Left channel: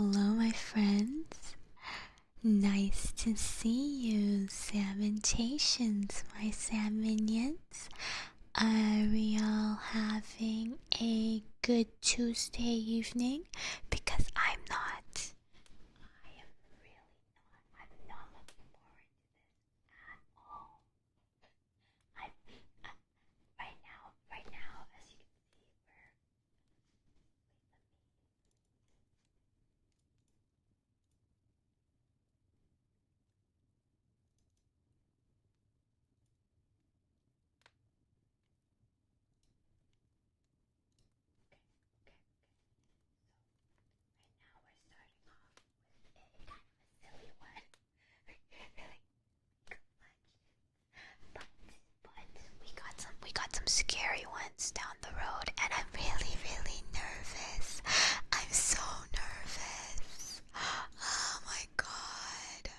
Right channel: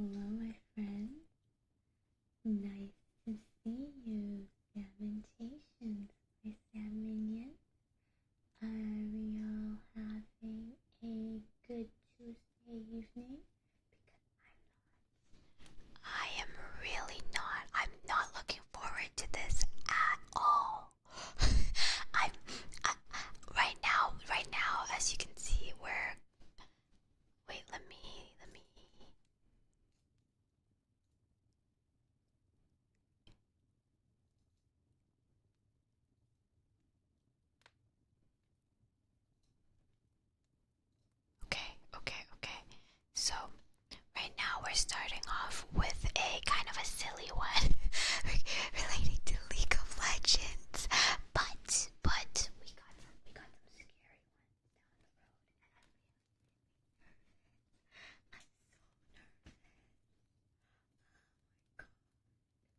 Hello, my friends. Nice to see you, Salmontations, my Salmonians. Are we all having a good Tuesday evening? Because I'm not. I am really not. I'm not looking forward to this at all. I'm right now, as you can see, wait, let me. Okay. So, right now we're starting off with a kind of a silly one relating to League of Legends. But we got some scary ones down the road, and I'm really, really nervous. I'm so nervous. Oh my god.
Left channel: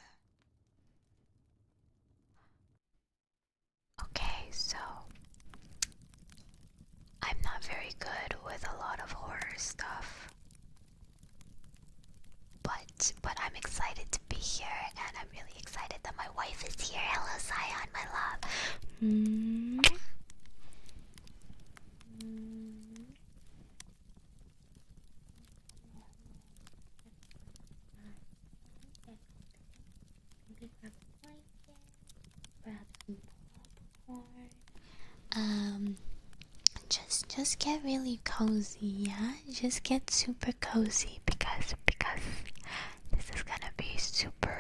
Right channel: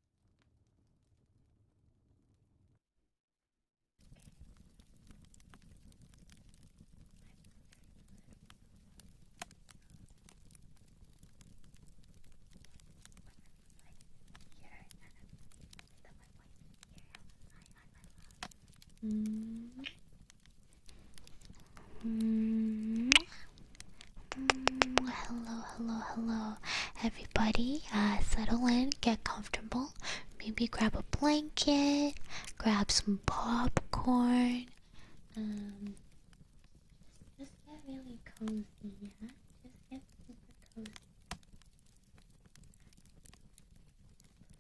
Okay, so I'm not very good with a lot of horror stuff. But I'm excited to be here, and I'm really excited that my wife is here. Hello, Zion, my love. Hello, everybody. Settle in, get comfortable. Maybe grab a blanket, grab some popcorn. Just get really cozy, yeah. Just get super cozy because this is gonna be super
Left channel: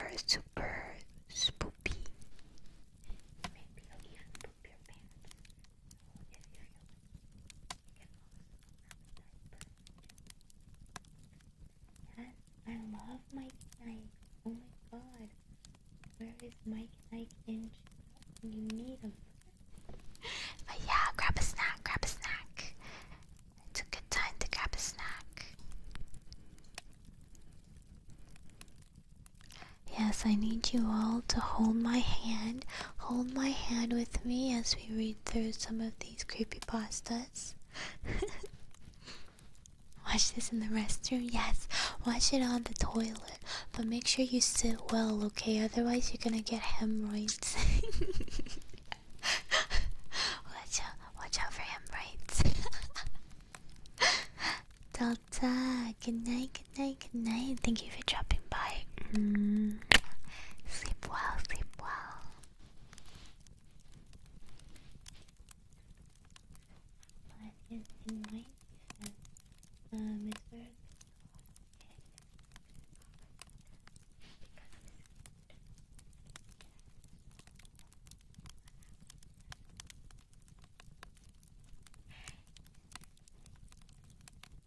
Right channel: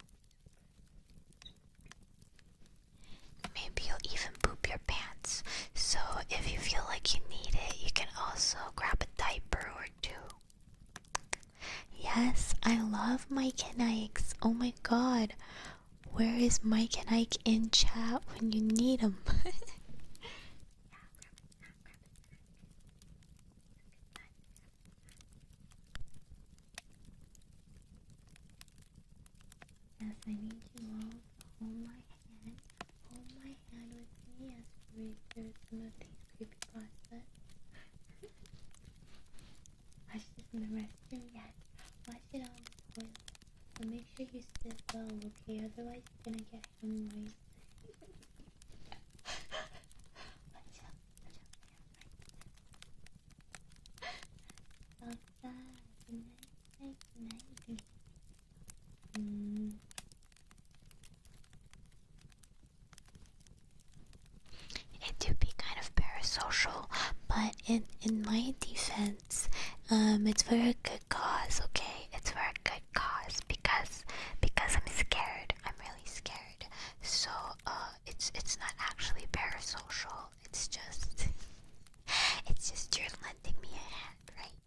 spoopy. Maybe you'll even poop your pants. So if you feel like you need it, you can also grab a diaper or two. Yes, I love Mike and Ike's. Oh my god. Where is Mike and Ike in chat when you need them? But yeah, grab a snack. It's a good time to grab a snack. Yes, I need you all to hold my hand. Hold my hand with me as we read through some of these creepypastas. Watch this in the restroom? Yes, watch it on the toilet. But make sure you sit well, okay? Otherwise you're gonna get hemorrhoids. Watch out for hemorrhoids. Delta, good night. Thank you for dropping by. Sleep well. It do be kind of parasocial, but in my defense, it's for a good cause, okay? It's for a good cause because I'm scared. I'm really scared. So it's not actually parasocial. It's just you're lending me a hand, right?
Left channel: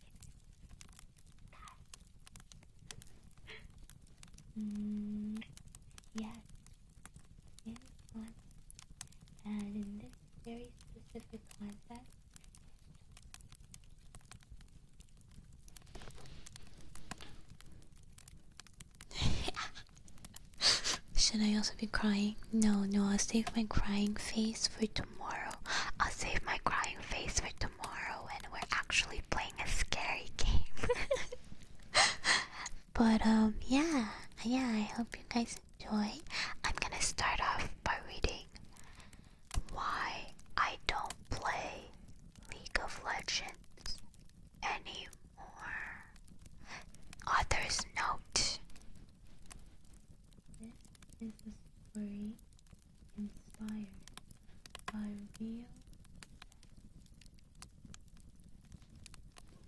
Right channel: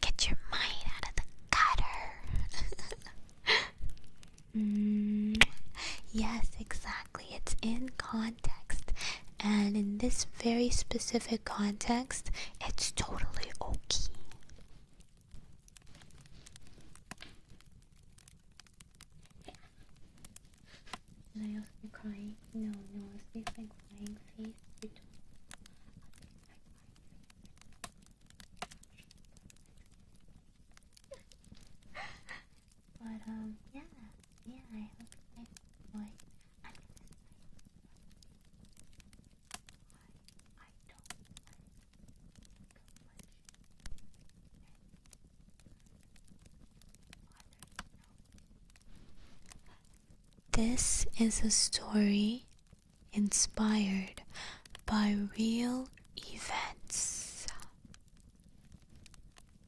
Get your mind out of the gutter. Yes, exactly. It's in context. And in this very specific context, it's totally okay. Should I also be crying? No, I'll save my crying face for tomorrow. I'll save my crying face for tomorrow when we're actually playing a scary game. But yeah, I hope you guys enjoy. I'm gonna start off by reading why I don't play League of Legends anymore. Author's note. This is a story inspired by real events.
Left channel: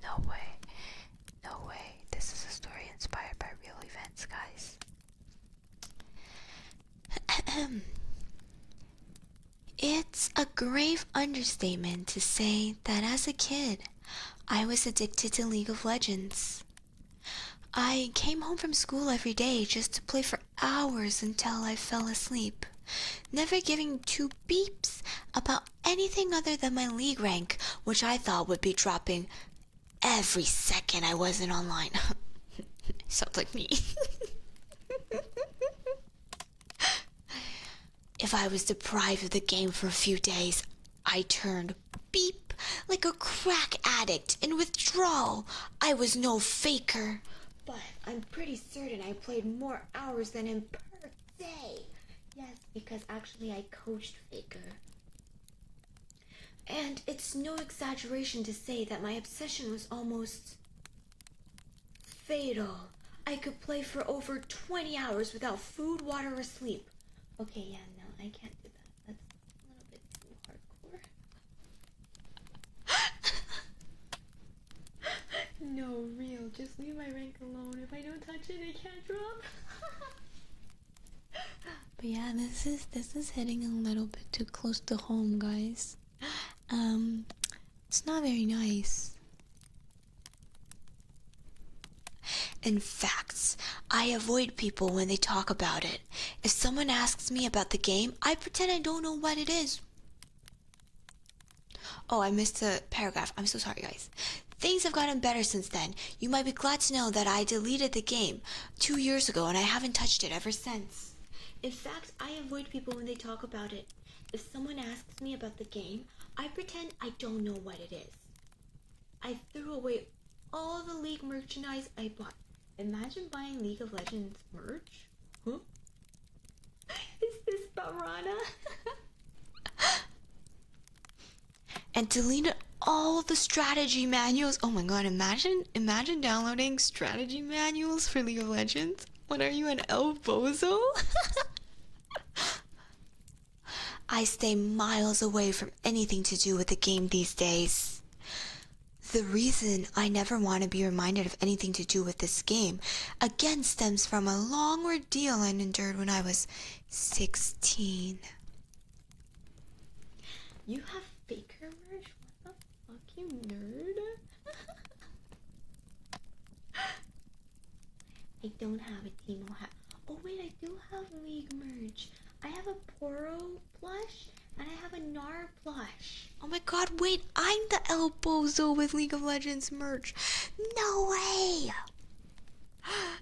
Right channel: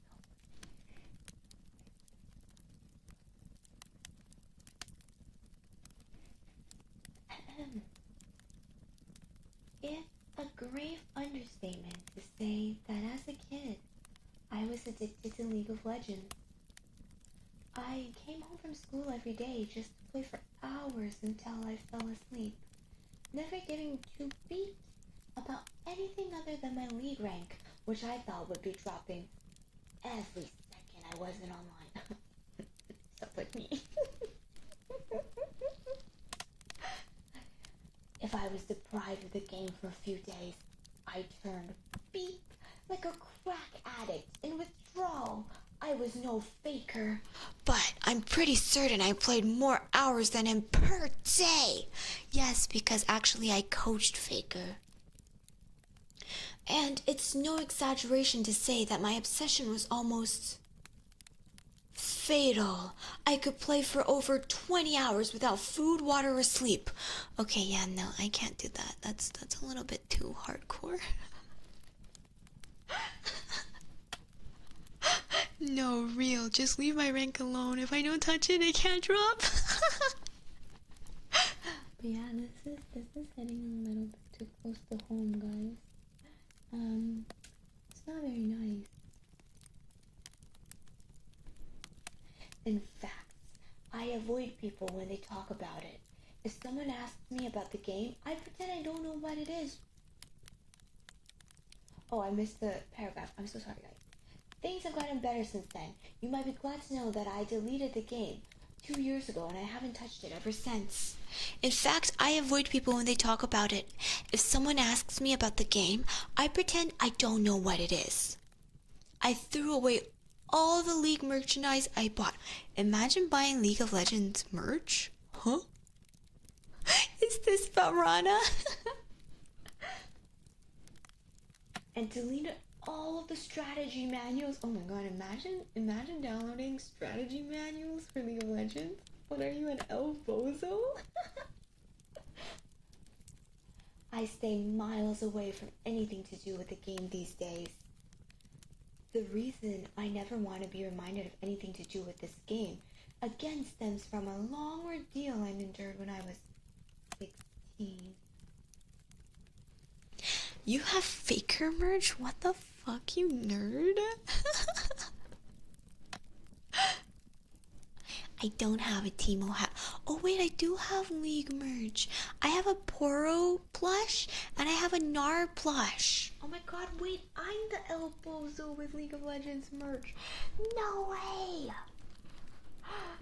No way. This is a story inspired by real events, guys. It's a grave understatement to say that as a kid, I was addicted to League of Legends. I came home from school every day just to play for hours until I fell asleep, never giving two beeps about anything other than my league rank, which I thought would be dropping every second I wasn't online. Sounds like me. If I was deprived of the game for a few days, I turned beep like a crack addict in withdrawal. I was no faker, but I'm pretty certain I played more hours than him per day. Yes, because actually I coached Faker. And it's no exaggeration to say that my obsession was almost fatal. I could play for over 20 hours without food, water, or sleep. Okay, yeah, no, I can't do that. That's a little bit too hardcore. No, real. Just leave my rank alone. If I don't touch it, I can't drop. But yeah, this is hitting a little bit too close to home, guys. It's not very nice. In fact, I avoid people when they talk about it. If someone asks me about the game, I pretend I don't know what it is. Oh, I missed a paragraph. I'm so sorry, guys. Things have gotten better since then. You might be glad to know that I deleted the game 2 years ago and I haven't touched it ever since. In fact, I avoid people when they talk about it. If someone asks me about the game, I pretend I don't know what it is. I threw away all the League merchandise I bought. Imagine buying League of Legends merch? Huh? Is this Varana? And deleted all the strategy manuals. Oh my god, imagine downloading strategy manuals for League of Legends. What are you, an El Bozo? I stay miles away from anything to do with the game these days. The reason I never want to be reminded of anything to do with this game again stems from a long ordeal I endured when I was 16. You have Faker merch? What the fuck, you nerd? I don't have a Teemo hat. Oh wait, I do have League merch. I have a Poro plush and I have a Gnar plush. Oh my god, wait, I'm the El Bozo with League of Legends merch. No way!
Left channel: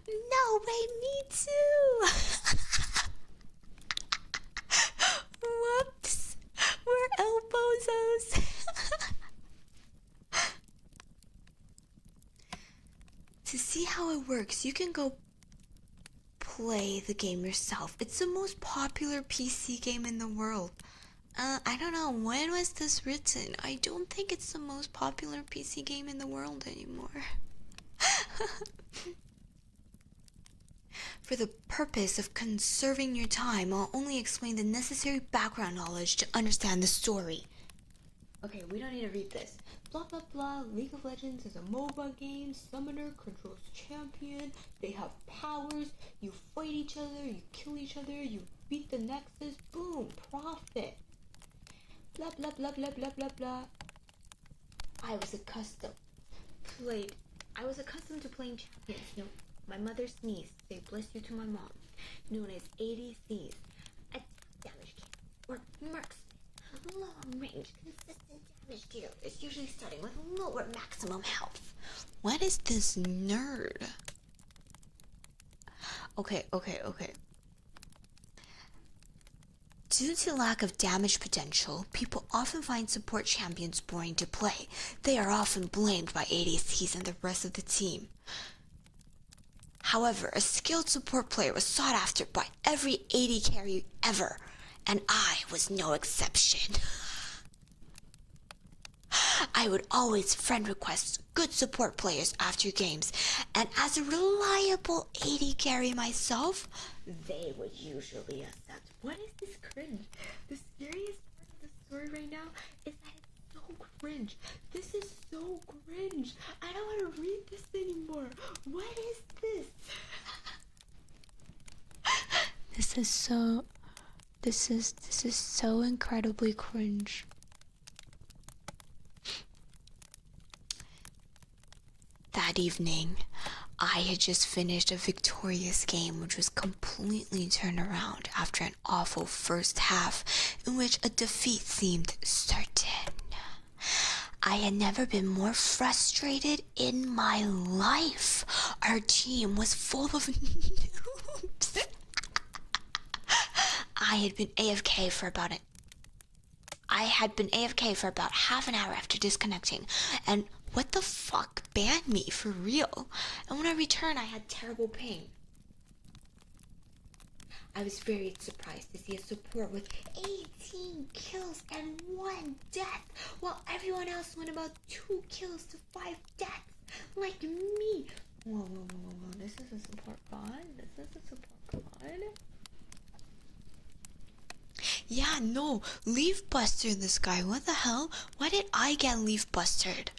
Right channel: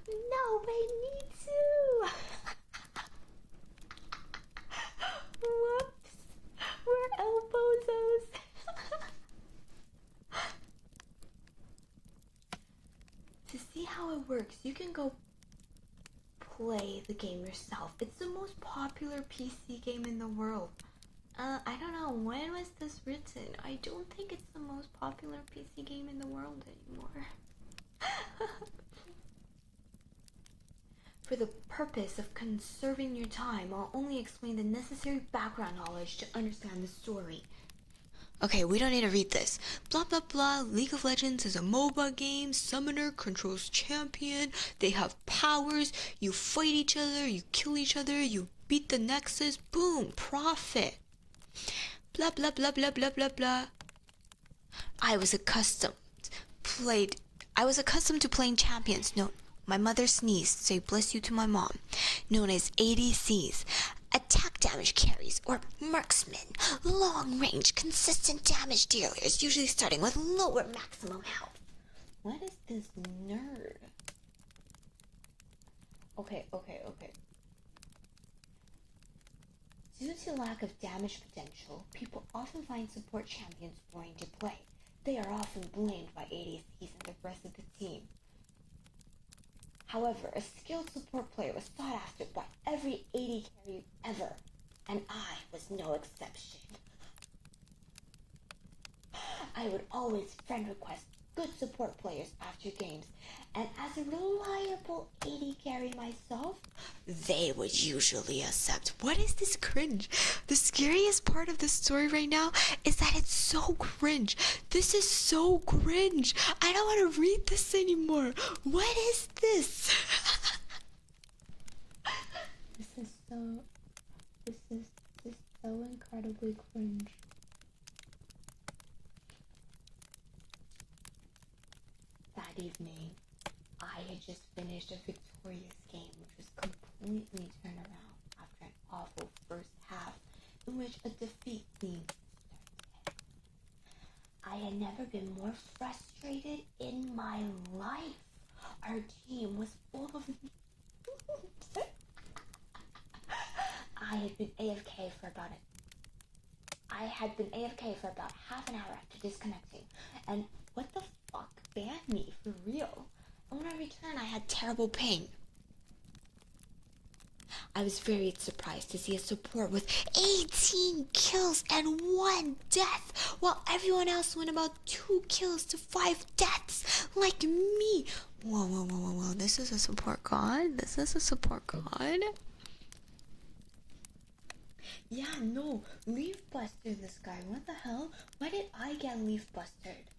No way, me too! Whoops! We're El Bozos! To see how it works, you can go play the game yourself. It's the most popular PC game in the world. I don't know, when was this written? I don't think it's the most popular PC game in the world anymore. For the purpose of conserving your time, I'll only explain the necessary background knowledge to understand the story. Okay, we don't need to read this. Blah blah blah, League of Legends is a MOBA game, summoner controls champion, they have powers, you fight each other, you kill each other, you beat the nexus, boom, profit. Blah blah blah blah blah blah blah. I was accustomed to playing champions. No, my mother sneezed, say bless you to my mom, known as ADCs. Attack damage carries, or marksmen, long-range, consistent damage dealers, usually starting with lower maximum health. What is this nerd? Okay. Due to lack of damage potential, people often find support champions boring to play. They are often blamed by ADCs and the rest of the team. However, a skilled support player was sought after by every AD carry ever, and I was no exception. I would always friend request good support players after games, and as a reliable AD carry myself, they would usually accept. What is this cringe? The scariest part of this story right now is that it's so cringe. This is so cringe. I don't want to read this anymore. What is this? This is so incredibly cringe. That evening, I had just finished a victorious game which was completely turned around after an awful first half in which a defeat seemed certain. I had never been more frustrated in my life. Our team was full of noobs. I had been AFK for about I had been AFK for about half an hour after disconnecting, and what the fuck banned me for real? And when I returned, I had terrible ping. I was very surprised to see a support with 18 kills and 1 death, while everyone else went about 2 kills to 5 deaths, like me. Whoa, this is a support god? This is a support god? Yeah, no, leaf buster this guy. What the hell? Why did I get leaf bustered?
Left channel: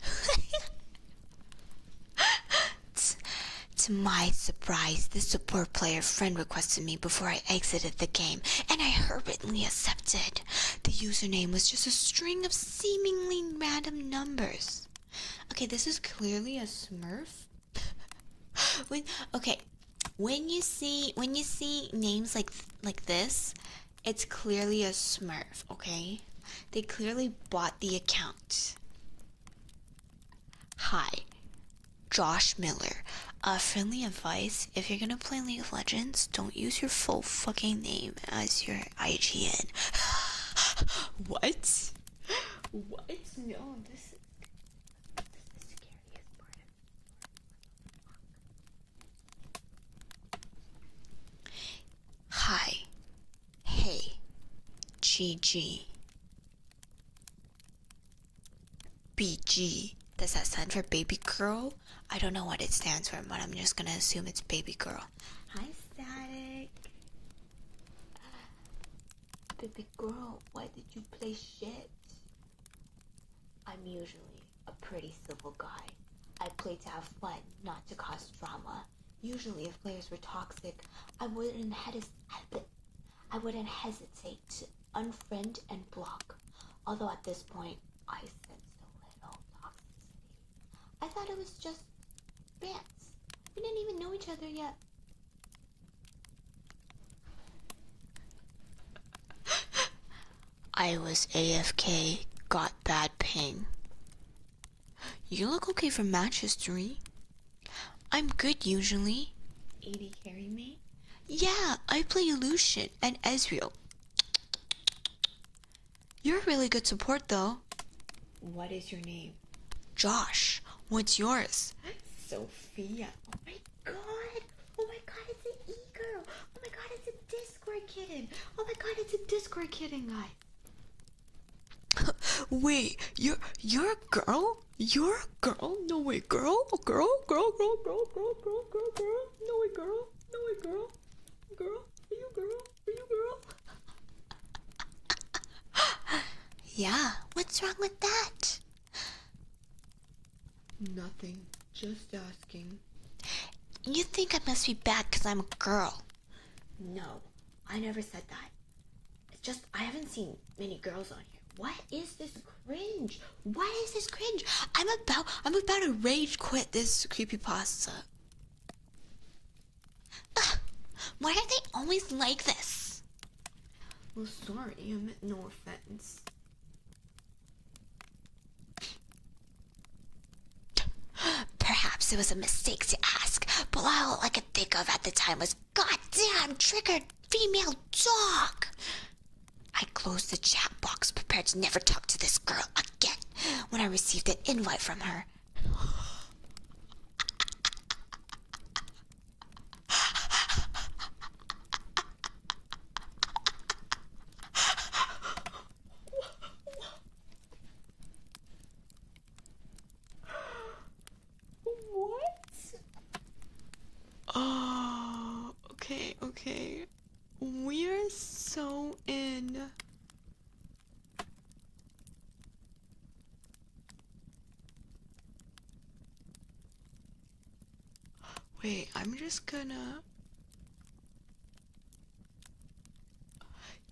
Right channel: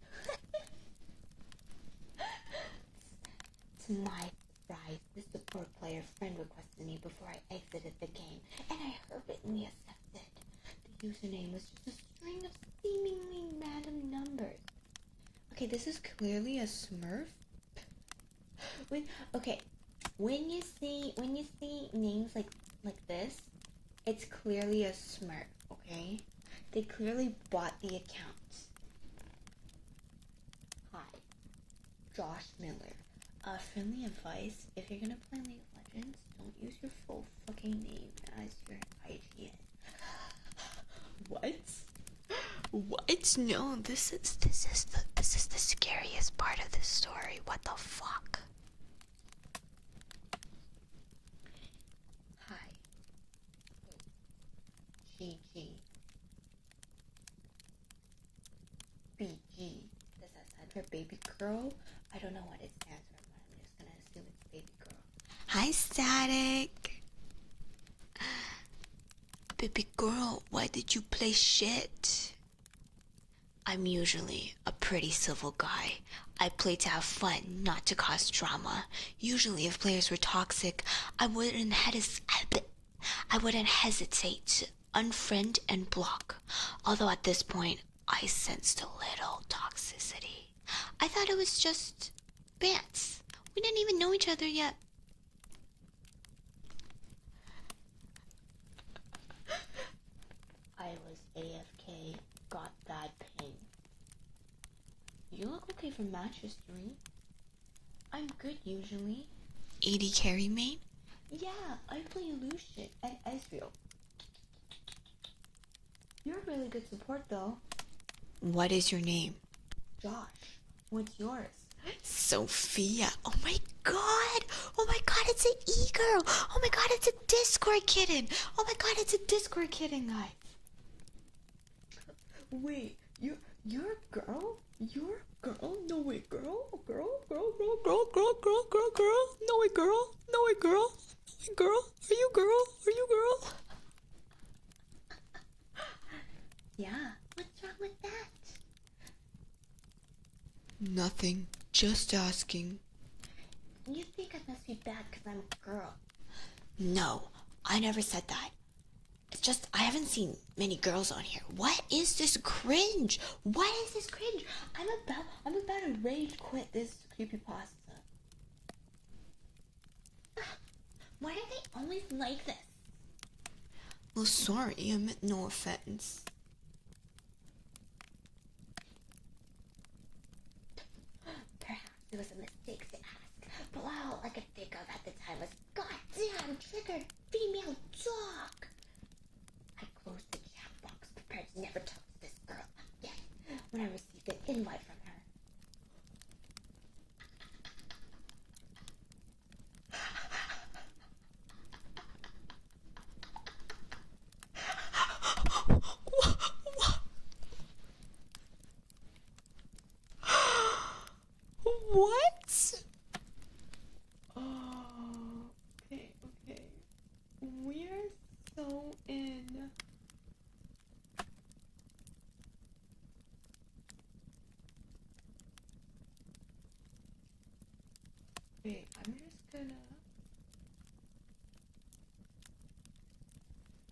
To my surprise, the support player friend requested me before I exited the game, and I hurriedly accepted. The username was just a string of seemingly random numbers. Okay, this is clearly a smurf. When you see names like this, it's clearly a smurf, okay? They clearly bought the account. Hi, Josh Miller. Friendly advice, if you're gonna play League of Legends, don't use your full fucking name as your IGN. What? What? No, this is the scariest part of this story. What the fuck? Hi. Hey. GG. BG. Does that stand for baby girl? I don't know what it stands for, but I'm just gonna assume it's baby girl. Hi, Static. Baby girl, why did you play shit? I'm usually a pretty civil guy. I play to have fun, not to cause drama. Usually, if players were toxic, I wouldn't hesitate to unfriend and block. Although at this point, I sensed a little toxicity. I thought it was just bants. We didn't even know each other yet. I was AFK, got bad ping. You look okay for match history. I'm good usually. AD carry main. Yeah, I play Lucian and Ezreal. You're a really good support though. What is your name? Josh. What's yours? Sophia. Oh my god. Oh my god, it's an e-girl. Oh my god, it's a Discord kitten. Oh my god, it's a Discord kitten, guys. Wait, you're a girl? You're a girl? No way, girl? Girl? Girl? No way, girl? No way, girl? Girl? Are you girl? Are you girl? Yeah, what's wrong with that? Nothing, just asking. You think I must be bad because I'm a girl? No, I never said that. It's just I haven't seen many girls on here. What is this cringe? What is this cringe? I'm about to rage quit this creepypasta. Ugh, why are they always like this? Well, sorry, I meant no offense. Perhaps it was a mistake to ask, but all I could think of at the time was, goddamn, triggered female dog. I closed the chat box, prepared to never talk to this girl again when I received an invite from her. What? Oh, okay. We're so in. Wait, I'm just gonna.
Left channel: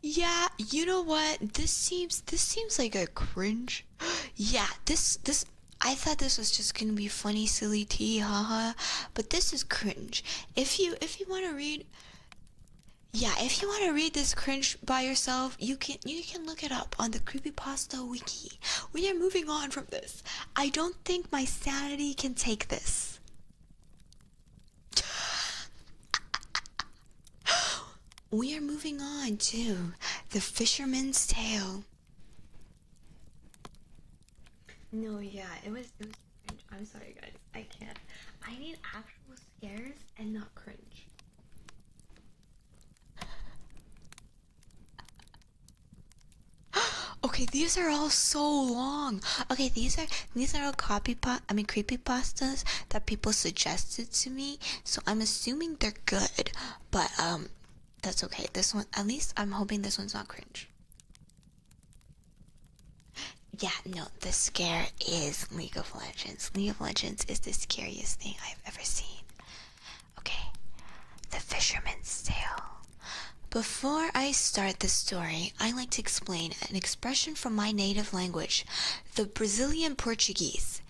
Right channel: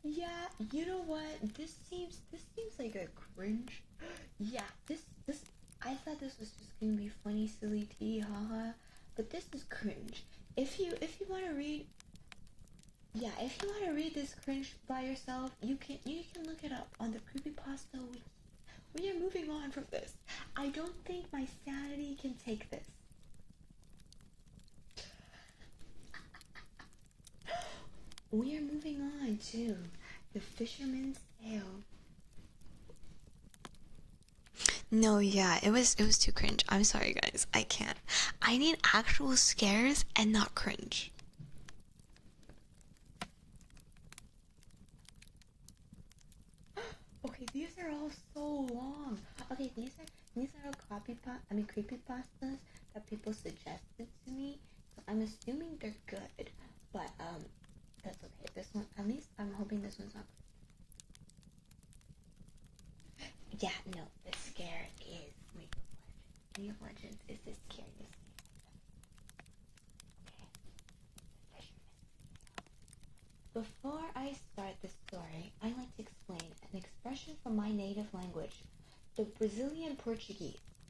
Yeah, you know what? This seems like a cringe. Yeah, this I thought this was just gonna be funny, silly tea, haha. But this is cringe. If you want to read, yeah, if you want to read this cringe by yourself, you can look it up on the creepypasta wiki. We are moving on from this. I don't think my sanity can take this. We are moving on to The Fisherman's Tale. No, yeah, it was too cringe. I'm sorry, guys. I can't. I need actual scares and not cringe. Okay, these are all so long. Okay, these are all creepy pastas that people suggested to me. So I'm assuming they're good, but that's okay. This one, at least I'm hoping this one's not cringe. Yeah, no, the scare is League of Legends. League of Legends is the scariest thing I've ever seen. Okay, the Fisherman's Tale. Before I start the story, I like to explain an expression from my native language, the Brazilian Portuguese.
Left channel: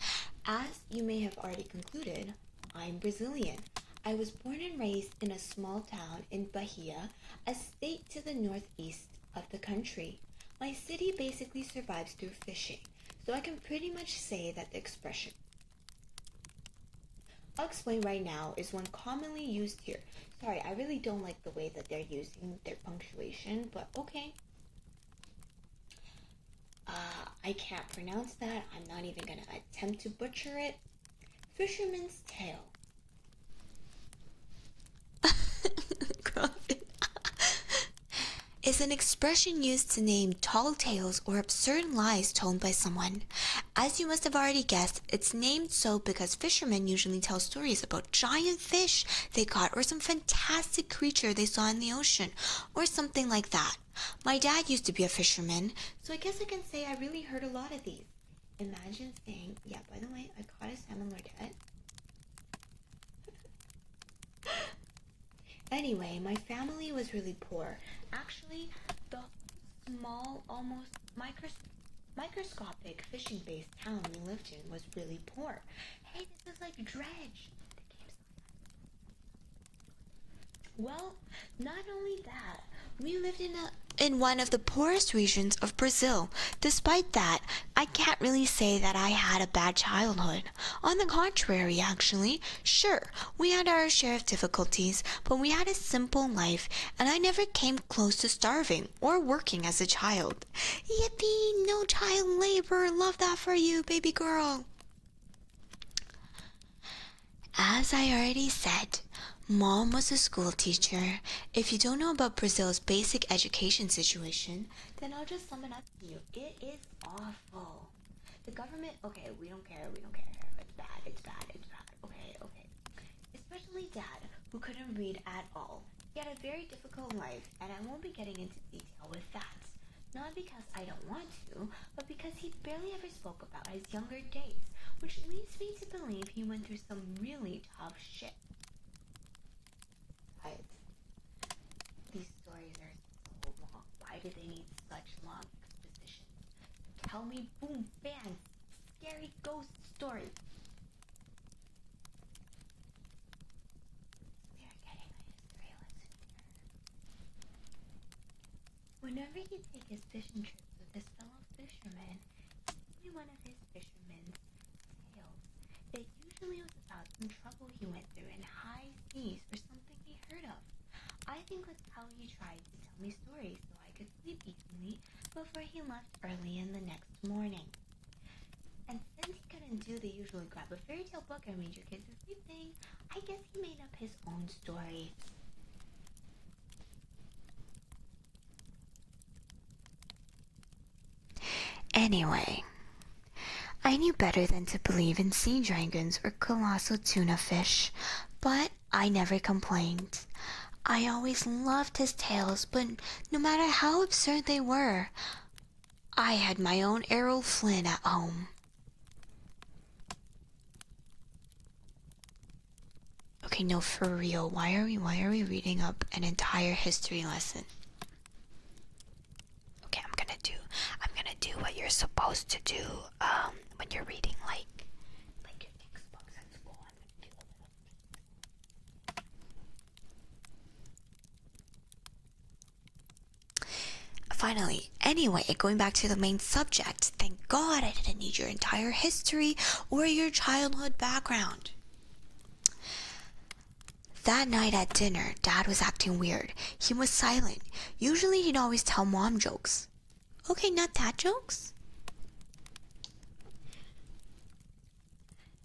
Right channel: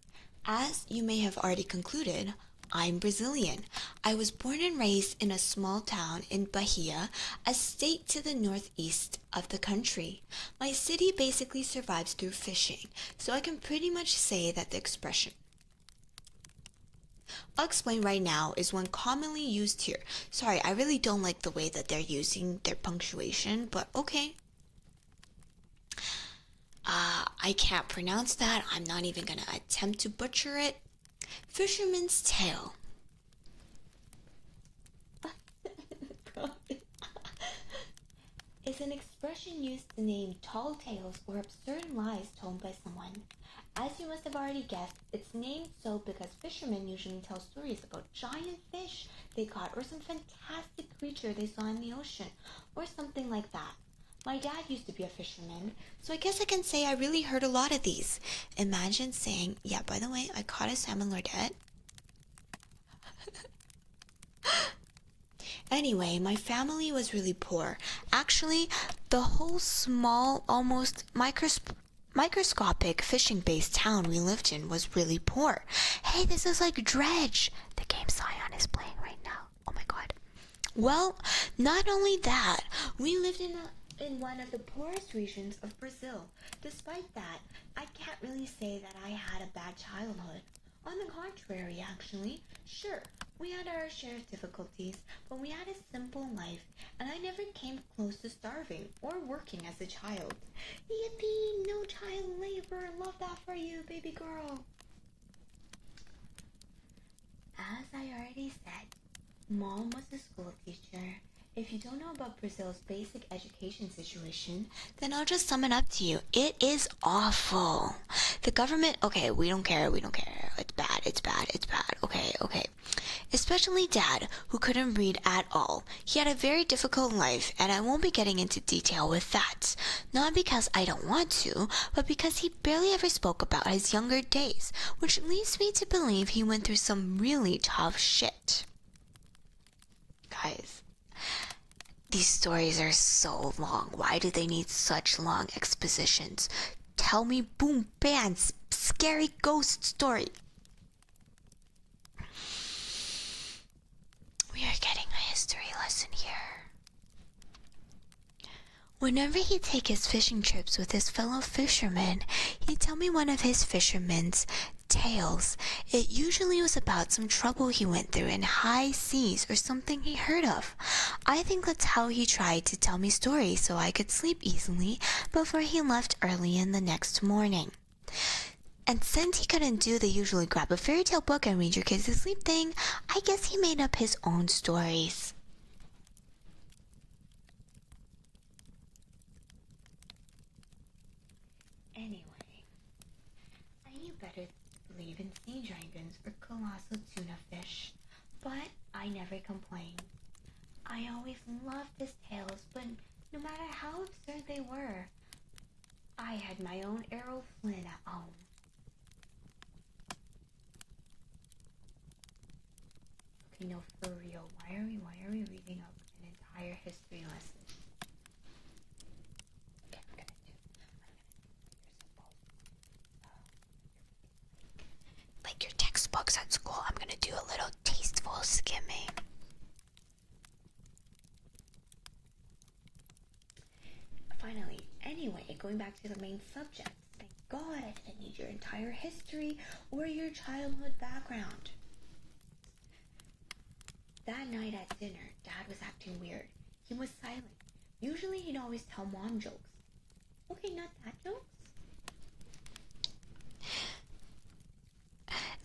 As you may have already concluded, I'm Brazilian. I was born and raised in a small town in Bahia, a state to the northeast of the country. My city basically survives through fishing, so I can pretty much say that the expression I'll explain right now is one commonly used here. Sorry, I really don't like the way that they're using their punctuation, but okay. I can't pronounce that. I'm not even gonna attempt to butcher it. Fisherman's tale. Is an expression used to name tall tales or absurd lies told by someone. As you must have already guessed, it's named so because fishermen usually tell stories about giant fish they caught or some fantastic creature they saw in the ocean, or something like that. My dad used to be a fisherman, so I guess I can say I really heard a lot of these. Imagine saying, yeah, by the way, I caught a salmon lordette. Anyway, my family was really poor. Actually, the whole small, almost microscopic fishing-based town we lived in was really poor. Hey, this is like Dredge. The game Scion is playing right now. Oh my god. Well, not only that, we lived in one of the poorest regions of Brazil. Despite that, I can't really say that I had a bad childhood. On the contrary, actually, sure, we had our share of difficulties, but we had a simple life, and I never came close to starving or working as a child. Yippee, no child labor, love that for you, baby girl. As I already said, Mom was a school teacher. If you don't know about Brazil's basic education situation, then I'll just sum it up to you. It is awful. The government, okay, we don't care. It's bad. Okay. Especially Dad, who couldn't read at all. He had a very difficult life, and I won't be getting into detail with that. Not because I don't want to, but because he barely ever spoke about his younger days, which leads me to believe he went through some really tough shit. Guys, these stories are so long. Why do they need such long expositions? Tell me, boom, bam, scary ghost story. We are getting a history lesson here. Whenever he'd take his fishing trips with his fellow fishermen, he'd tell me one of his fishermen's tales. It usually was about some trouble he went through in high seas or something he heard of. I think that's how he tried to tell me stories so I could sleep easily before he left early in the next morning. And since he couldn't do the usually grab a fairy tale book and read your kids to sleep thing, I guess he made up his own stories. Anyway, I knew better than to believe in sea dragons or colossal tuna fish, but I never complained. I always loved his tales, but no matter how absurd they were, I had my own Errol Flynn at home. Okay, no, for real, why are we reading up an entire history lesson? Okay, I'm gonna do what you're supposed to do when you're reading like your textbooks at school. I'm gonna do a little tasteful skimming. Finally, anyway, going back to the main subject, thank God I didn't need your entire history or your childhood background. That night at dinner, Dad was acting weird. He was silent. Usually he'd always tell Mom jokes. Okay, not dad jokes.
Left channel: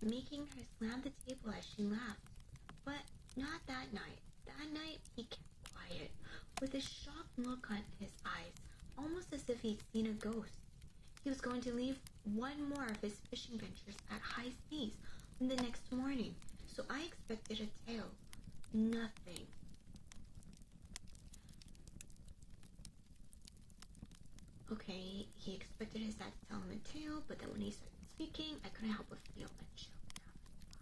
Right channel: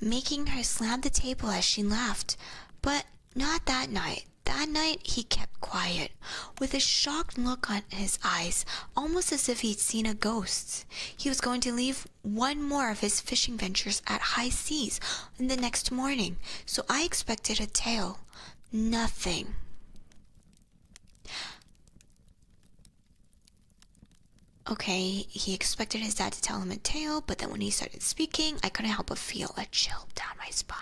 making her slam the table as she laughed. But not that night. That night, he kept quiet, with a shocked look on his eyes, almost as if he'd seen a ghost. He was going to leave one more of his fishing ventures at high seas the next morning, so I expected a tale. Nothing. Okay, he expected his dad to tell him a tale, but then when he started speaking, I couldn't help but feel a chill down my spine.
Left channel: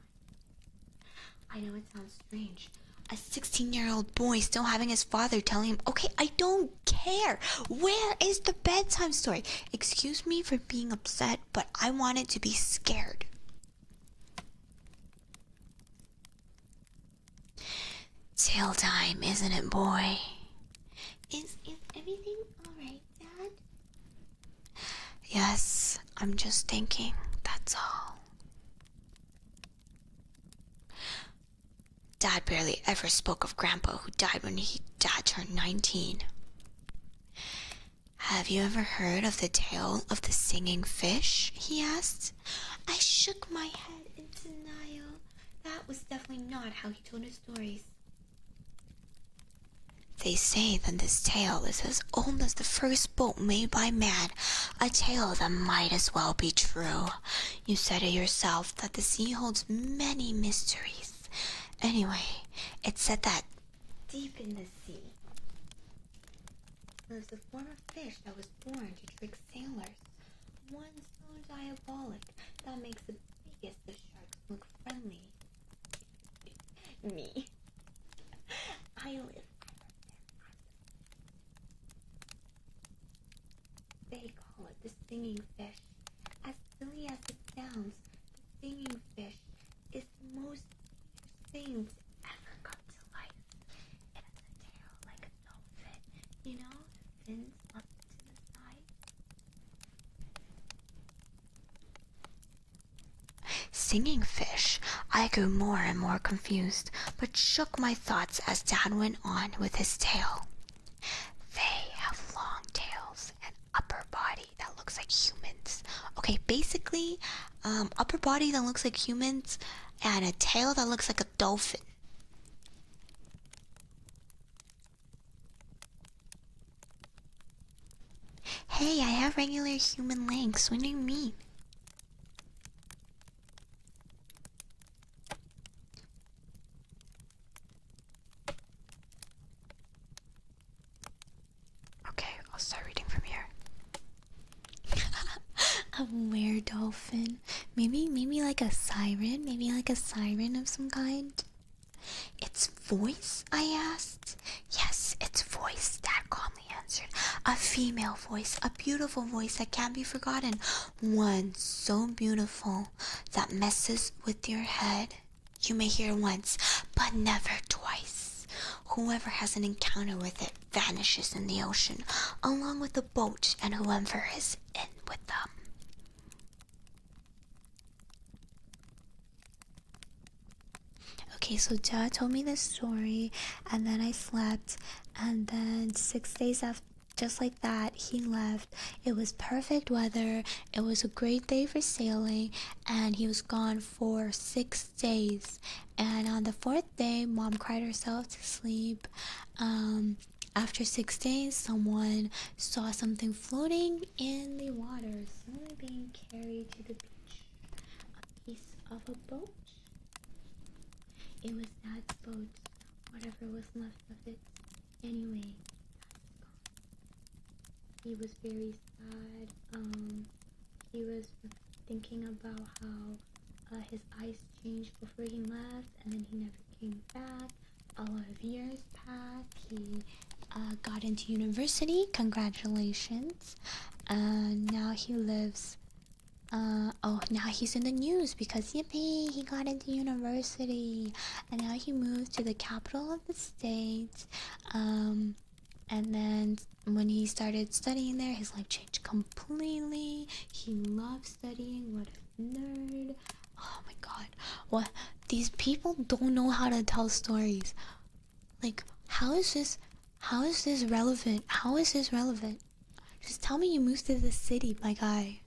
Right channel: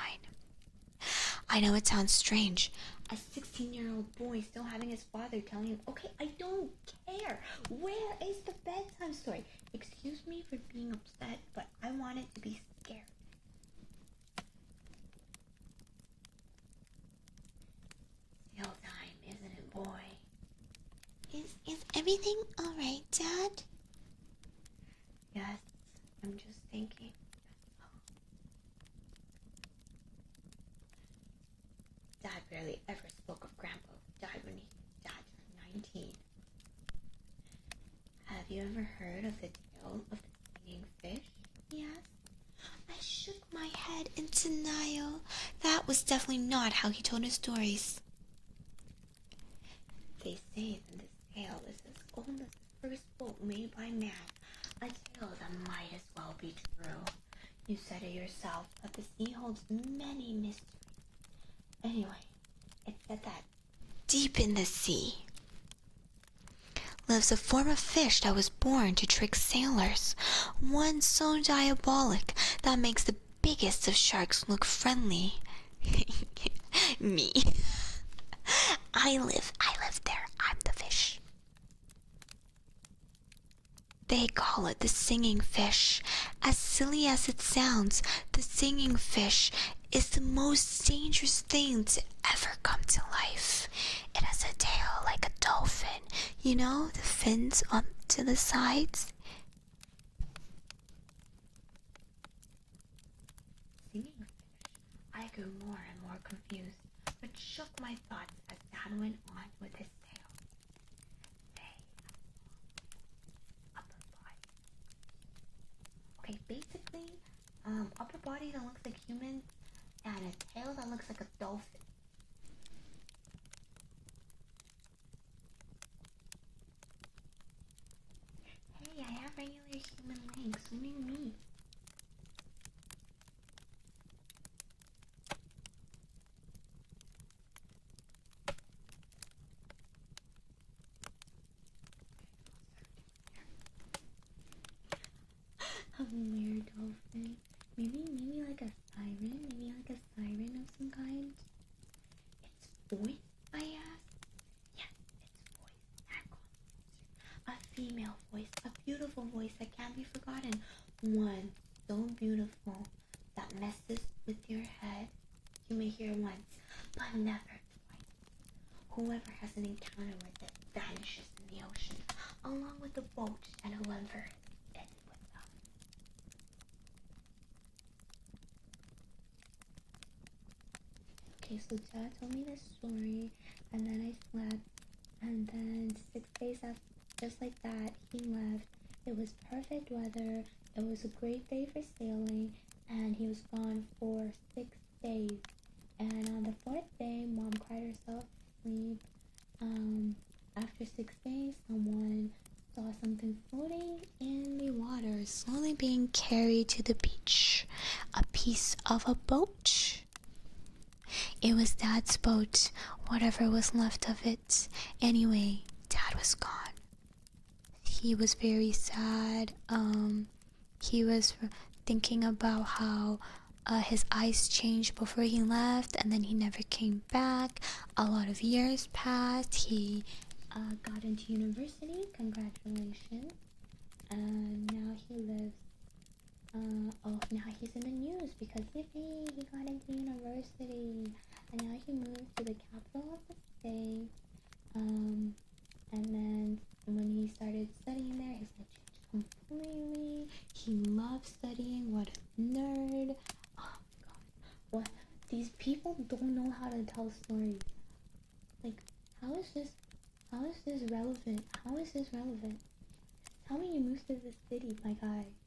I know it sounds strange. A 16-year-old boy still having his father telling him, okay, I don't care. Where is the bedtime story? Excuse me for being upset, but I wanted to be scared. Tale time, isn't it, boy? Is everything alright, Dad? Yes, I'm just thinking, that's all. Dad barely ever spoke of Grandpa, who died when Dad turned 19. Have you ever heard of the tale of the singing fish? He asked. I shook my head in denial. That was definitely not how he told his stories. They say that this tale is as old as the first boat made by man, a tale that might as well be true. You said it yourself that the sea holds many mysteries. Anyway, it said that deep in the sea lives a form of fish that was born to trick sailors, one so diabolic that makes the biggest of sharks look friendly. Me. I live there. I'm the fish. They call it the singing fish. As silly as it sounds, the singing fish is the most dangerous thing to ever come to life. It has a tail like a dolphin. You know, the fins up to the sides? Singing fish. I grew more and more confused, but shook my thoughts as Dad went on with his tale. They have long tails and upper body that looks like humans. Okay, basically, upper body that looks like humans and a tail that looks like a dolphin. Hey, I have regular human legs. What do you mean? Okay, I'll start reading from here. A were dolphin. Maybe like a siren. Maybe like a siren of some kind. Its voice? I asked. Yes, its voice, Dad calmly answered. A female voice, a beautiful voice that can't be forgotten. One so beautiful that messes with your head. You may hear once, but never twice. Whoever has an encounter with it vanishes in the ocean, along with the boat and whoever is in with them. Okay, so Dad told me this story, and then I slept, and then 6 days after, just like that, he left. It was perfect weather, it was a great day for sailing, and he was gone for 6 days. And on the 4th day, Mom cried herself to sleep. After 6 days, someone saw something floating in the water, slowly being carried to the beach. A piece of a boat. It was Dad's boat, whatever was left of it. Anyway, Dad was gone. He was very sad. He was thinking about how his eyes changed before he left, and then he never came back. A lot of years passed. He got into university. Congratulations. And now he lives. Now he's in the news because yippee, he got into university, and now he moved to the capital of the state. And then when he started studying there, his life changed completely. He loved studying. What a nerd! Oh my god, what? These people don't know how to tell stories. Like, how is this relevant? How is this relevant? Just tell me you moved to the city, my guy.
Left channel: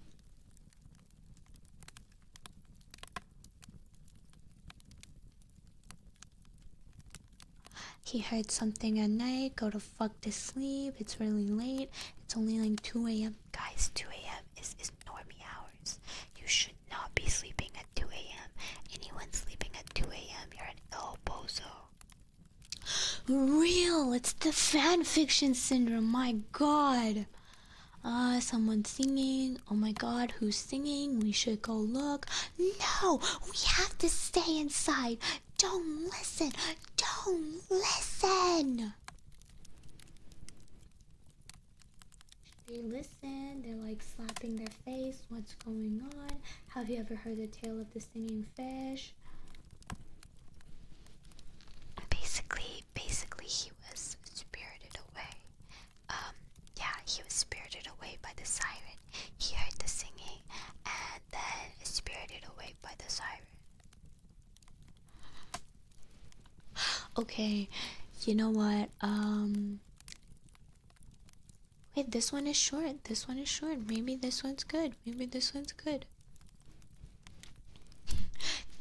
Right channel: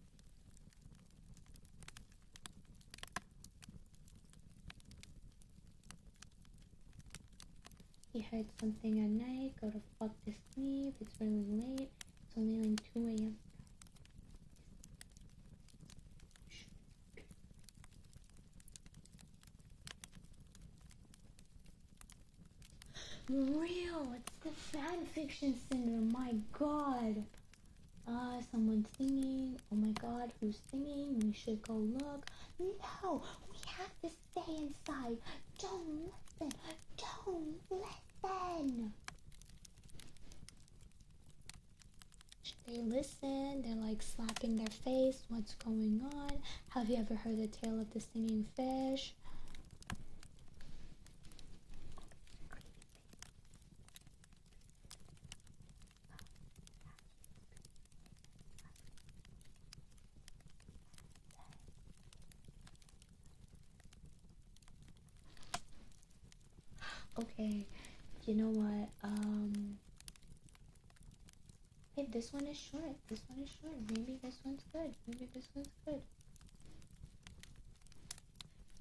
He heard something at night. Go to fuck to sleep. It's really late. It's only like 2 a.m. Guys, 2 a.m. is normie hours. You should not be sleeping at 2 a.m. Anyone sleeping at 2 a.m., you're an ill bozo. Real, it's the fan fiction syndrome, my god. Someone's singing. Oh my god, who's singing? We should go look. No, we have to stay inside. Don't listen. Don't listen. They listen. They're like slapping their face. What's going on? Have you ever heard the tale of the singing fish? Basically, he was spirited away. Yeah, he was spirited away by the siren. He heard the singing and then spirited away by the siren. Okay, you know what? Wait, this one is short. This one is short. Maybe this one's good. Maybe this one's good.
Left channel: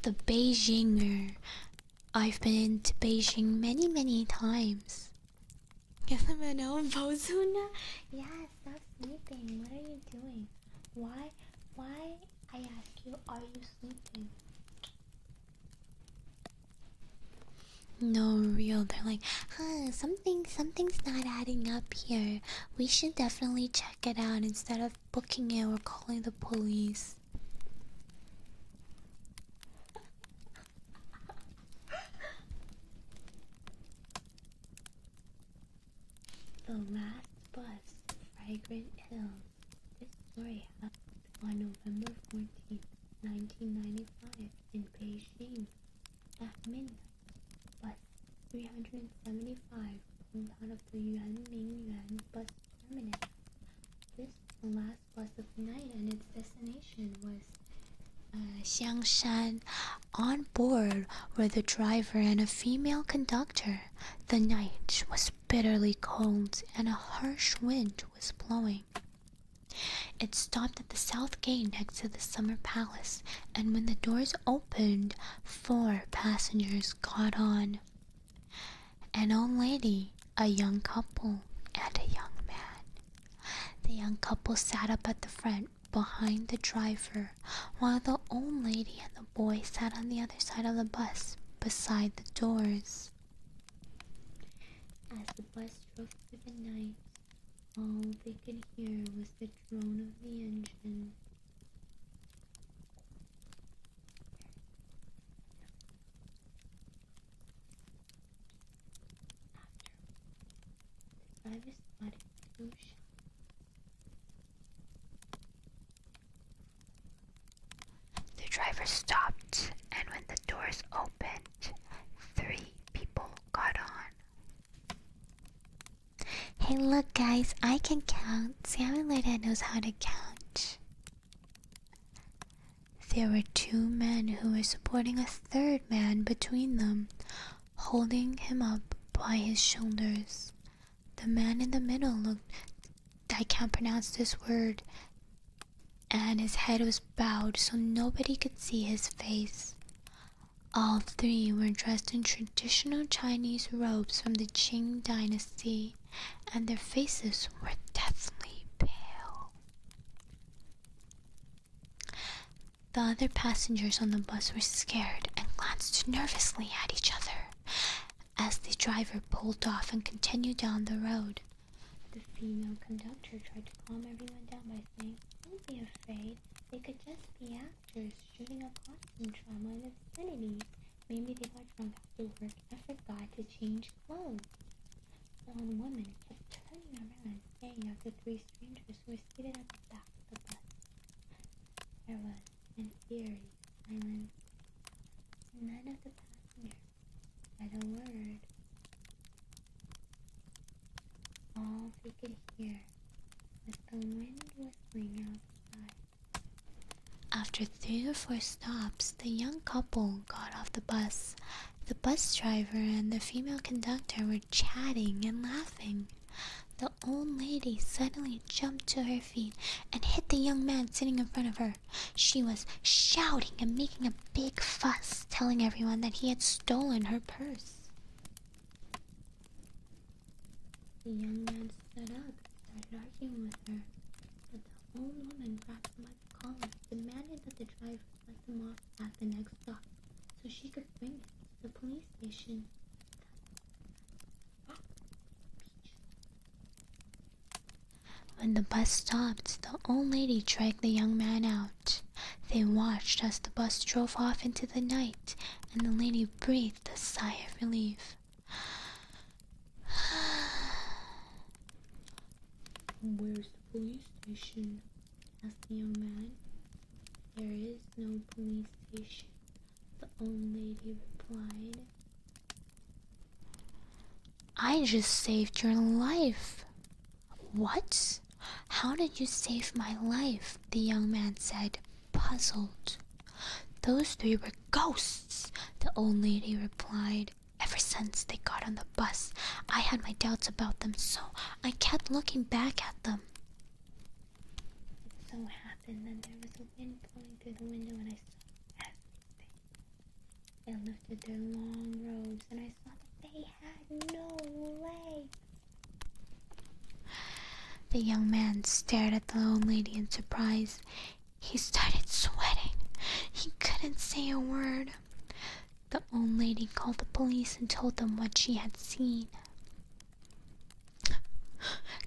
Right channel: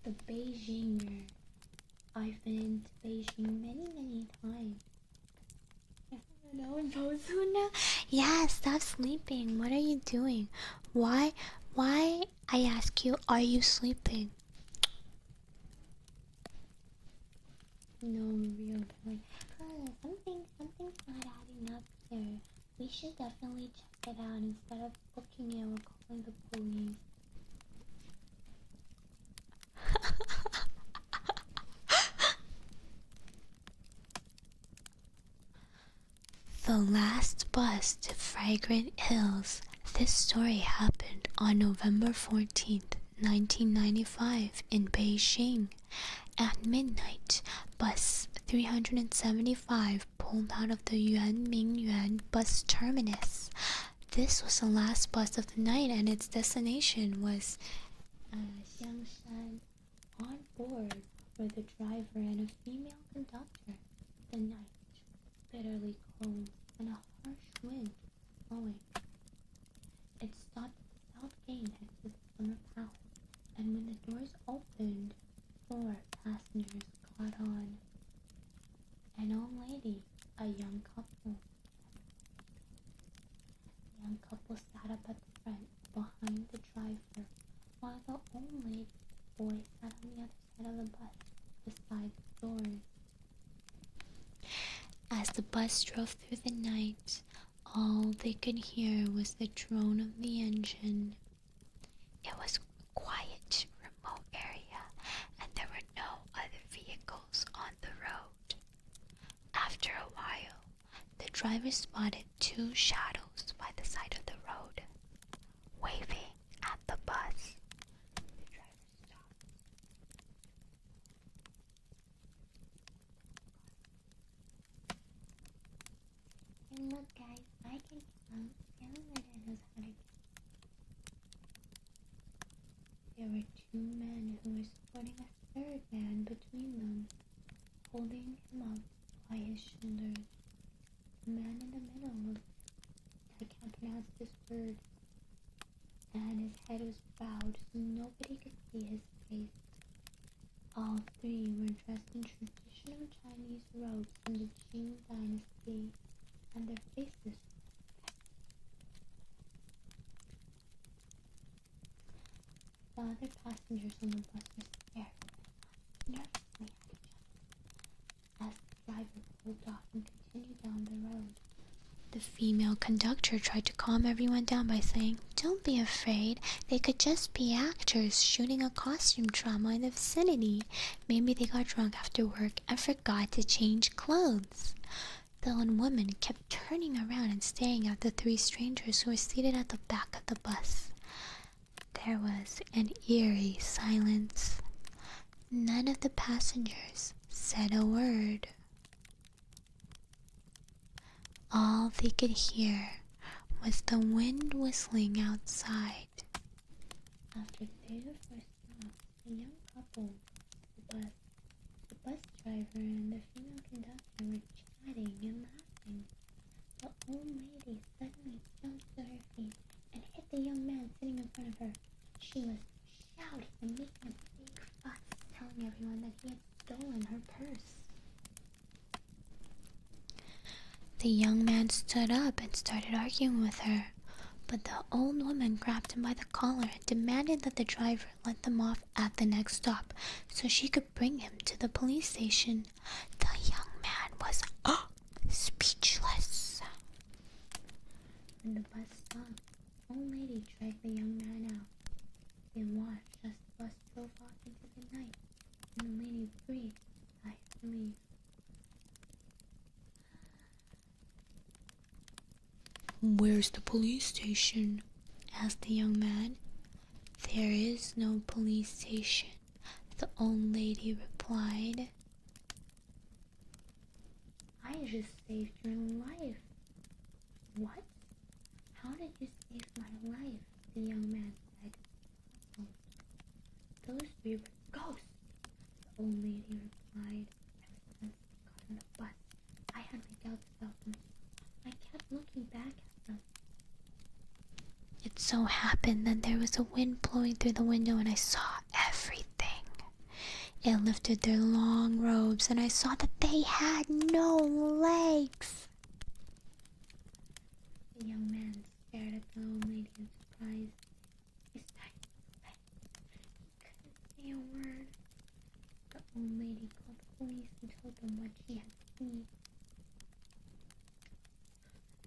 The Beijinger. I've been to Beijing many times. Yeah, stop sleeping. What are you doing? Why, I ask you, are you sleeping? No, real. They're like, something's not adding up here. We should definitely check it out instead of booking it or calling the police. The last bus to Fragrant Hills. This story happened on November 14th, 1995 in Beijing. At midnight, bus 375 pulled out of the Yuanmingyuan bus terminus. This was the last bus of the night and its destination was Xiangshan. On board were the driver and a female conductor. The night was bitterly cold and a harsh wind was blowing. It stopped at the south gate next to the summer palace, and when the doors opened, 4 passengers got on. An old lady, a young couple, and a young man. The young couple sat up at the front behind the driver, while the old lady and the boy sat on the other side of the bus, beside the doors. As the bus drove through the night, all they could hear was the drone of the engine. It was a quiet, remote area, and there were no other vehicles on the road. After a while, the driver spotted 2 shadows by the side of the road, waving at the bus. The driver stopped, and when the doors opened, 3 people got on. Hey, look, guys, I can count. Salmon Lordette knows how to count. There were 2 men who were supporting a 3rd man between them, holding him up by his shoulders. The man in the middle looked, I can't pronounce this word, and his head was bowed so nobody could see his face. All 3 were dressed in traditional Chinese robes from the Qing dynasty, and their faces were deathly pale. The other passengers on the bus were scared and glanced nervously at each other as the driver pulled off and continued down the road. The female conductor tried to calm everyone down by saying, "Don't be afraid, they could just be actors shooting a costume drama in the vicinity. Maybe they got drunk after work and forgot to change clothes." The old woman kept turning around and staring at the 3 strangers who were seated at the back of the bus. There was an eerie silence. None of the passengers said a word. All they could hear was the wind whistling outside. After 3 or 4 stops, the young couple got off the bus. The bus driver and the female conductor were chatting and laughing. The old lady suddenly jumped to her feet and hit the young man sitting in front of her. She was shouting and making a big fuss, telling everyone that he had stolen her purse. The young man stood up and started arguing with her, but the old woman grabbed him by the collar and demanded that the driver let them off at the next stop so she could bring him to the police station. The young man was speechless. When the bus stopped, the old lady dragged the young man out. They watched as the bus drove off into the night, and the lady breathed a sigh of relief. "Where's the police station?" asked the young man. "There is no police station," the old lady replied. "I just saved your life." "What? How did you save my life?" the young man said, puzzled. "Those three were ghosts," the old lady replied. "Ever since they got on the bus, I had my doubts about them, so I kept looking back at them. It so happened that there was a wind blowing through the window and I saw everything. It lifted their long robes and I saw that they had no legs." The young man stared at the old lady in surprise. He started sweating. He couldn't say a word. The old lady called the police and told them what she had seen.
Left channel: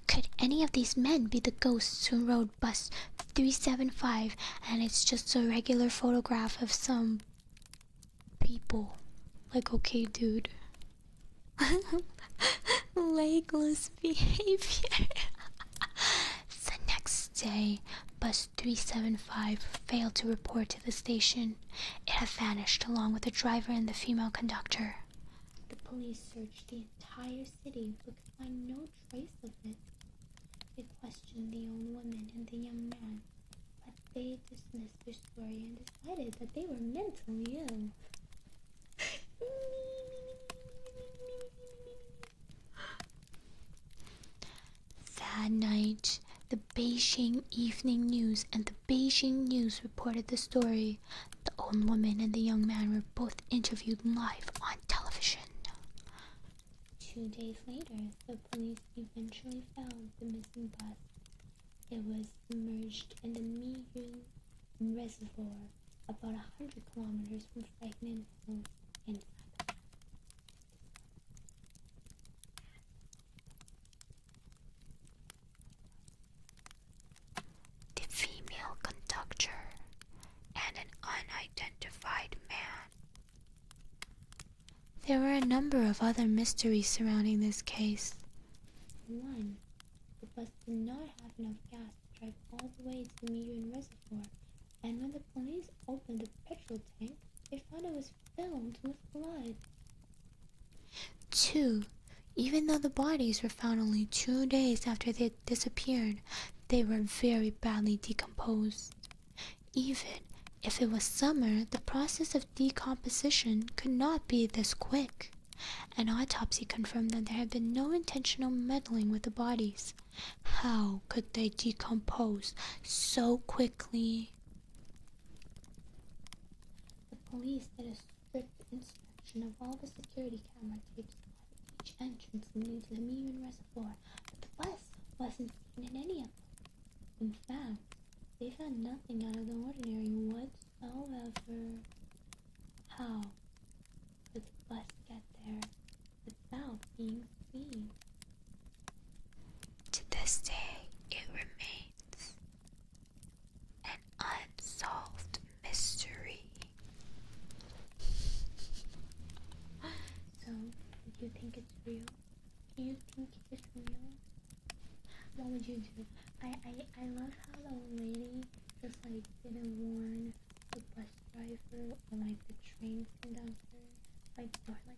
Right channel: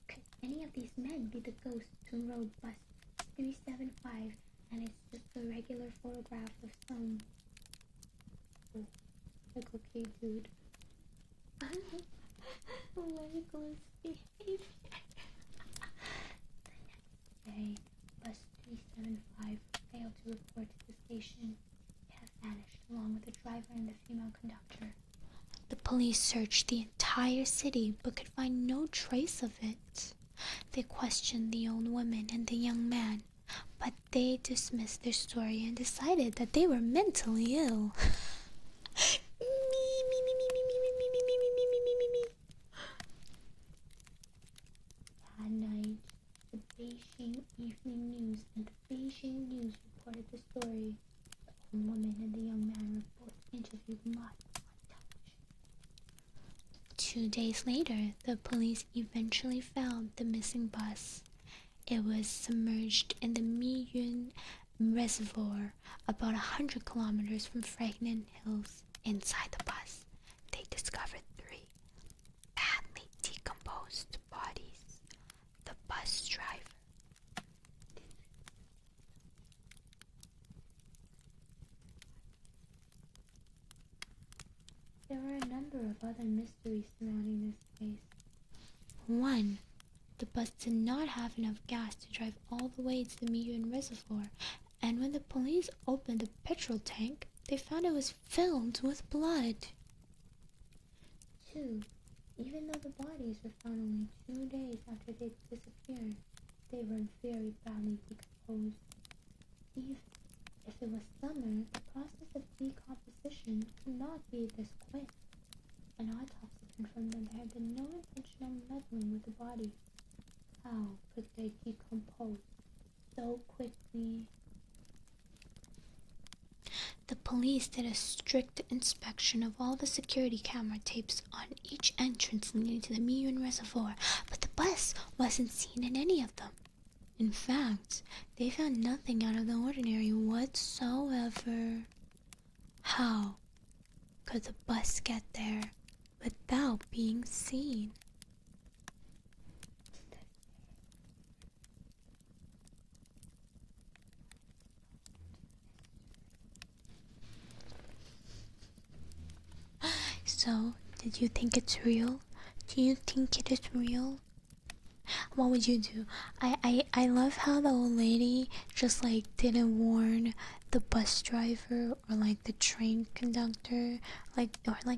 "Could any of these men be the ghosts who rode bus 375 and it's just a regular photograph of some people?" Like, okay, dude. Legless behavior. The next day, bus 375 failed to report to the station. It had vanished along with the driver and the female conductor. The police searched the entire city but could find no trace of it. They questioned the old woman and the young man, but they dismissed their story and decided that they were mentally ill. That night, the Beijing Evening News and the Beijing News reported the story. The old woman and the young man were both interviewed live on television. 2 days later, the police eventually found the missing bus. It was submerged in the Miyun Reservoir, about 100 kilometers from Fragment Hills. Inside the bus, they discovered 3 badly decomposed bodies: the bus driver, the female conductor, and an unidentified man. There were a number of other mysteries surrounding this case. 1. The bus did not have enough gas to drive all the way to the Miyun Reservoir, and when the police opened the petrol tank, they found it was filled with blood. 2. Even though the bodies were found only 2 days after they had disappeared, they were very badly decomposed. Even if it was summer, the process of decomposition could not be this quick. An autopsy confirmed that there had been no intentional meddling with the bodies. How could they decompose so quickly? The police did a strict inspection of all the security camera tapes on each entrance leading to the Miyun Reservoir, but the bus wasn't seen in any of them. In fact, they found nothing out of the ordinary whatsoever. How could the bus get there without being seen? To this day, it remains an unsolved mystery. So, did you think it's real? Do you think it is real? What would you do? I love how the old lady just like didn't warn the bus driver or like the train conductor, or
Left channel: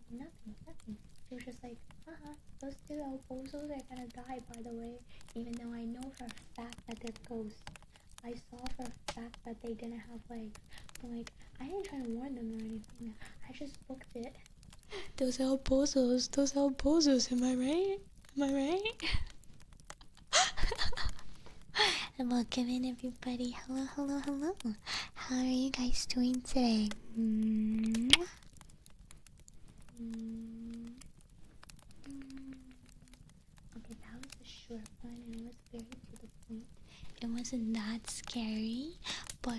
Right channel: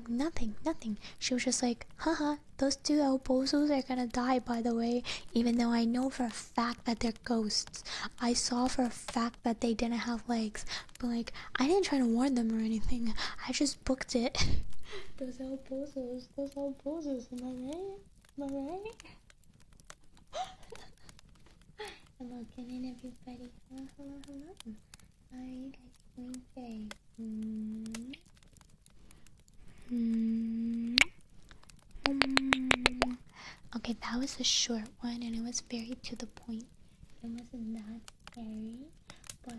nothing. She was just like, haha, those 2 El Bozos are gonna die, by the way, even though I know for a fact that they're ghosts. I saw for a fact that they didn't have legs, but like, I didn't try to warn them or anything. I just booked it. Those El Bozos, am I right? And welcome in, everybody. Hello. How are you guys doing today? Okay, that was a short one and it was very to the point. It wasn't that scary, but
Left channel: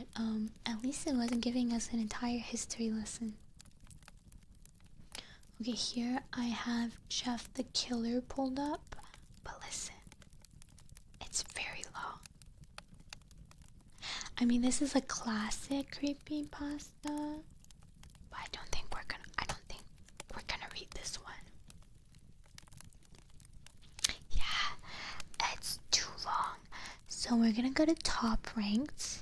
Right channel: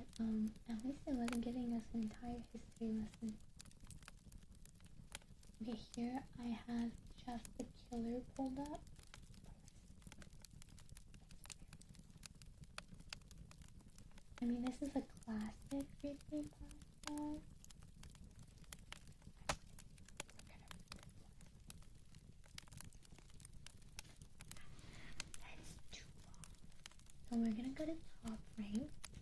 at least it wasn't giving us an entire history lesson. Okay, here I have Jeff the Killer pulled up, but listen, it's very long. I mean, this is a classic creepypasta, but I don't think we're gonna read this one. Yeah, it's too long. So we're gonna go to top ranked.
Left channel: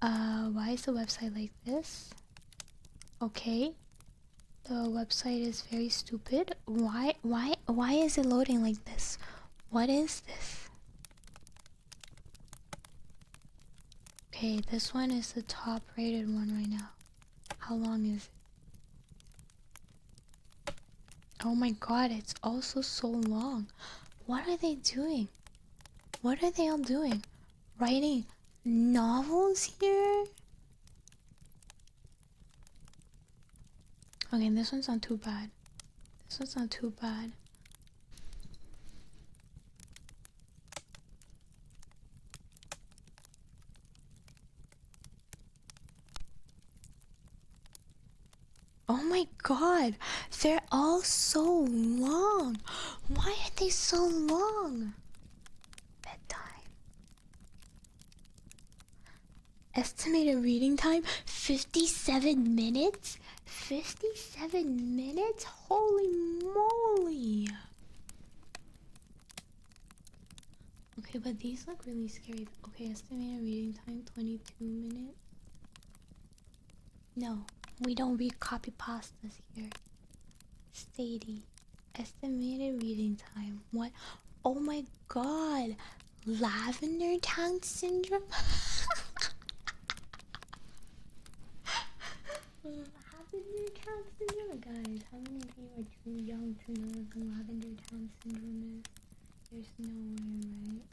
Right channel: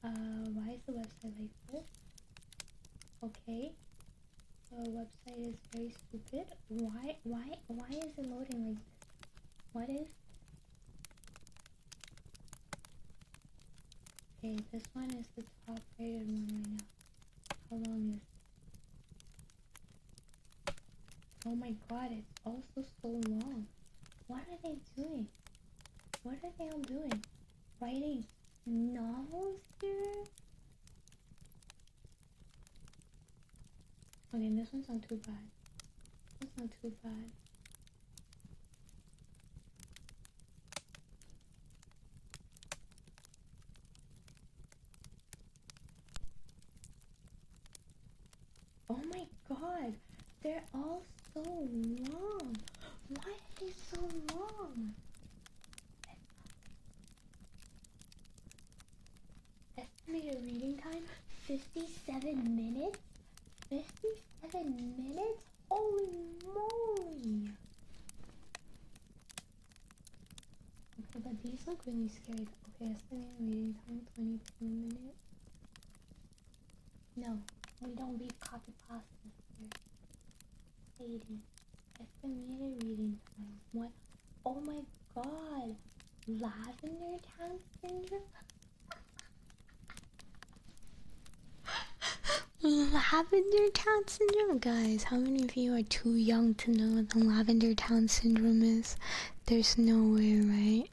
Why is the website like this? Okay. The website is very stupid. Why is it loading like this? What is this? Okay, this one is the top rated one right now. How long is it? Oh my god, it's also so long. What are they doing? What are they all doing? Writing novels here? Okay, this one's not too bad. This one's not too bad. Oh my god, they're all so long. Why are they so long? Bedtime. Estimated reading time 57 minutes? 57 minutes? Holy moly. Okay, but these look really scary. Okay, estimated reading time 22 minutes. No, we don't read copy pastas here. Stating estimated reading time. What? Oh my god. Lavender Town Syndrome? Lavender Town Syndrome? Guys, how many of you are too young to know what the Lavender Town Syndrome is? There's no way, right?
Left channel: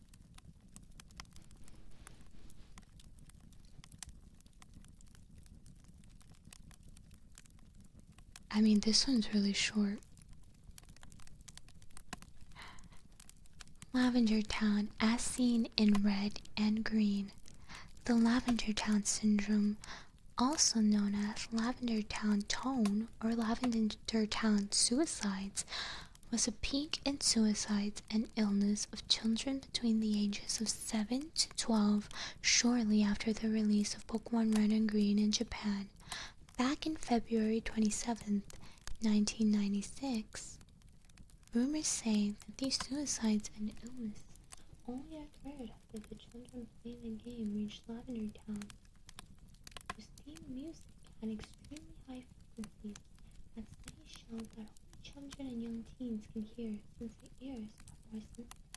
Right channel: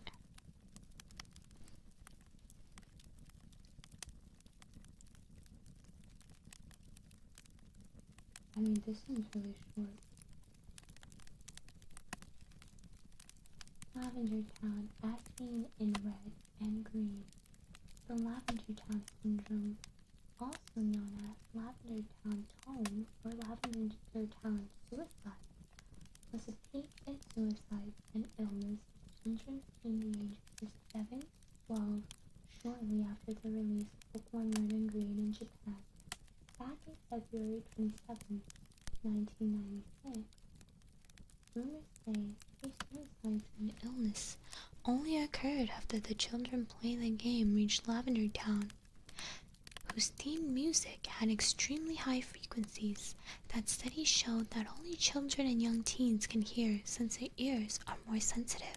I mean, this one's really short. Lavender Town, as seen in red and green. The Lavender Town Syndrome, also known as Lavender Town Tone or Lavender Town Suicides, was a peak in suicides and illness of children between the ages of 7 to 12 shortly after the release of Pokemon Red and Green in Japan. Back in February 27th, 1996, rumors say that these suicides and illness only occurred after the children playing the game reached Lavender Town, whose theme music had extremely high frequencies that studies showed that only children and young teens can hear since their ears are more sensitive.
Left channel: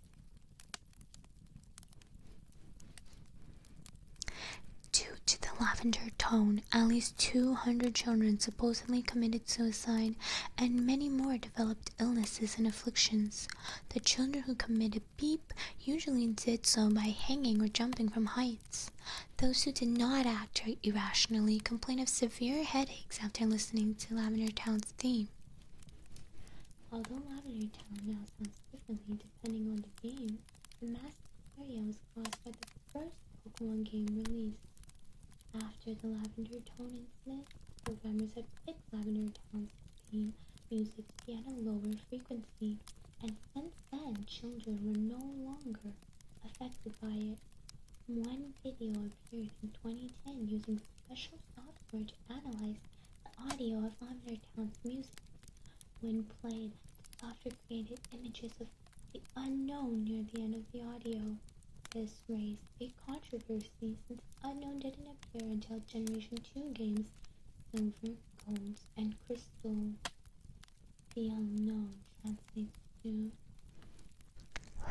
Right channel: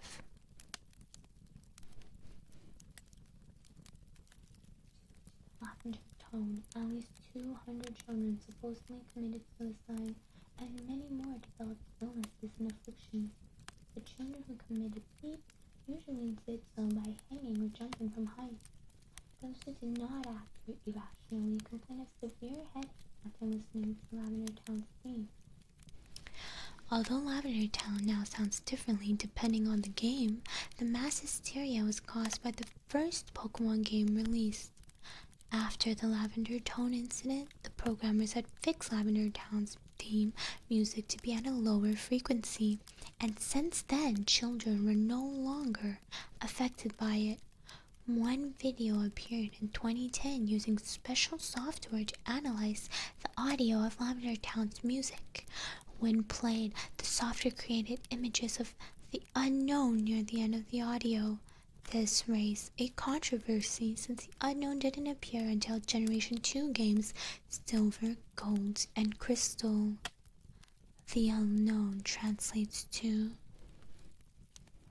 Due to the lavender tone, at least 200 children supposedly committed suicide, and many more developed illnesses and afflictions. The children who committed beep usually did so by hanging or jumping from heights. Those who did not act irrationally complained of severe headaches after listening to Lavender Town's theme. Although Lavender Town now sounds differently depending on the game, the mass hysteria was caused by the first Pokemon game released. After the Lavender Tone incident, the programmers had fixed Lavender Town's theme music to be at a lower frequency, and since then, children were no longer affected by it. One video appeared in 2010 using special software to analyze the audio of Lavender Town's music. When played, the software created images of the unknown near the end of the audio. This raised a controversy since the unknown didn't appear until Generation 2 games Silver, Gold, and Crystal. The unknown translates to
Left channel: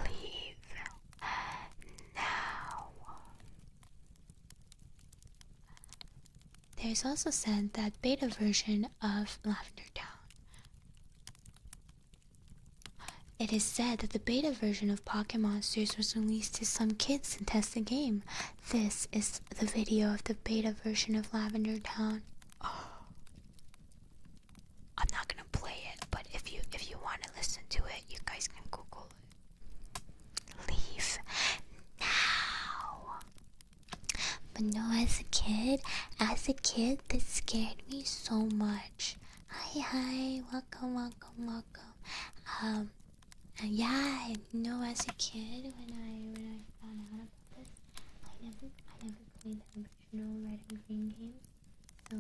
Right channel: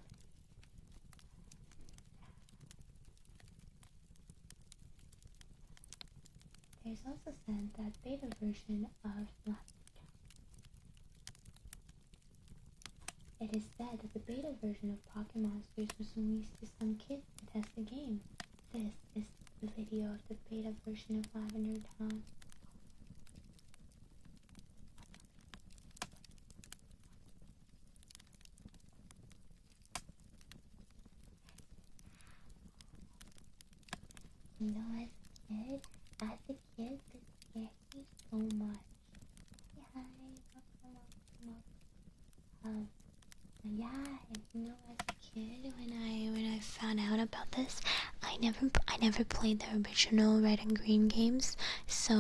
leave now. There's also said that beta version of Lavender Town. It is said that the beta version of Pocket Monsters was released to some kids to test the game. This is the video of the beta version of Lavender Town. Oh. I'm not gonna play it, but if you want to listen to it, you guys can Google it. No, as a kid, this scared me so much. Hi, welcome. Um, yeah, no, as a kid, when I found out about this, I never played the original Red and Green games. So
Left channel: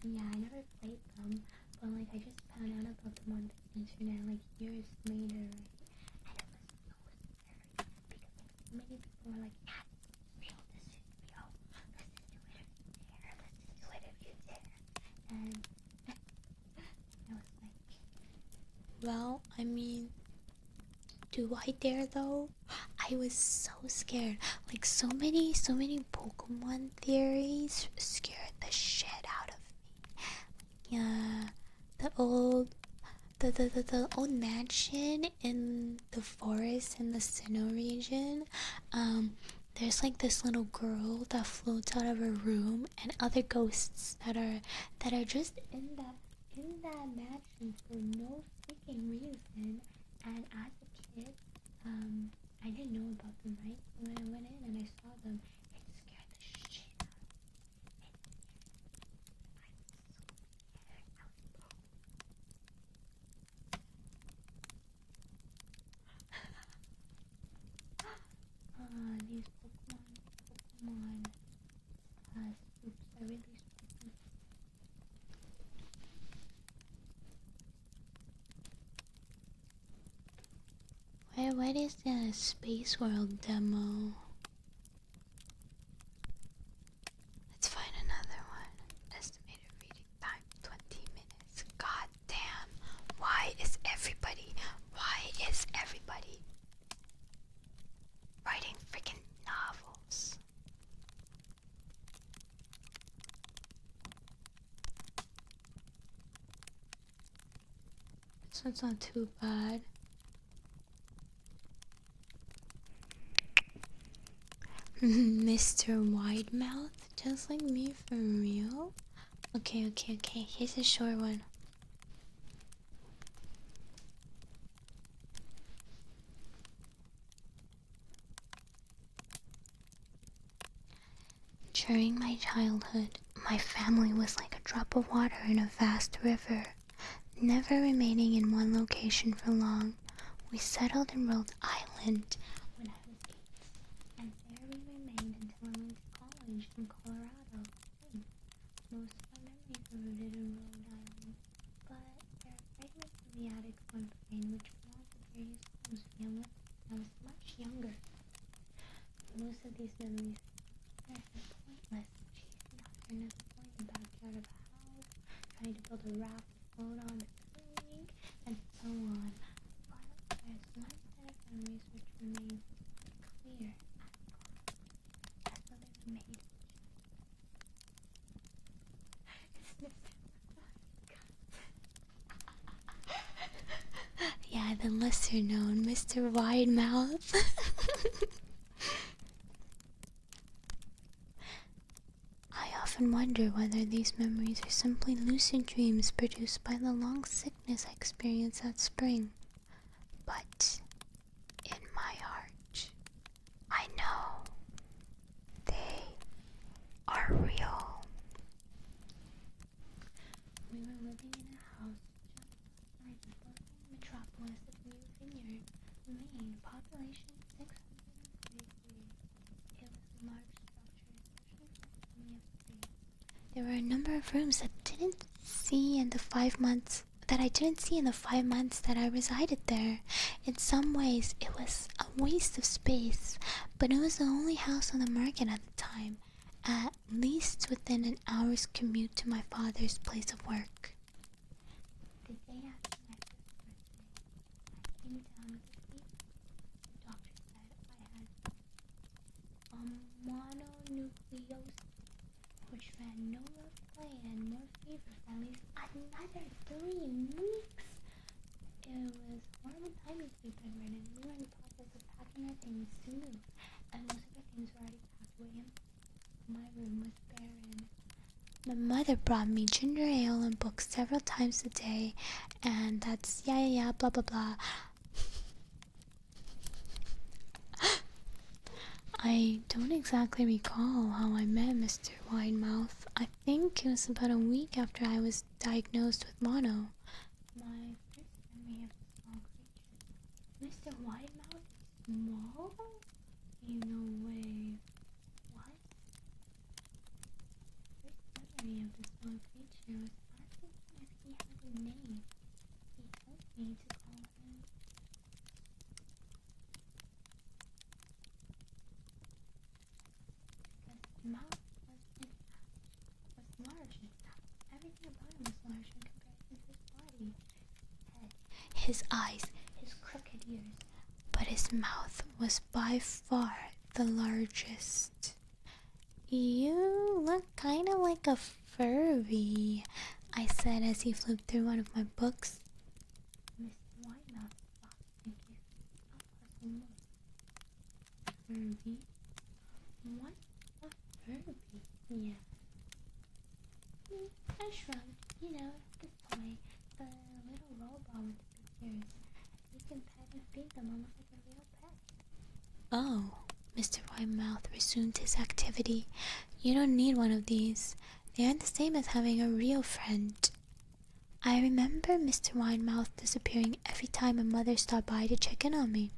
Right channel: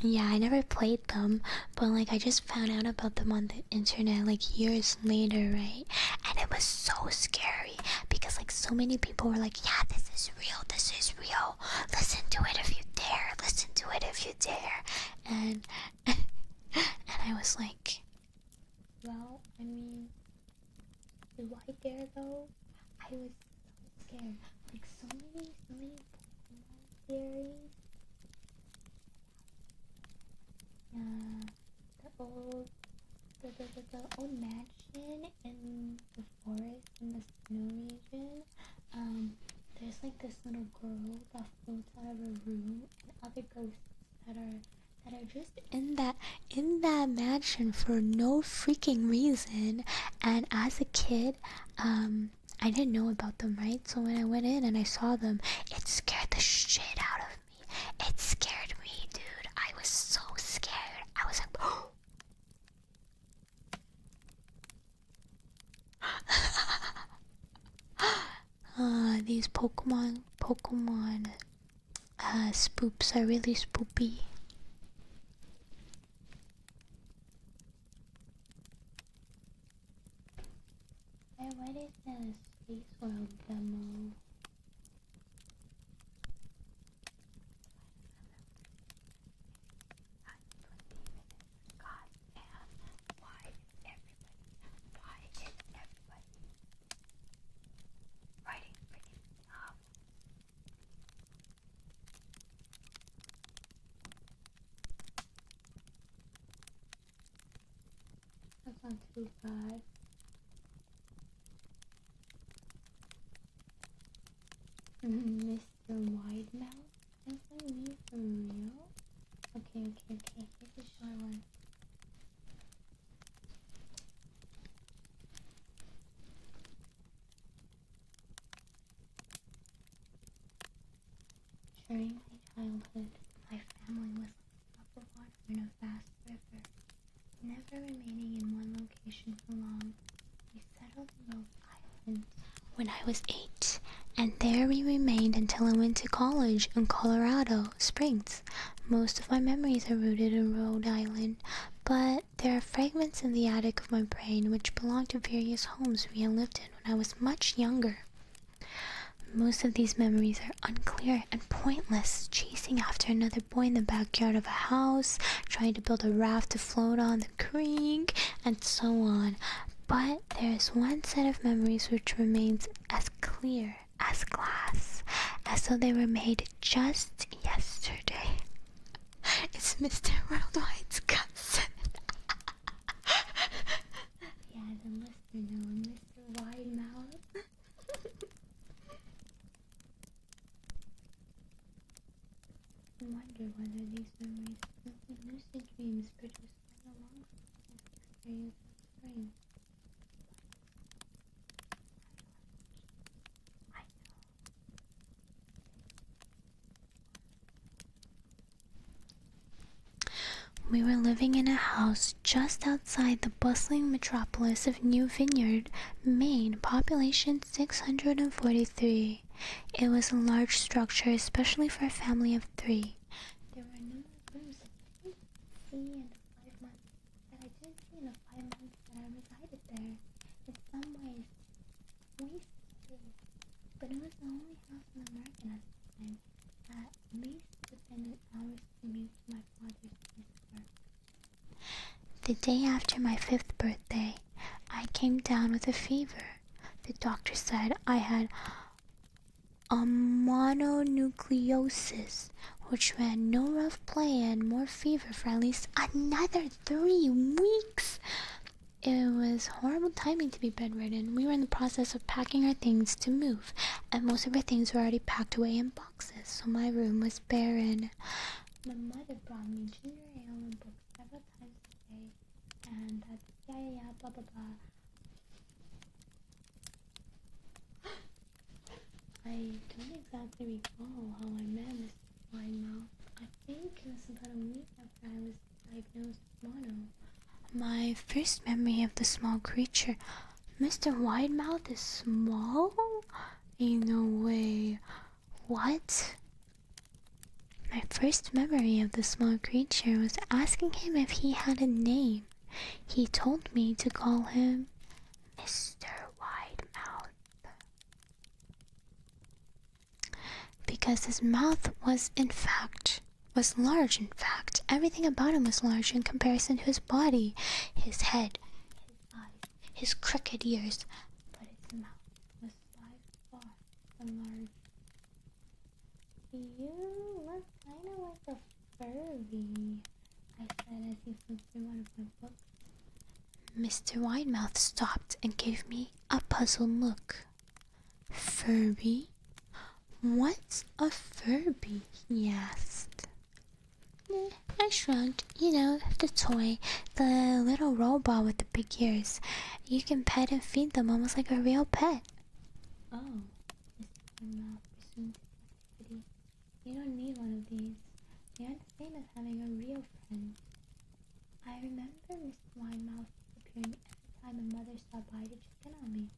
yeah, I never played them, but like I just found out about them on the internet like years later, right? And it was so scary because like so many people were like, yeah, this is real, listen to it if you dare, listen to it if you dare. And and I was like, well, I mean, do I dare though? I was so scared. Like so many Pokemon theories scared the shit out of me. Yeah, the old the old mansion in the forest in the Sinnoh region. There's like this little girl that floats out of her room, and other ghosts that are just in that mansion for no freaking reason. And as a kid, I didn't know about them, right? So when I went in and I saw them, it scared the shit out of me. It scared me, dude. I was so scared. I was like, these Pokemon spoops are really spoopy. What is the Space World demo? Let's find another one. Estimated reading time 20 minutes. God damn. Why is everybody writing freaking novels? This one's not too bad. Mr. Widemouth, just like me for real? Okay. Here's a short one. During my childhood, my family was like a drop of water in a vast river, never remaining in one location for long. We settled in Rhode Island when I was 8, and there we remained until I went to college in Colorado Springs. Most of my memories are rooted in Rhode Island, but there are fragments in the attic of my brain which belong to various homes we had lived in when I was much younger. Most of these memories are unclear and pointless, chasing after another boy in the backyard of a house, trying to build a raft to float on the creek, and so on. But there is one set of memories which remains as clear as glass, as though they were made just yesterday. It's Mr. Worldwide's cousin. Yeah, the lesser known Mr. Widemouth. I often wonder whether these memories are simply lucid dreams produced by the long sickness I experienced that spring. But in my heart, I know they are real. We were living in a house just outside the bustling metropolis of New Vineyard, Maine, population 643. It was a large structure, especially for a family of 3. There were a number of rooms that I didn't see in the 5 months that I resided there. In some ways, it was a waste of space, but it was the only house on the market at the time, at least within an hour's commute to my father's place of work. The day after my 5th birthday, I came down with a fever. The doctor said I had a mononucleosis, which meant no rough play and more fever for at least another 3 weeks. It was horrible timing to be bedridden. We were in the process of packing our things to move, and most of our things were already packed away in boxes, so my room was barren. My mother brought me ginger ale and books several times a day, and that's yeah, blah blah blah. I don't exactly recall how I met Mr. Widemouth. I think it was about a week after I was diagnosed with mono. My first memory of the small creature. Mr. Widemouth is small? Ain't no way. What? My first memory of the small creature was asking him if he had a name. He told me to call him Mr. Widemouth, because his mouth was large. In fact, everything about him was large in comparison to his body, his head, his eyes, his crooked ears, but his mouth was by far the largest. You look kind of like a furry, I said as he flipped through one of my books. Mr. Widemouth stopped and gave me a puzzled look. Furby? What's a Furby? He asked. I shrugged. You know, the toy, the little robot with the big ears. You can pet and feed them almost like a real pet. Oh, Mr. Widemouth resumed his activity. You don't need one of these. They aren't the same as having a real friend. I remember Mr. Widemouth disappearing every time my mother stopped by to check in on me.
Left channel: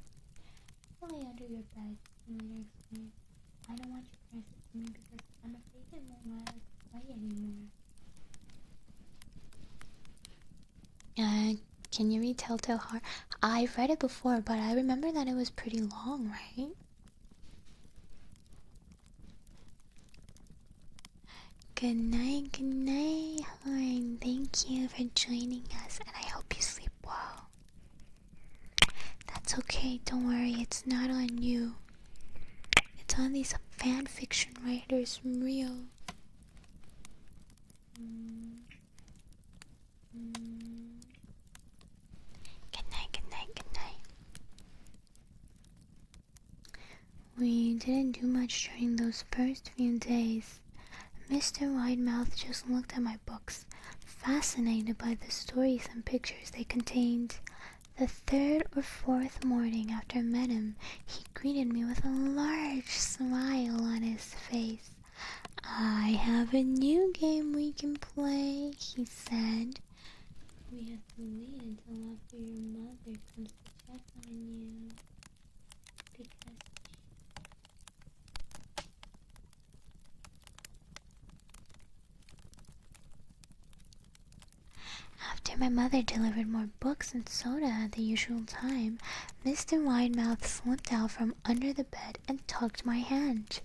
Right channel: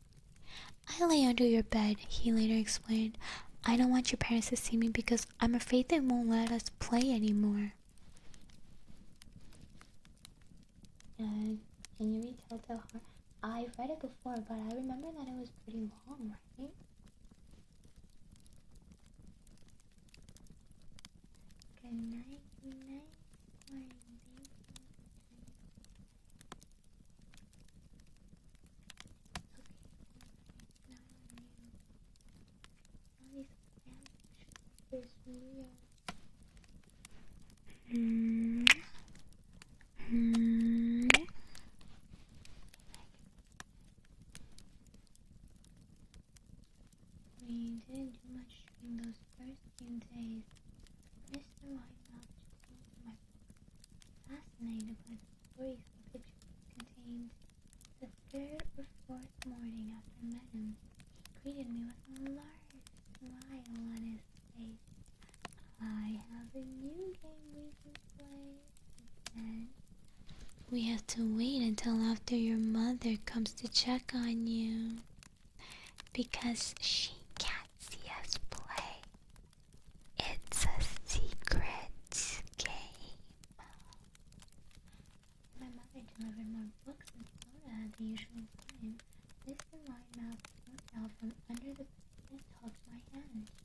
I lay under your bed, he later explained. I don't want your parents to see me because I'm afraid they won't let us play anymore. Can you read Telltale Heart? I've read it before, but I remember that it was pretty long, right? Good night, Horn. Thank you for joining us, and I hope you sleep well. That's okay, don't worry, it's not on you. It's on these fan fiction writers from Rio. Good night. We didn't do much during those first few days. Mr. Widemouth just looked at my books, fascinated by the stories and pictures they contained. The third or fourth morning after I met him, he greeted me with a large smile on his face. I have a new game we can play, he said. We have to wait until after your mother comes to check on you, because she can't see us play. It's a secret game. After my mother delivered more books and soda at the usual time, Mr. Widemouth slipped out from under the bed and tugged my hand.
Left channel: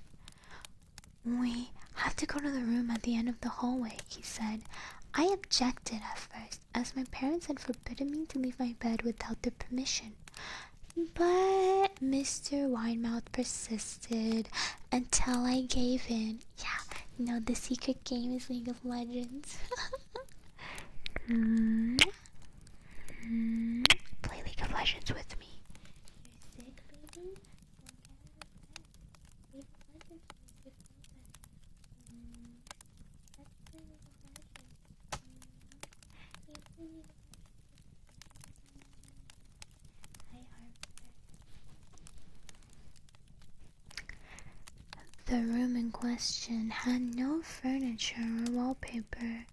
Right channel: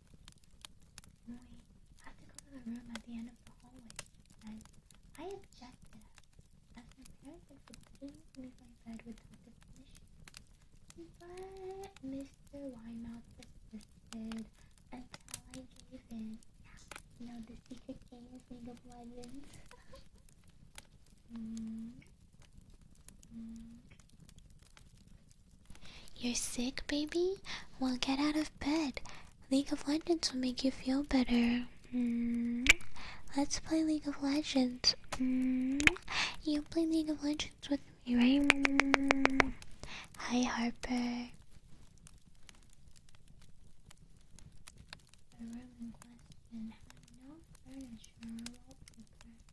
We have to go to the room at the end of the hallway, he said. I objected at first, as my parents had forbidden me to leave my bed without their permission. But Mr. Widemouth persisted until I gave in. Yeah, you know, the secret game is League of Legends. Play League of Legends with me. You're sick, baby? Well, get out of bed. League of Legends will make you feel better. Let's play League of Legends. You play League of Legends with me, right? Hi, Harper. The room in question had no furniture or wallpaper.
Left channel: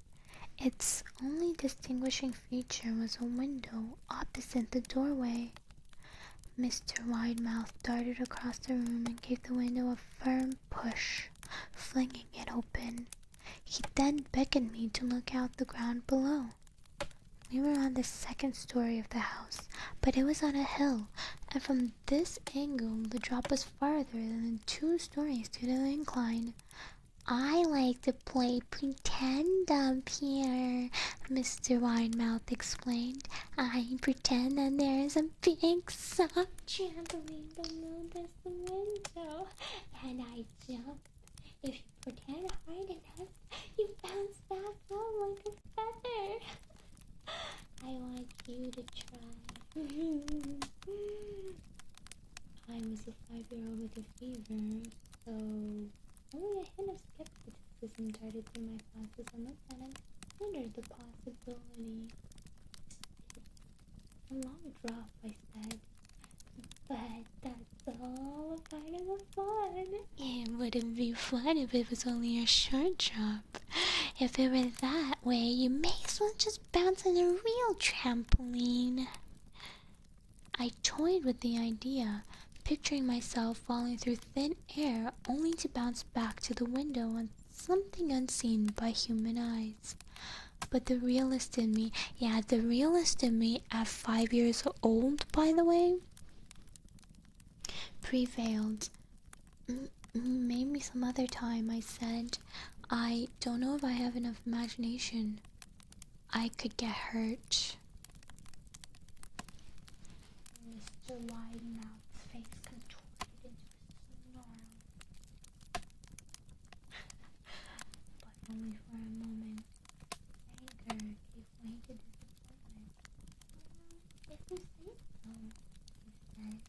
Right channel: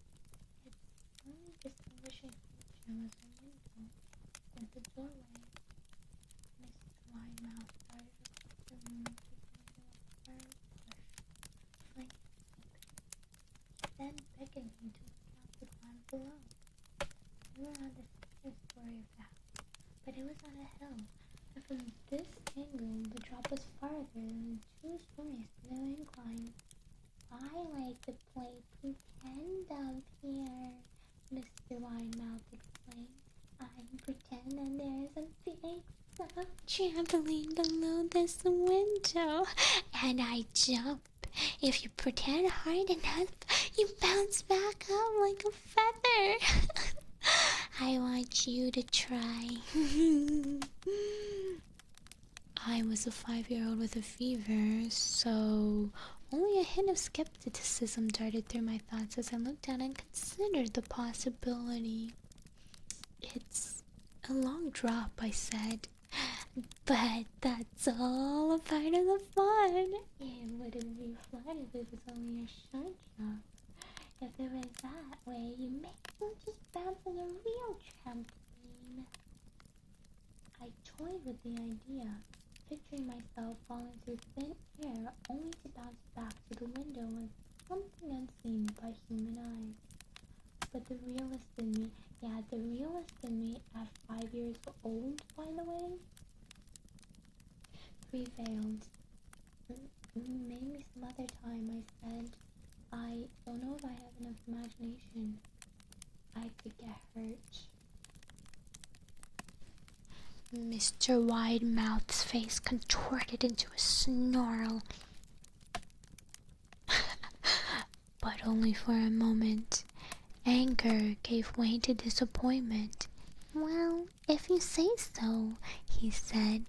Its only distinguishing feature was a window opposite the doorway. Mr. Widemouth darted across the room and gave the window a firm push, flinging it open. He then beckoned me to look out the ground below. We were on the second story of the house, but it was on a hill, and from this angle the drop was farther than the 2 stories to the incline. I like to play pretend up here, Mr. Widemouth explained. I pretend that there is a big soft trampoline below this window, and I jump. If you pretend hard enough, you bounce back up like a feather. I want you to try. I was a 5-year-old with a fever, so only a hint of skepticism darted through my thoughts as I looked out and considered the possibility. It's a long drop, I said. But that's all a part of the fun. It wouldn't be fun if it was only a short drop. If it were that way, you may as well just bounce on a real trampoline. I toyed with the idea, picturing myself falling through thin air only to bounce back to the window on something unseen by human eyes. But the realist in me, the realist in me at 5 years old, by the way, prevailed. Maybe some other time, I said. I don't know if I have enough imagination. I could get hurt. Mr. Widemouth's face contorted into a snarl. But only for a moment. Anger gave way to disappointment. Well, if you say so, he said.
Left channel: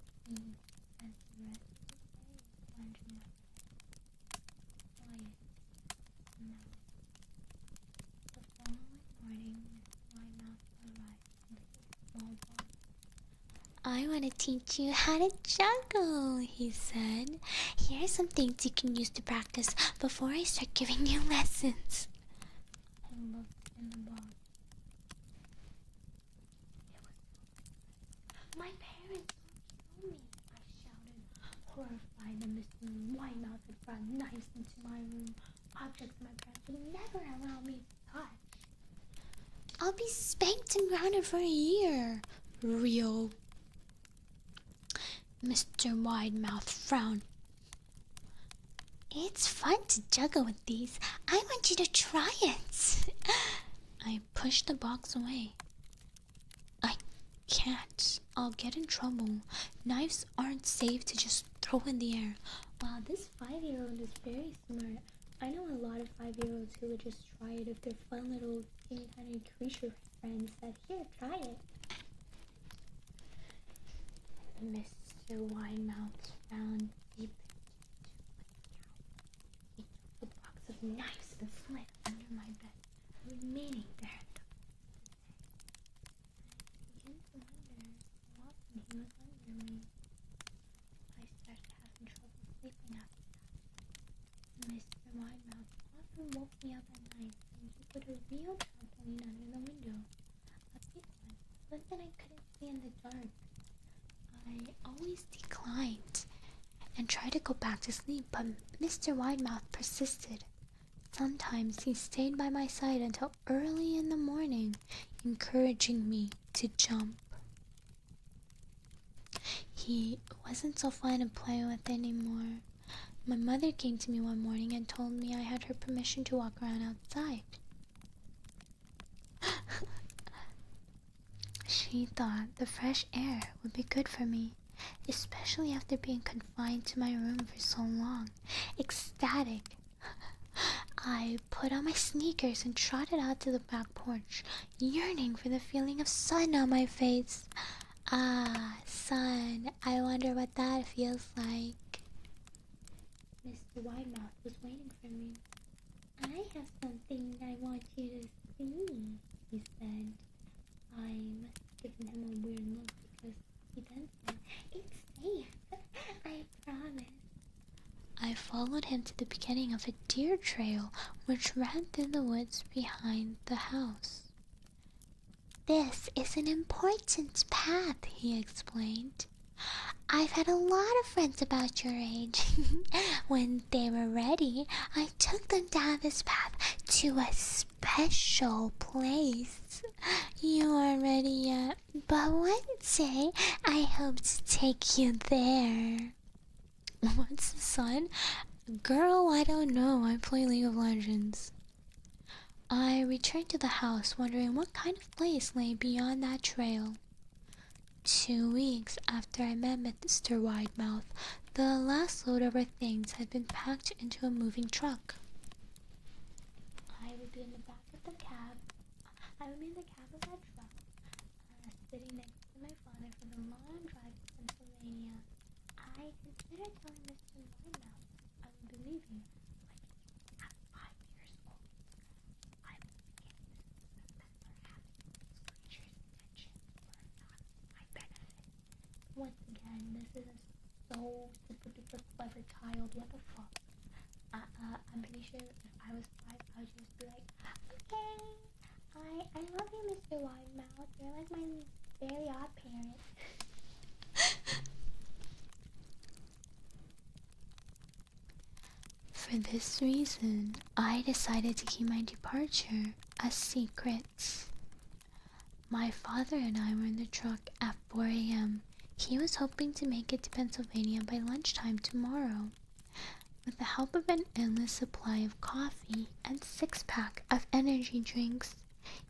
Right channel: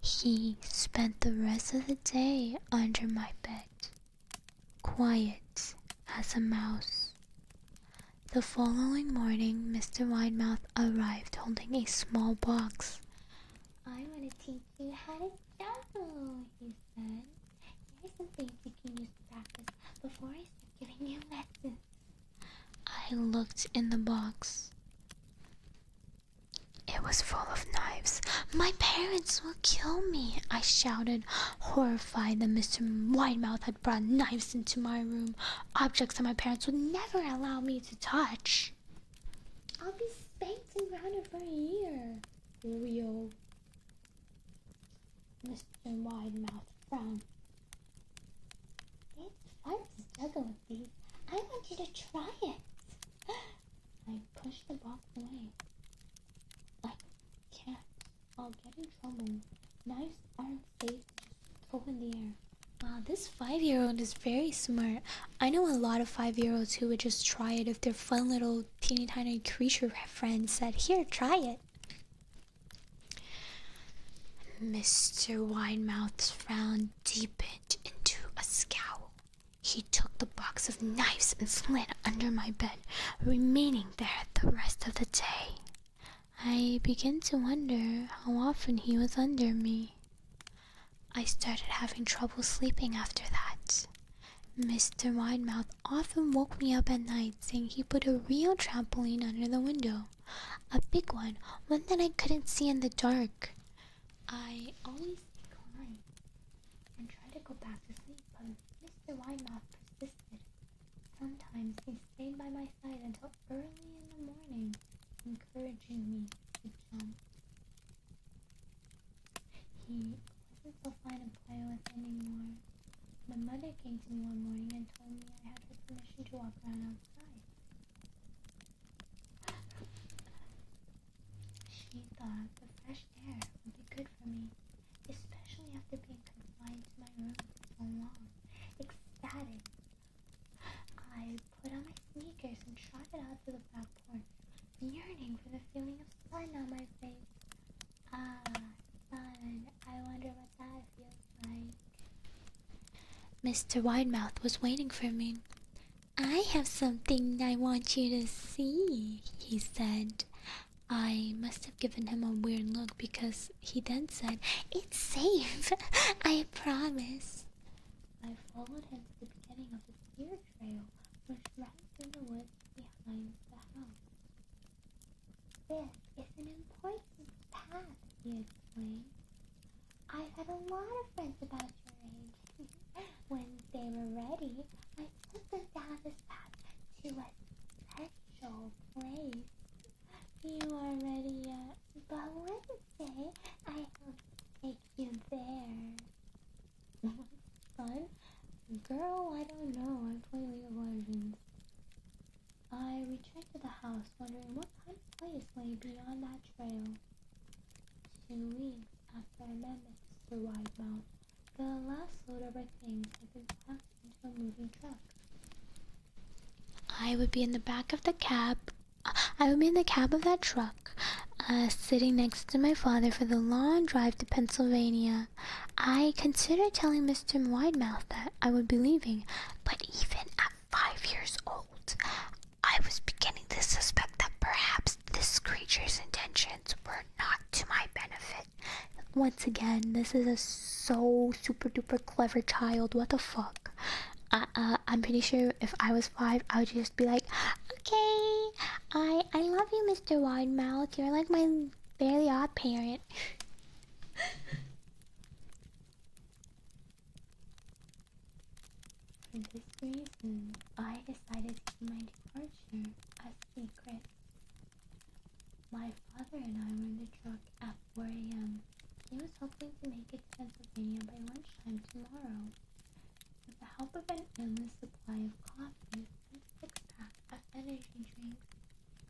He spent the rest of the day under my bed, quiet as a mouse. The following morning, Mr. Widemouth arrived holding a small box. I want to teach you how to juggle, he said. Here are some things you can use to practice before I start giving you lessons. I looked in the box. It was full of knives. My parents will kill me, I shouted, horrified that Mr. Widemouth had brought knives into my room, objects that my parents would never allow me to touch. I'll be spanked and grounded for a year. Real. Mr. Widemouth frowned. It's fun to juggle with these. I want you to try it. I pushed the box away. I can't. I'll get in trouble. Knives aren't safe to just throw in the air. Wow, this 5-year-old is very smart. I know a lot of 5-year-olds who would just try it if their fun little teeny tiny creature friend said, here, try it. Mr. Widemouth's frown deepened into a scowl. He took the box of knives and slid under my bed, remaining there the rest of the day. I began to wonder how often he was under me. I started having trouble sleeping after that. Mr. Widemouth often woke me up at night saying he put a real trampoline under the window. A big one that I couldn't see in the dark. I always declined and tried to go back to sleep, but Mr. Widemouth persisted. Sometimes he stayed by my side until early in the morning, encouraging me to jump. He wasn't so fun to play with anymore. My mother came to me one morning and told me I had her permission to walk around outside. She thought the fresh air would be good for me, especially after being confined to my room for so long. Ecstatic, I put on my sneakers and trotted out to the back porch, yearning for the feeling of sun on my face. Ah, sun. I wonder what that feels like. Mr. Widemouth was waiting for me. I have something I want you to see, he said. I must have given him a weird look because he then said, it's safe, I promise. I followed him to the beginning of a deer trail which ran through the woods behind the house. This is an important path, he explained. I've had a lot of friends about your age. When they were ready, I took them down this path to a special place. You aren't ready yet, but one day I hope to take you there. What's the sun? Girl, I don't know. I play League of Legends. I returned to the house wondering what kind of place lay beyond that trail. 2 weeks after I met Mr. Widemouth, the last load of our things had been packed into a moving truck. I would be in the cab of that truck, sitting next to my father for the long drive to Pennsylvania. I considered telling Mr. Widemouth that I would be leaving, but even at 5 years old, I was beginning to suspect that perhaps this creature's intentions were not to my benefit. once again, this is a so super duper clever child. What the fuck? I'm pretty sure if I was 5, I would just be like, okay, I love you, Mr. Widemouth. You're like my fairly odd parent. For this reason, I decided to keep my departure a secret. My father and I were in the truck at 4 a.m. He was hoping to make it to Pennsylvania by lunchtime tomorrow. With the help of an endless supply of coffee and 6-pack of energy drinks,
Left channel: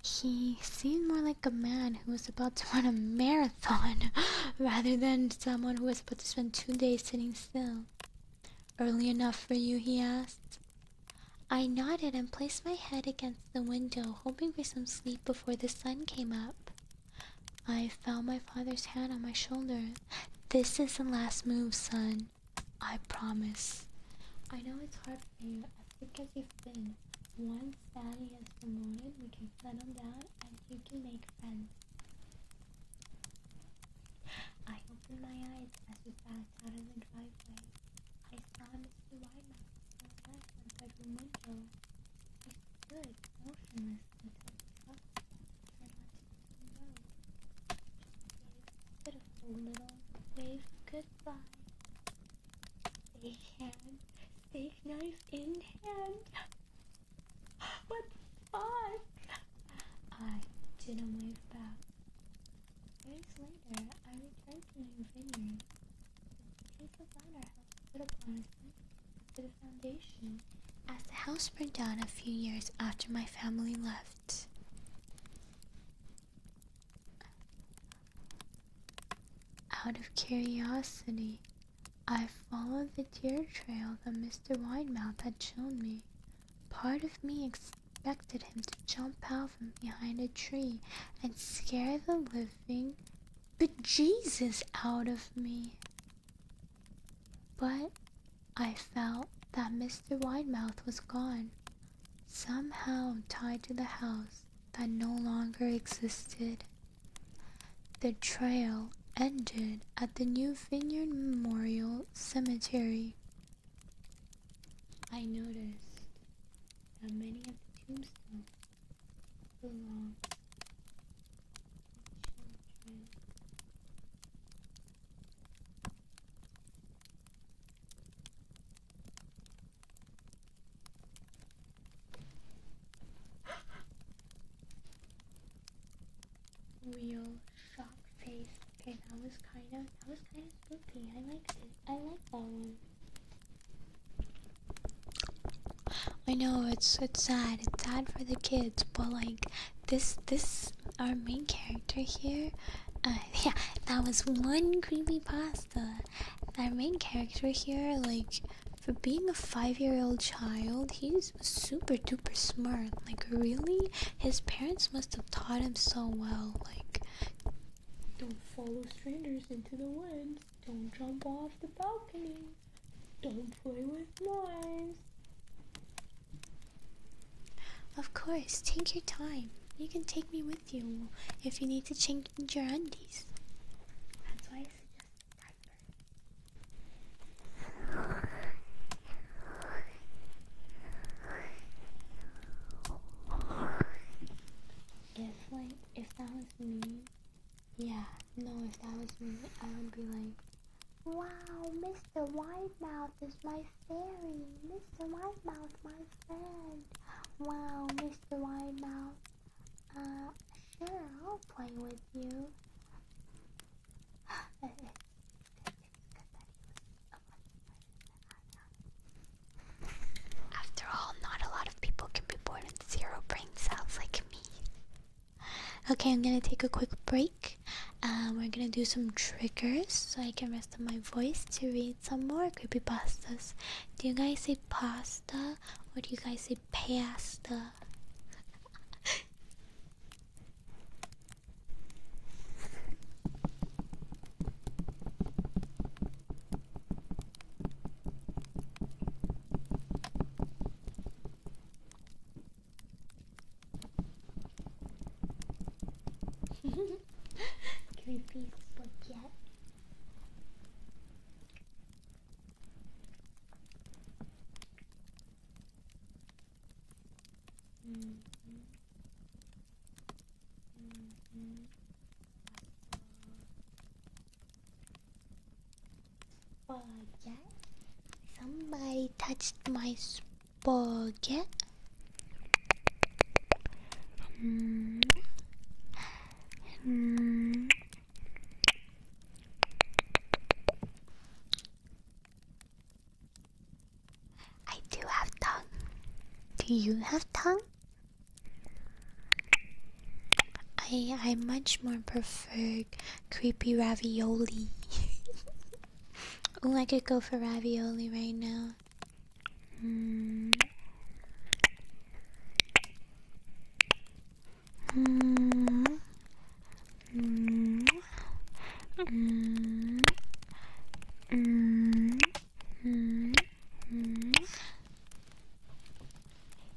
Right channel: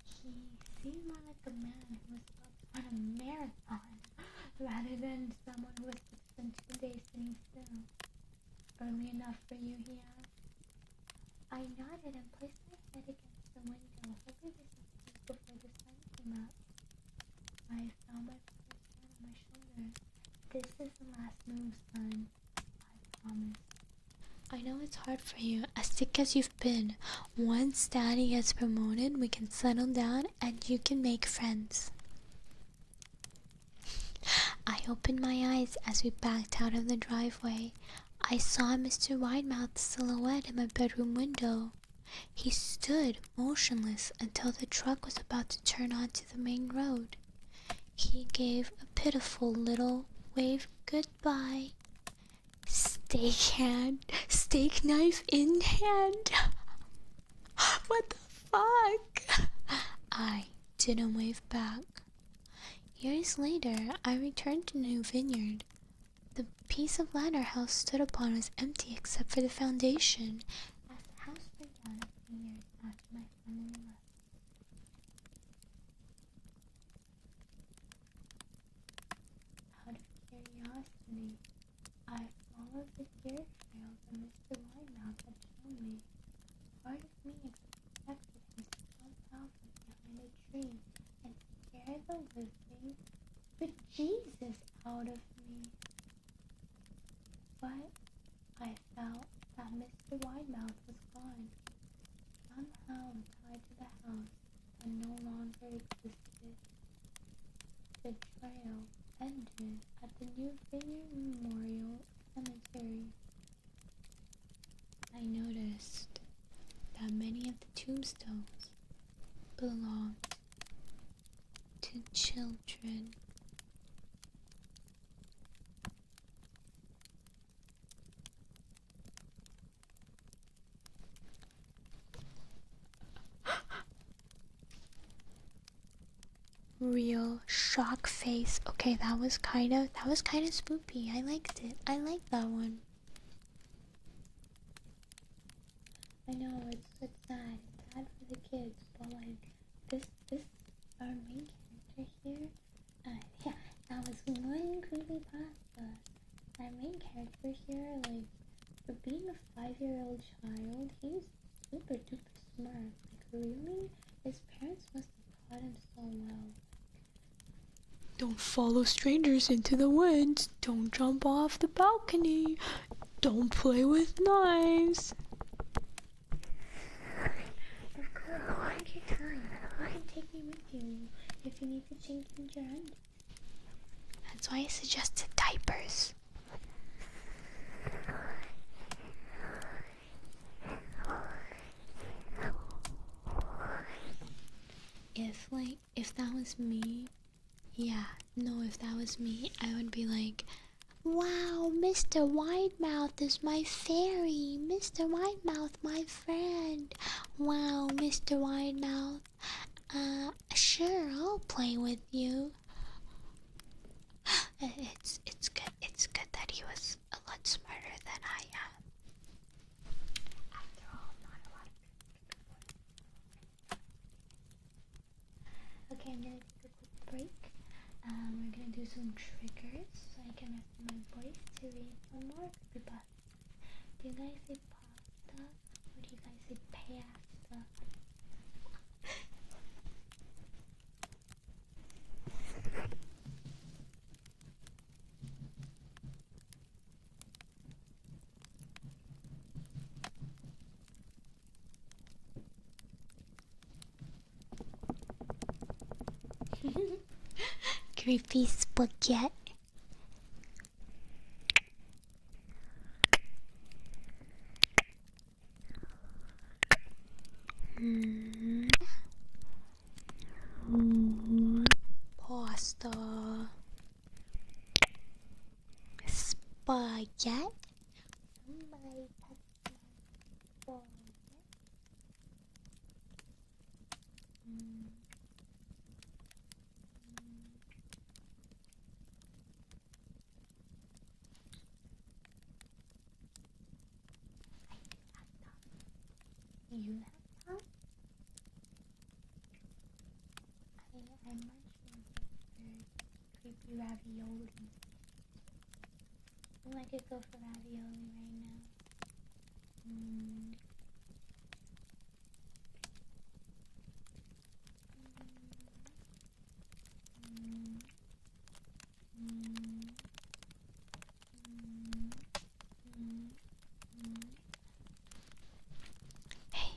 he seemed more like a man who was about to run a marathon rather than someone who was about to spend 2 days sitting still. Early enough for you, he asked. I nodded and placed my head against the window, hoping for some sleep before the sun came up. I felt my father's hand on my shoulder. This is the last move, son. I promise. I know it's hard for you, as sick as you've been. Once Daddy gets promoted, we can settle down and you can make friends. I opened my eyes as we backed out of the driveway. I saw Mr. Widemouth's silhouette in my bedroom window. He stood motionless until the truck was about to turn onto the main road. He gave a pitiful little wave goodbye. Steak knife in hand. What the fuck? I didn't wave back. Years later, I returned to the new vineyard. The piece of ladder house stood upon was empty except for the foundation, as the house burned down a few years after my family left. Out of curiosity, I followed the deer trail that Mr. Widemouth had shown me. Part of me expected him to jump out from behind a tree and scare the living bejesus out of me. But I felt that Mr. Widemouth was gone, somehow tied to the house that no longer existed. The trail ended at the New Vineyard Memorial Cemetery. I noticed that many of the tombstones belong to children. Real shock face. Okay, that was kind of spoopy. I liked it. I liked that one. I know it's sad. It's sad for the kids, but like this our main character here. Yeah, that was one creepypasta. Our main character here, like, for being a 5-year-old child, he's super duper smart. Like, really? His parents must have taught him so well. Like, don't follow strangers into the woods. Don't jump off the balcony. Don't play with knives. Of course, take your time. You can take me with you if you need to change your undies. That's why I suggested diapers. If that was me, if that was me, I would be like, wow, Mr. Widemouth is my fairy. Mr. Widemouth, my friend. Wow, Mr. Widemouth. Sure, I'll play with you. It's good that he was a lot smarter than I am. After all, not a lot of people can be born with 0 brain cells like me. Okay, I'm gonna take a quick break. We're gonna do some triggers so I can rest on my voice to read some more creepypastas. Do you guys say pasta or do you guys say pasta? Creepy spaghetti. Pasta. Spaghetti. Somebody touched my spaghetti. I do have tongue. Do you have tongue? I much more prefer creepy ravioli. Oh, I could go for ravioli right now. Hey,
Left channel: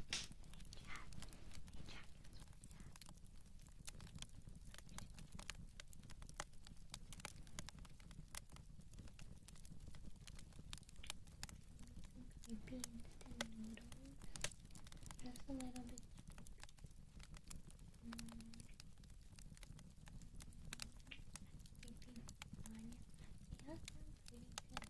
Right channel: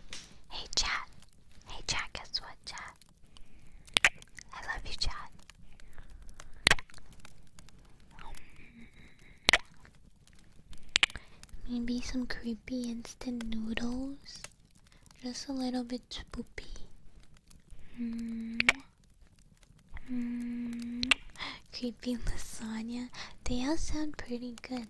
chat. Hey, chat, guess what, chat? I love you, chat. Maybe some creepy instant noodles. Just a little bit spoopy. Creepy lasagna. They all sound pretty good.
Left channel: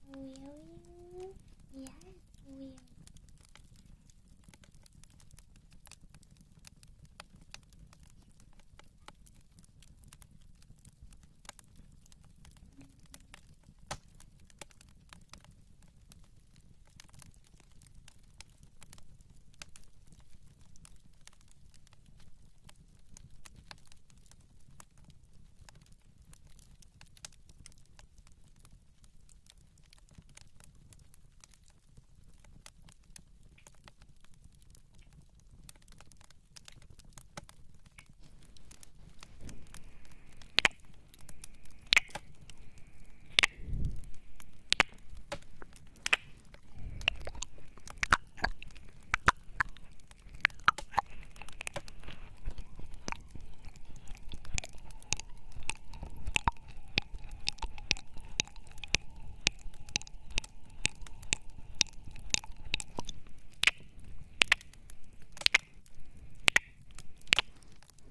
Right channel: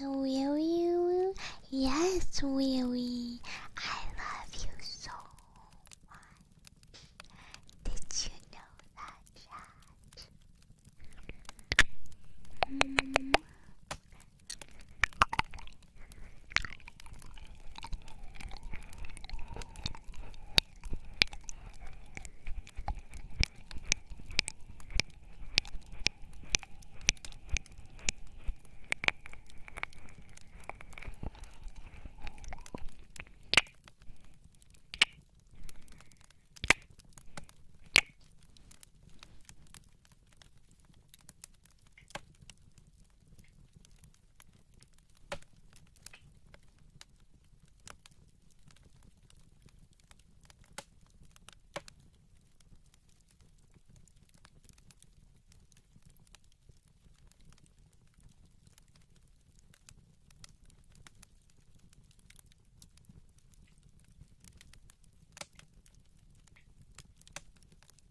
Will you? Yes, Willie. I love you so much. Did you know that, chat?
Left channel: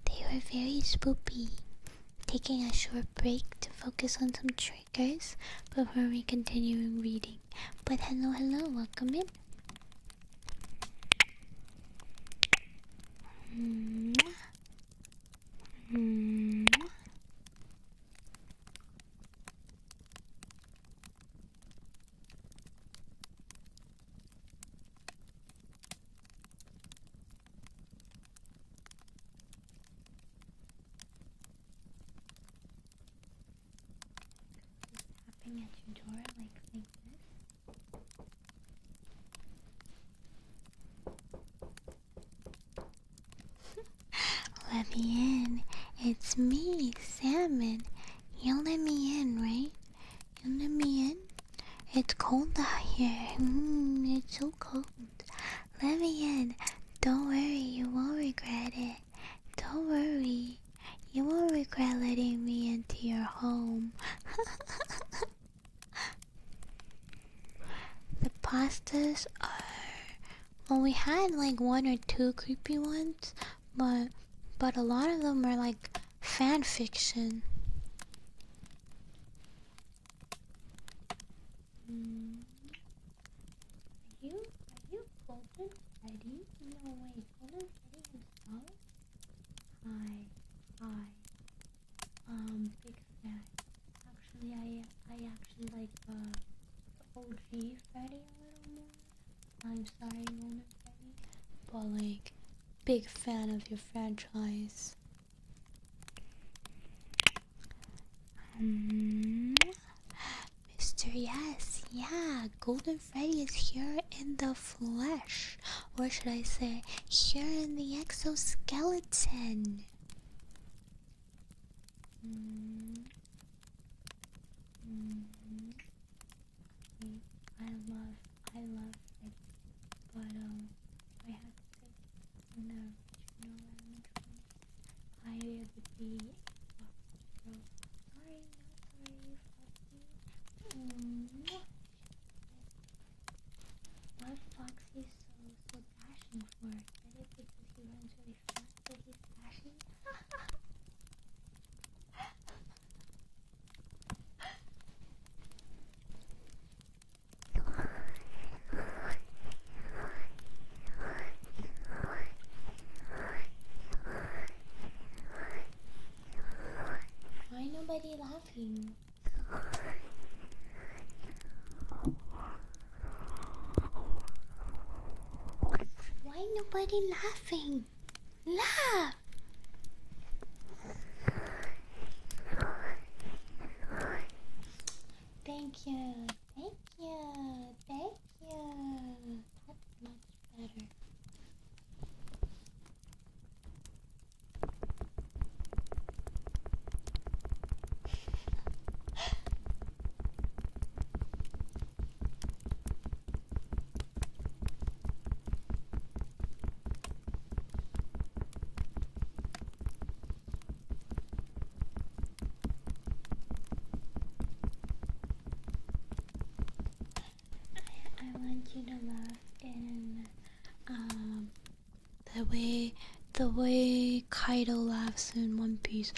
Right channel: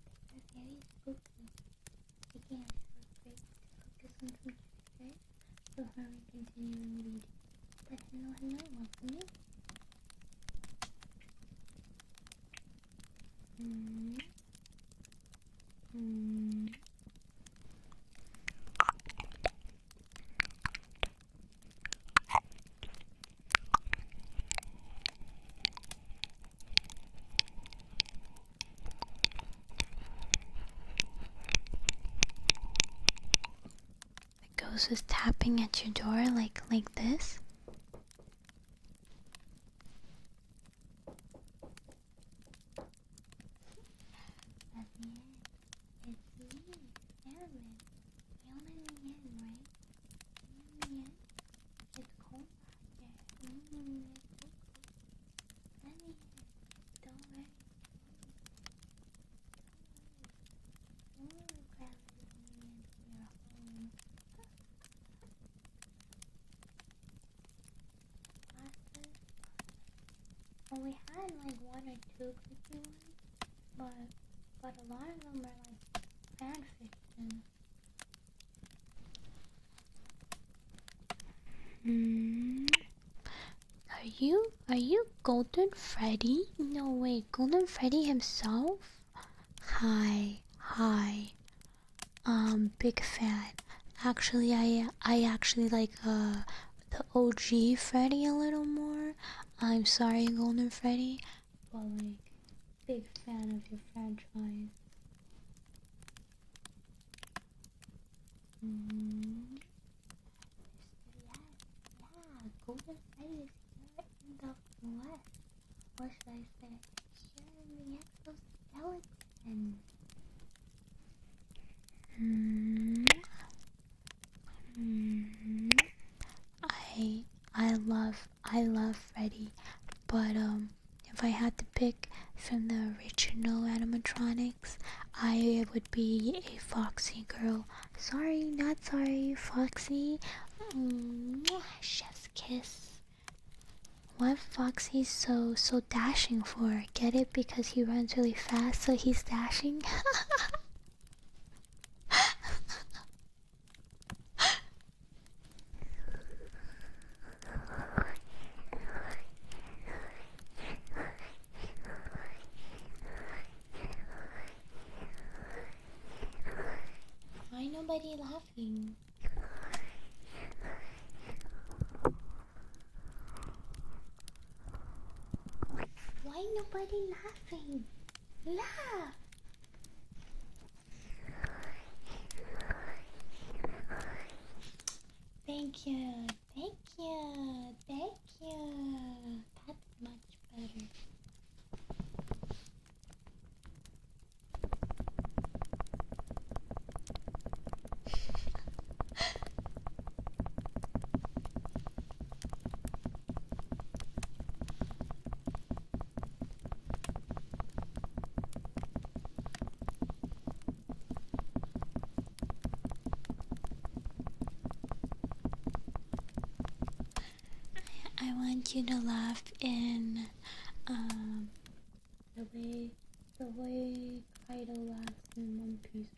They were very spoopy. Taking a short break to focus on some triggers before we continue reading. But hello, welcome in. The ghost is tapping at your door like this. Let me in. It's me, Salmon. You'll let me in, right? You'll let me in? It's cold out here. It's so cold. Let me in. Don't worry, you won't regret it. Don't worry. You won't regret letting me into your home. The pastas are... Well, we had like one or two creepy ones, but a lot of them are like fan fiction. Are you Golden Freddy? No way, Golden Freddy himself? Hi. Big fan. Actually, I actually like the OG Freddy a little more. I'm sorry, Golden Freddy, but like big fan of your franchise. Mr. Yes, yeah, Golden Freddy is here in the flesh. Or should I say, here in the exoskeleton. I love Freddy, but if I had to pick from the original animatronics, I would be a Foxy girl. Sorry, not sorry, Foxy. Chef's kiss. What Foxy's so dashing for? Get it? Because he runs really fast, so he's dashing. Why nobody laughing? Why nobody laughing? Laugh! Thank you, thank you, thank you. That's much better. I want you to laugh in the way Kaido laughs in One Piece.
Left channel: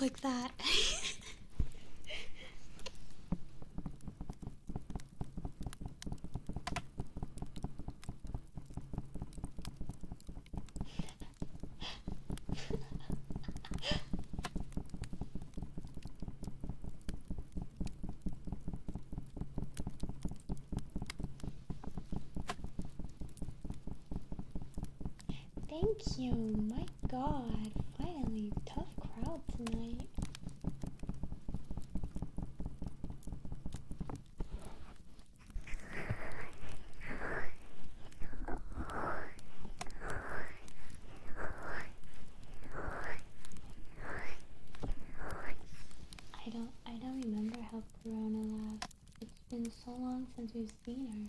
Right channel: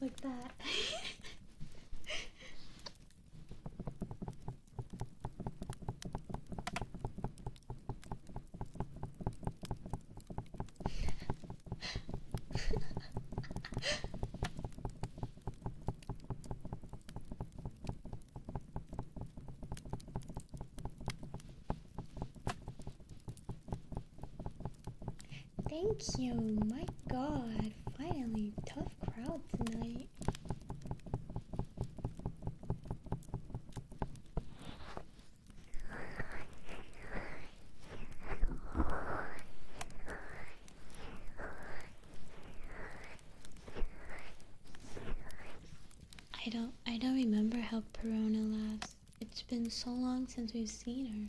Like that. Thank you. My god. Finally, tough crowd tonight. I don't remember how Perona laughs. It's been so long since we've seen her.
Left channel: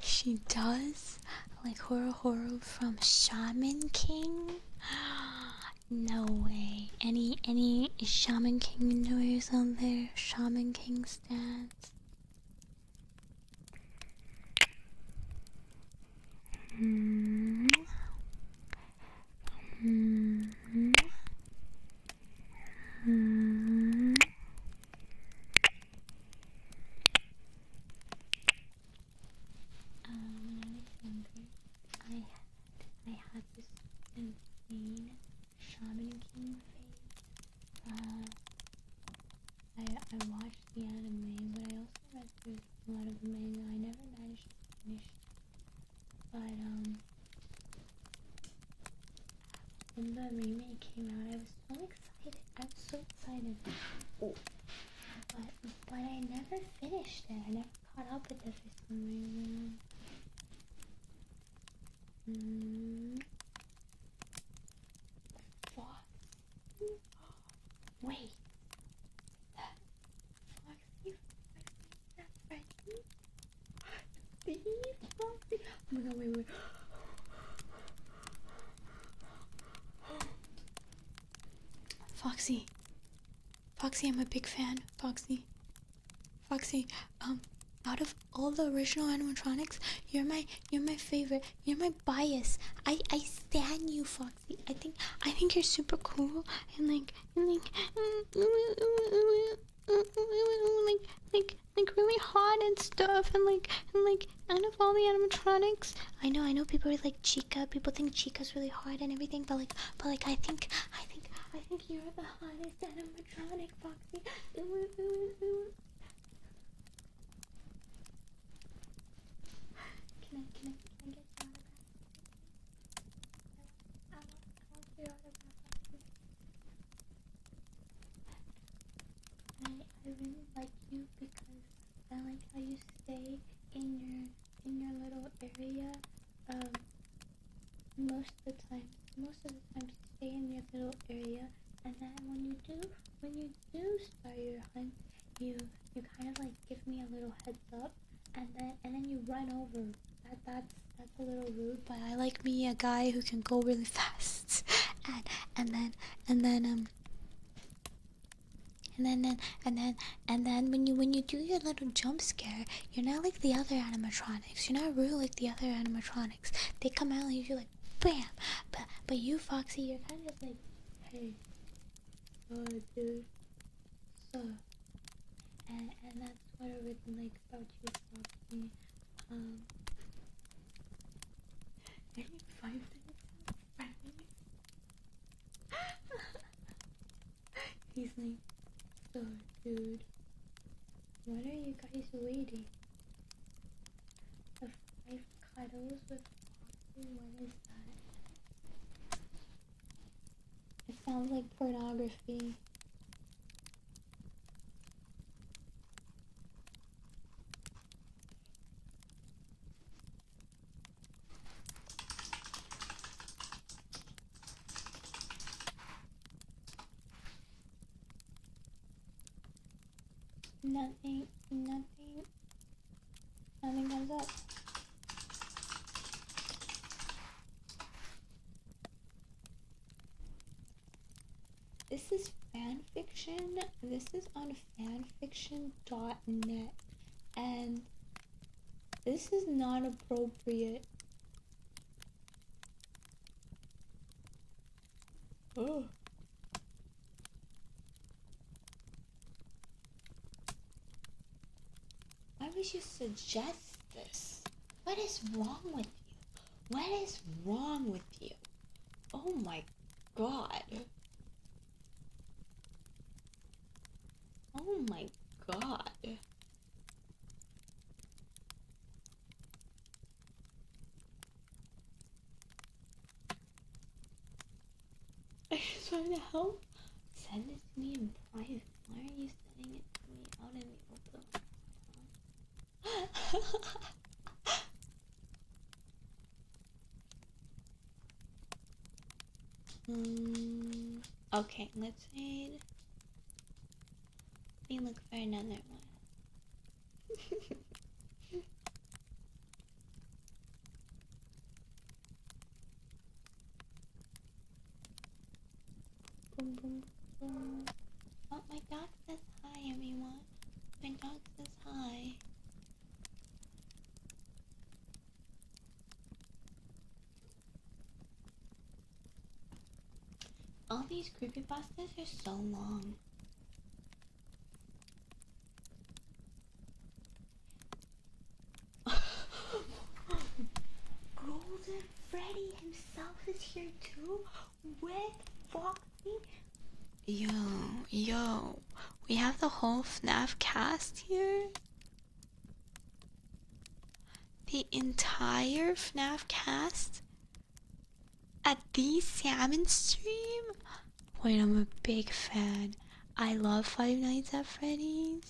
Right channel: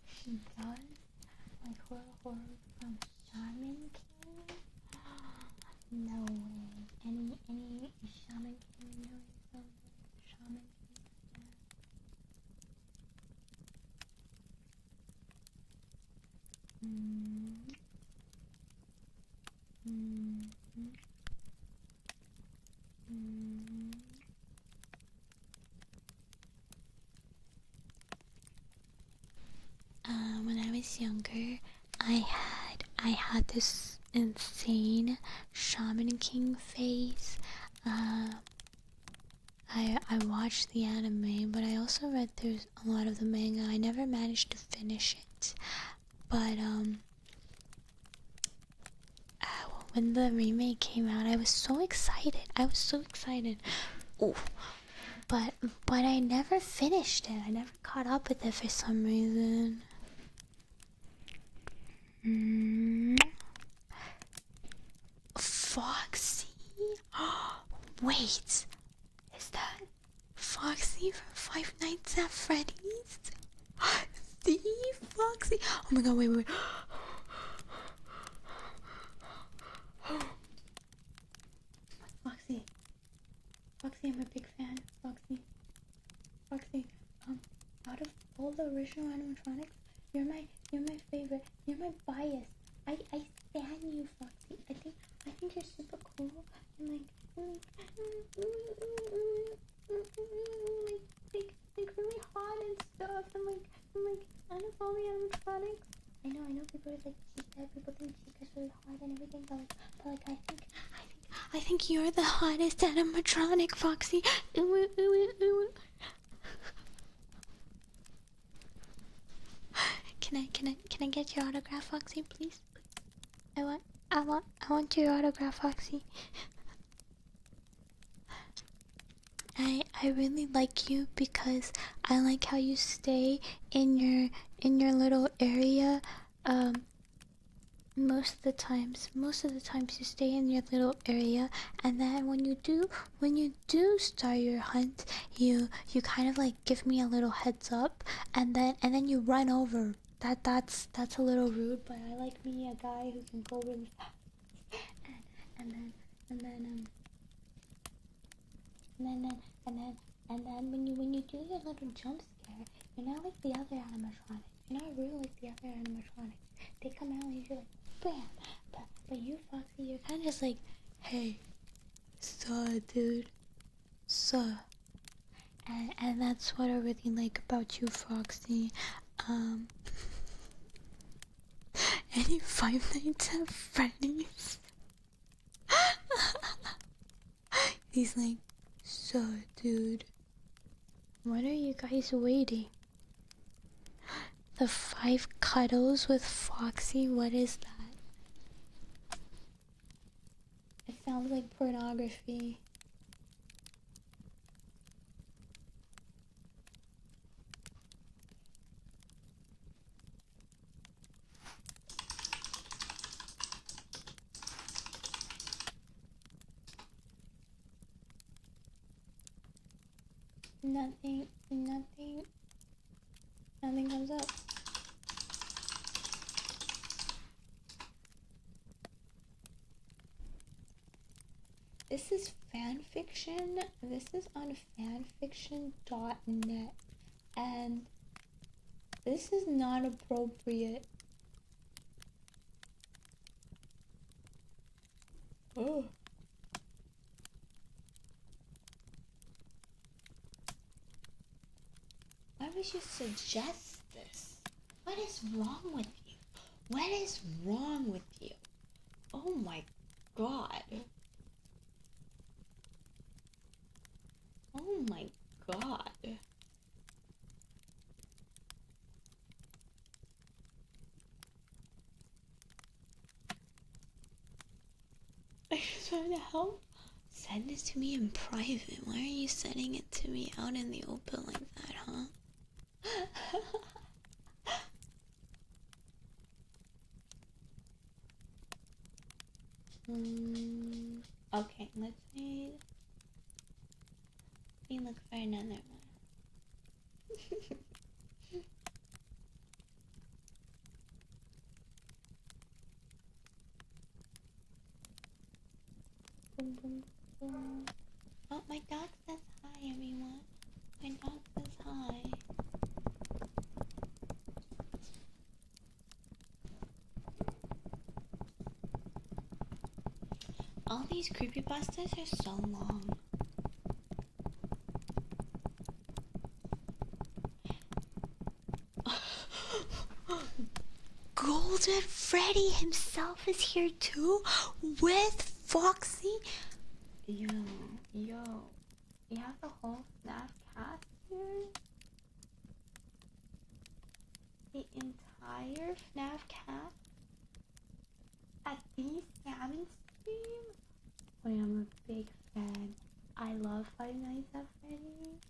She does? Like Horo from Shaman King? No way. Any Shaman King enjoyers out there? Shaman King stats? When I was younger, I had this insane Shaman King phase. I watched the anime, but I also read through a lot of the manga. I never managed to finish it, but when the remake came out, I was so excited. Ooh. But I never finished it. I never caught up with it for some reason. Foxy? Wait, is that Foxy from Five Nights at Freddy's? The Foxy? Oh my god, wait. Foxy, I'm a big fan. Foxy, out of all the original animatronics, you're my favorite. You're my bias. I stan you, Foxy. I think you're super cool and like really hot and stuff and out of all the animatronics, I know people are like Chica. People think Chica's really hot and everything, but I think you're the hottest animatronic, Foxy. Can I get your autograph, Foxy, please? I want your autograph, Foxy. I I really like you because I like how you stay in your little area. Most of the times you stay in your little area, and then when you do start your hunt, you kind of like give me a little heads up, and then you run over. That's a little rude, but I like me a guy who can go really fast, and then and then um and then when you do your little jump scare, you're not like the other animatronics. You're not rude like the other animatronics. They come out and you're like bam. But you, Foxy, you're kind of just like, hey, suh, dude, suh. And that's what I really like about you, Foxy. Any Five Nights at Freddy's? He's like, so, dude, what are you guys waiting? The 5 cuddles with Foxy? What is that? It sounds like pornography. Nothing comes up. This is fanfiction. This is on fanfiction.net, and this is not appropriate. Oh. Why would you suggest this? What is wrong with you? What is wrong with you? Oh my god. Oh my god. I just want to help. Send it to me in private. Why are you sending it to me out in the open like that, huh? Okay, let's read. Let me look for another one. Boom, boom, boom. Oh, my dog says hi, everyone. My dog says hi. All these creepypastas are so long. Golden Freddy himself is here too, with Foxy. Yo, we have the whole FNAF cast here. The entire FNAF cast at the Salmon stream. Wait, I'm a big fan. I love Five Nights at Freddy's.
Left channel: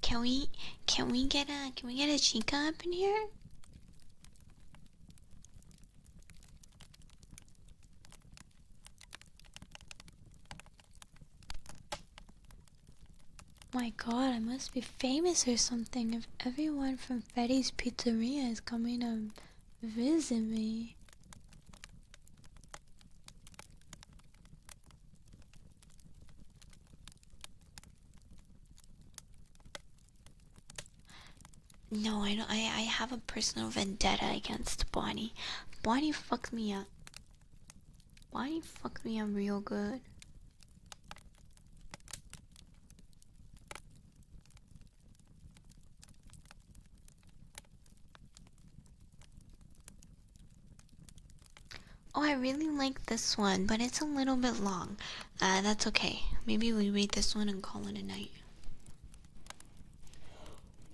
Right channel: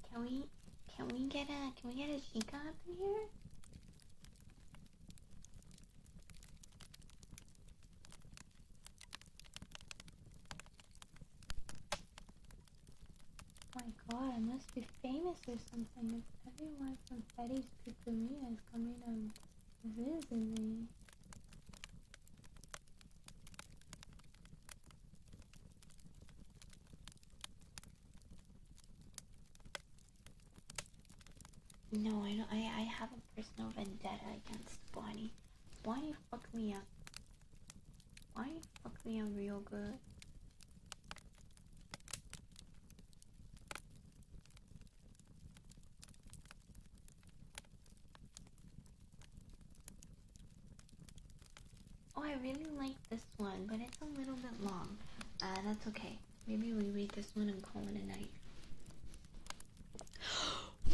Can we get a Chica up in here? My god, I must be famous or something if everyone from Freddy's Pizzeria is coming to visit me. No, I don't. I have a personal vendetta against Bonnie. Bonnie fucked me up. Bonnie fucked me up real good. Oh, I really like this one, but it's a little bit long. That's okay. Maybe we read this one and call it a night.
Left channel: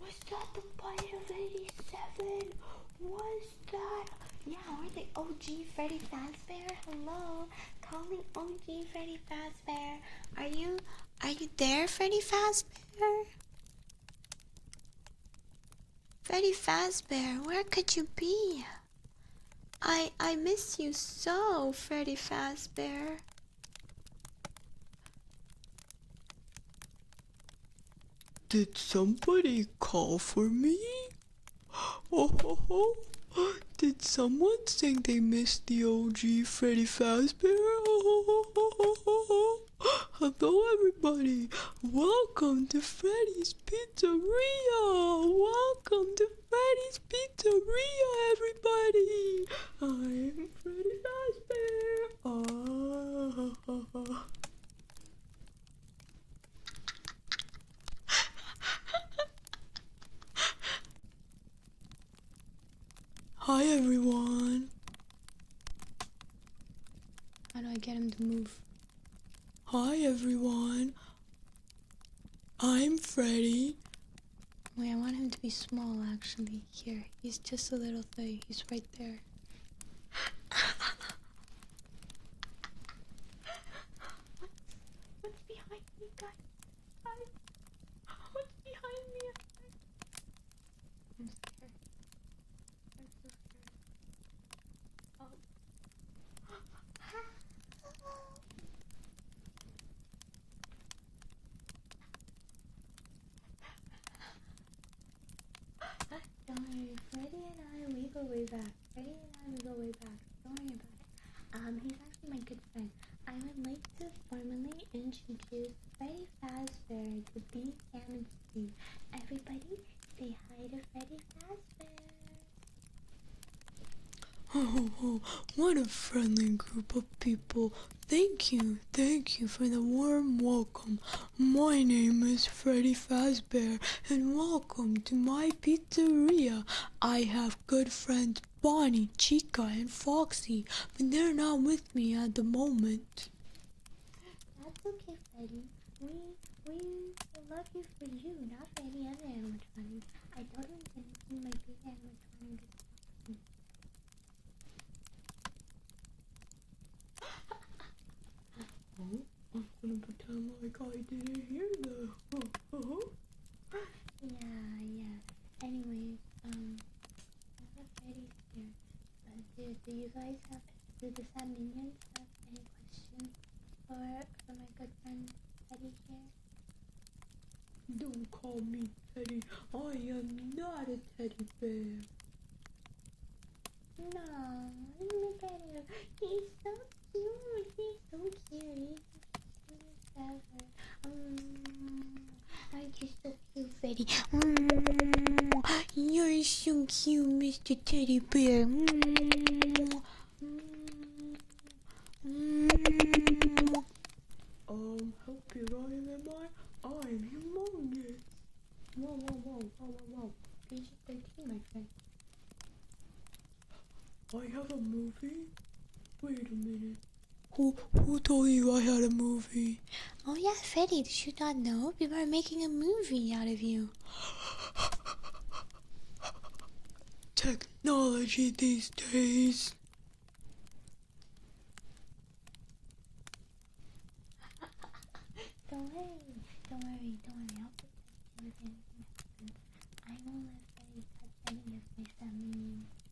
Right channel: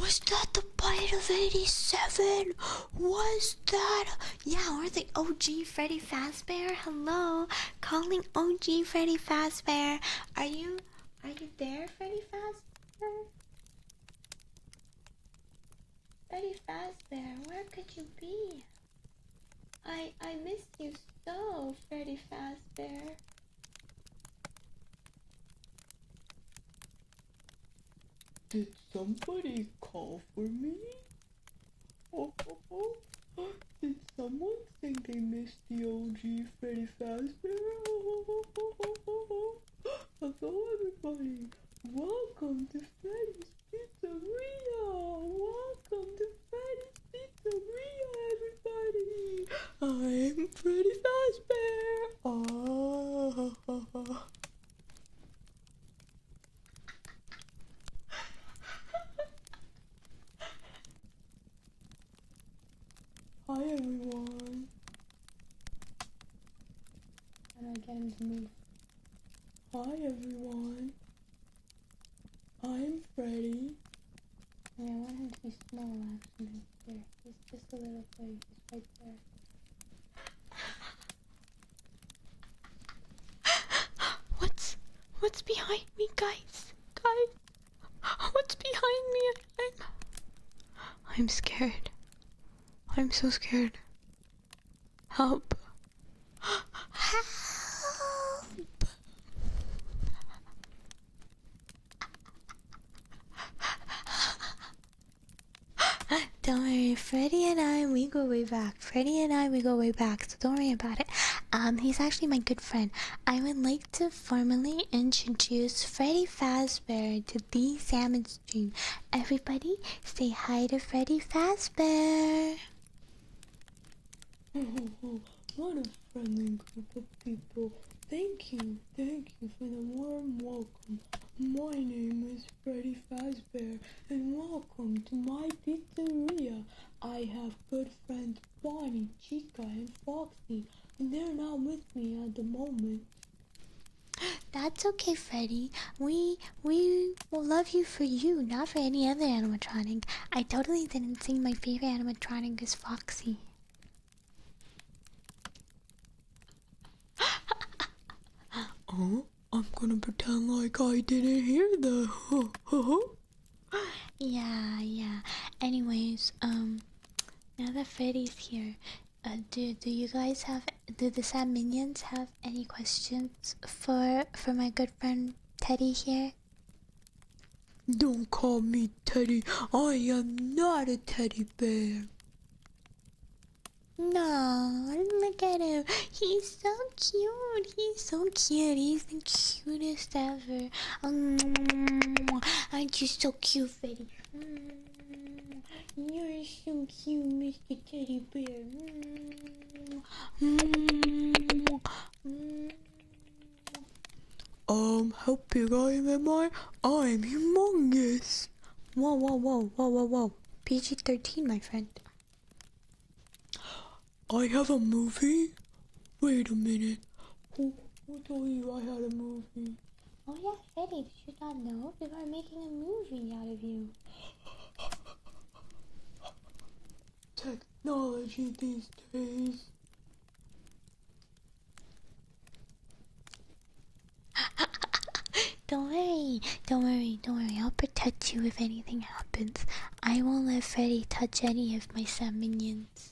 Was that the But of 87, was that? Yeah, we're the OG Freddy Fazbear. Hello, calling OG Freddy Fazbear. Are you there, Freddy Fazbear? Freddy Fazbear, where could you be? I miss you so, Freddy Fazbear. Did somebody call for me? Oh, did someone say they missed the OG Freddy Fazbear? Hello everybody, welcome to Freddy's Pizzeria! Welcome to Freddy's Pizzeria, everybody! I'm Freddy Fazbear! Hi everyone! How do I get him to move? Hi everyone! I'm Freddy. Wait, I want him to be small actually. Here, he's just a little thing. He's right there. What's behind me, guys? What's behind me? I'm scared. I'm so scared. Help. Help. Don't worry, Freddy and I, we go way back. So don't worry about it. He's actually my good friend. I would like to formally introduce Freddy Fazbear to the Salmon stream. Everybody, say hi to Freddy Fazbear. Oh, what a friendly group of people. Thank you for the warm welcome. My name is Freddy Fazbear and welcome to my pizzeria. I have good friends Bonnie, Chica, and Foxy, but they're not with me at the moment. That's okay, Freddy. We will love you for you, not for any other animatronic. I totally didn't think my favorite animatronic is Foxy. Oh, I'm gonna pretend like I didn't hear that. Yeah. Anyways, now that Freddy's here, do you guys have, do the Sad Minions have any questions for my good friend Teddy here? Don't call me Teddy. I am not a teddy bear. No, look at him. He's so cute. He's the cutest ever. Aren't you so cute, Freddy? You're so cute, Mr. Teddy Bear. How big am I? I'm humongous. Whoa. PG-13, my friend. I have a movie? Wait a minute. Who told you I had a movie? Oh yeah, Freddy, did you not know? People are making a movie out of you. Technology these days. Don't worry. I'll protect you if anything happens. I won't let Freddy touch any of my Sad Minions.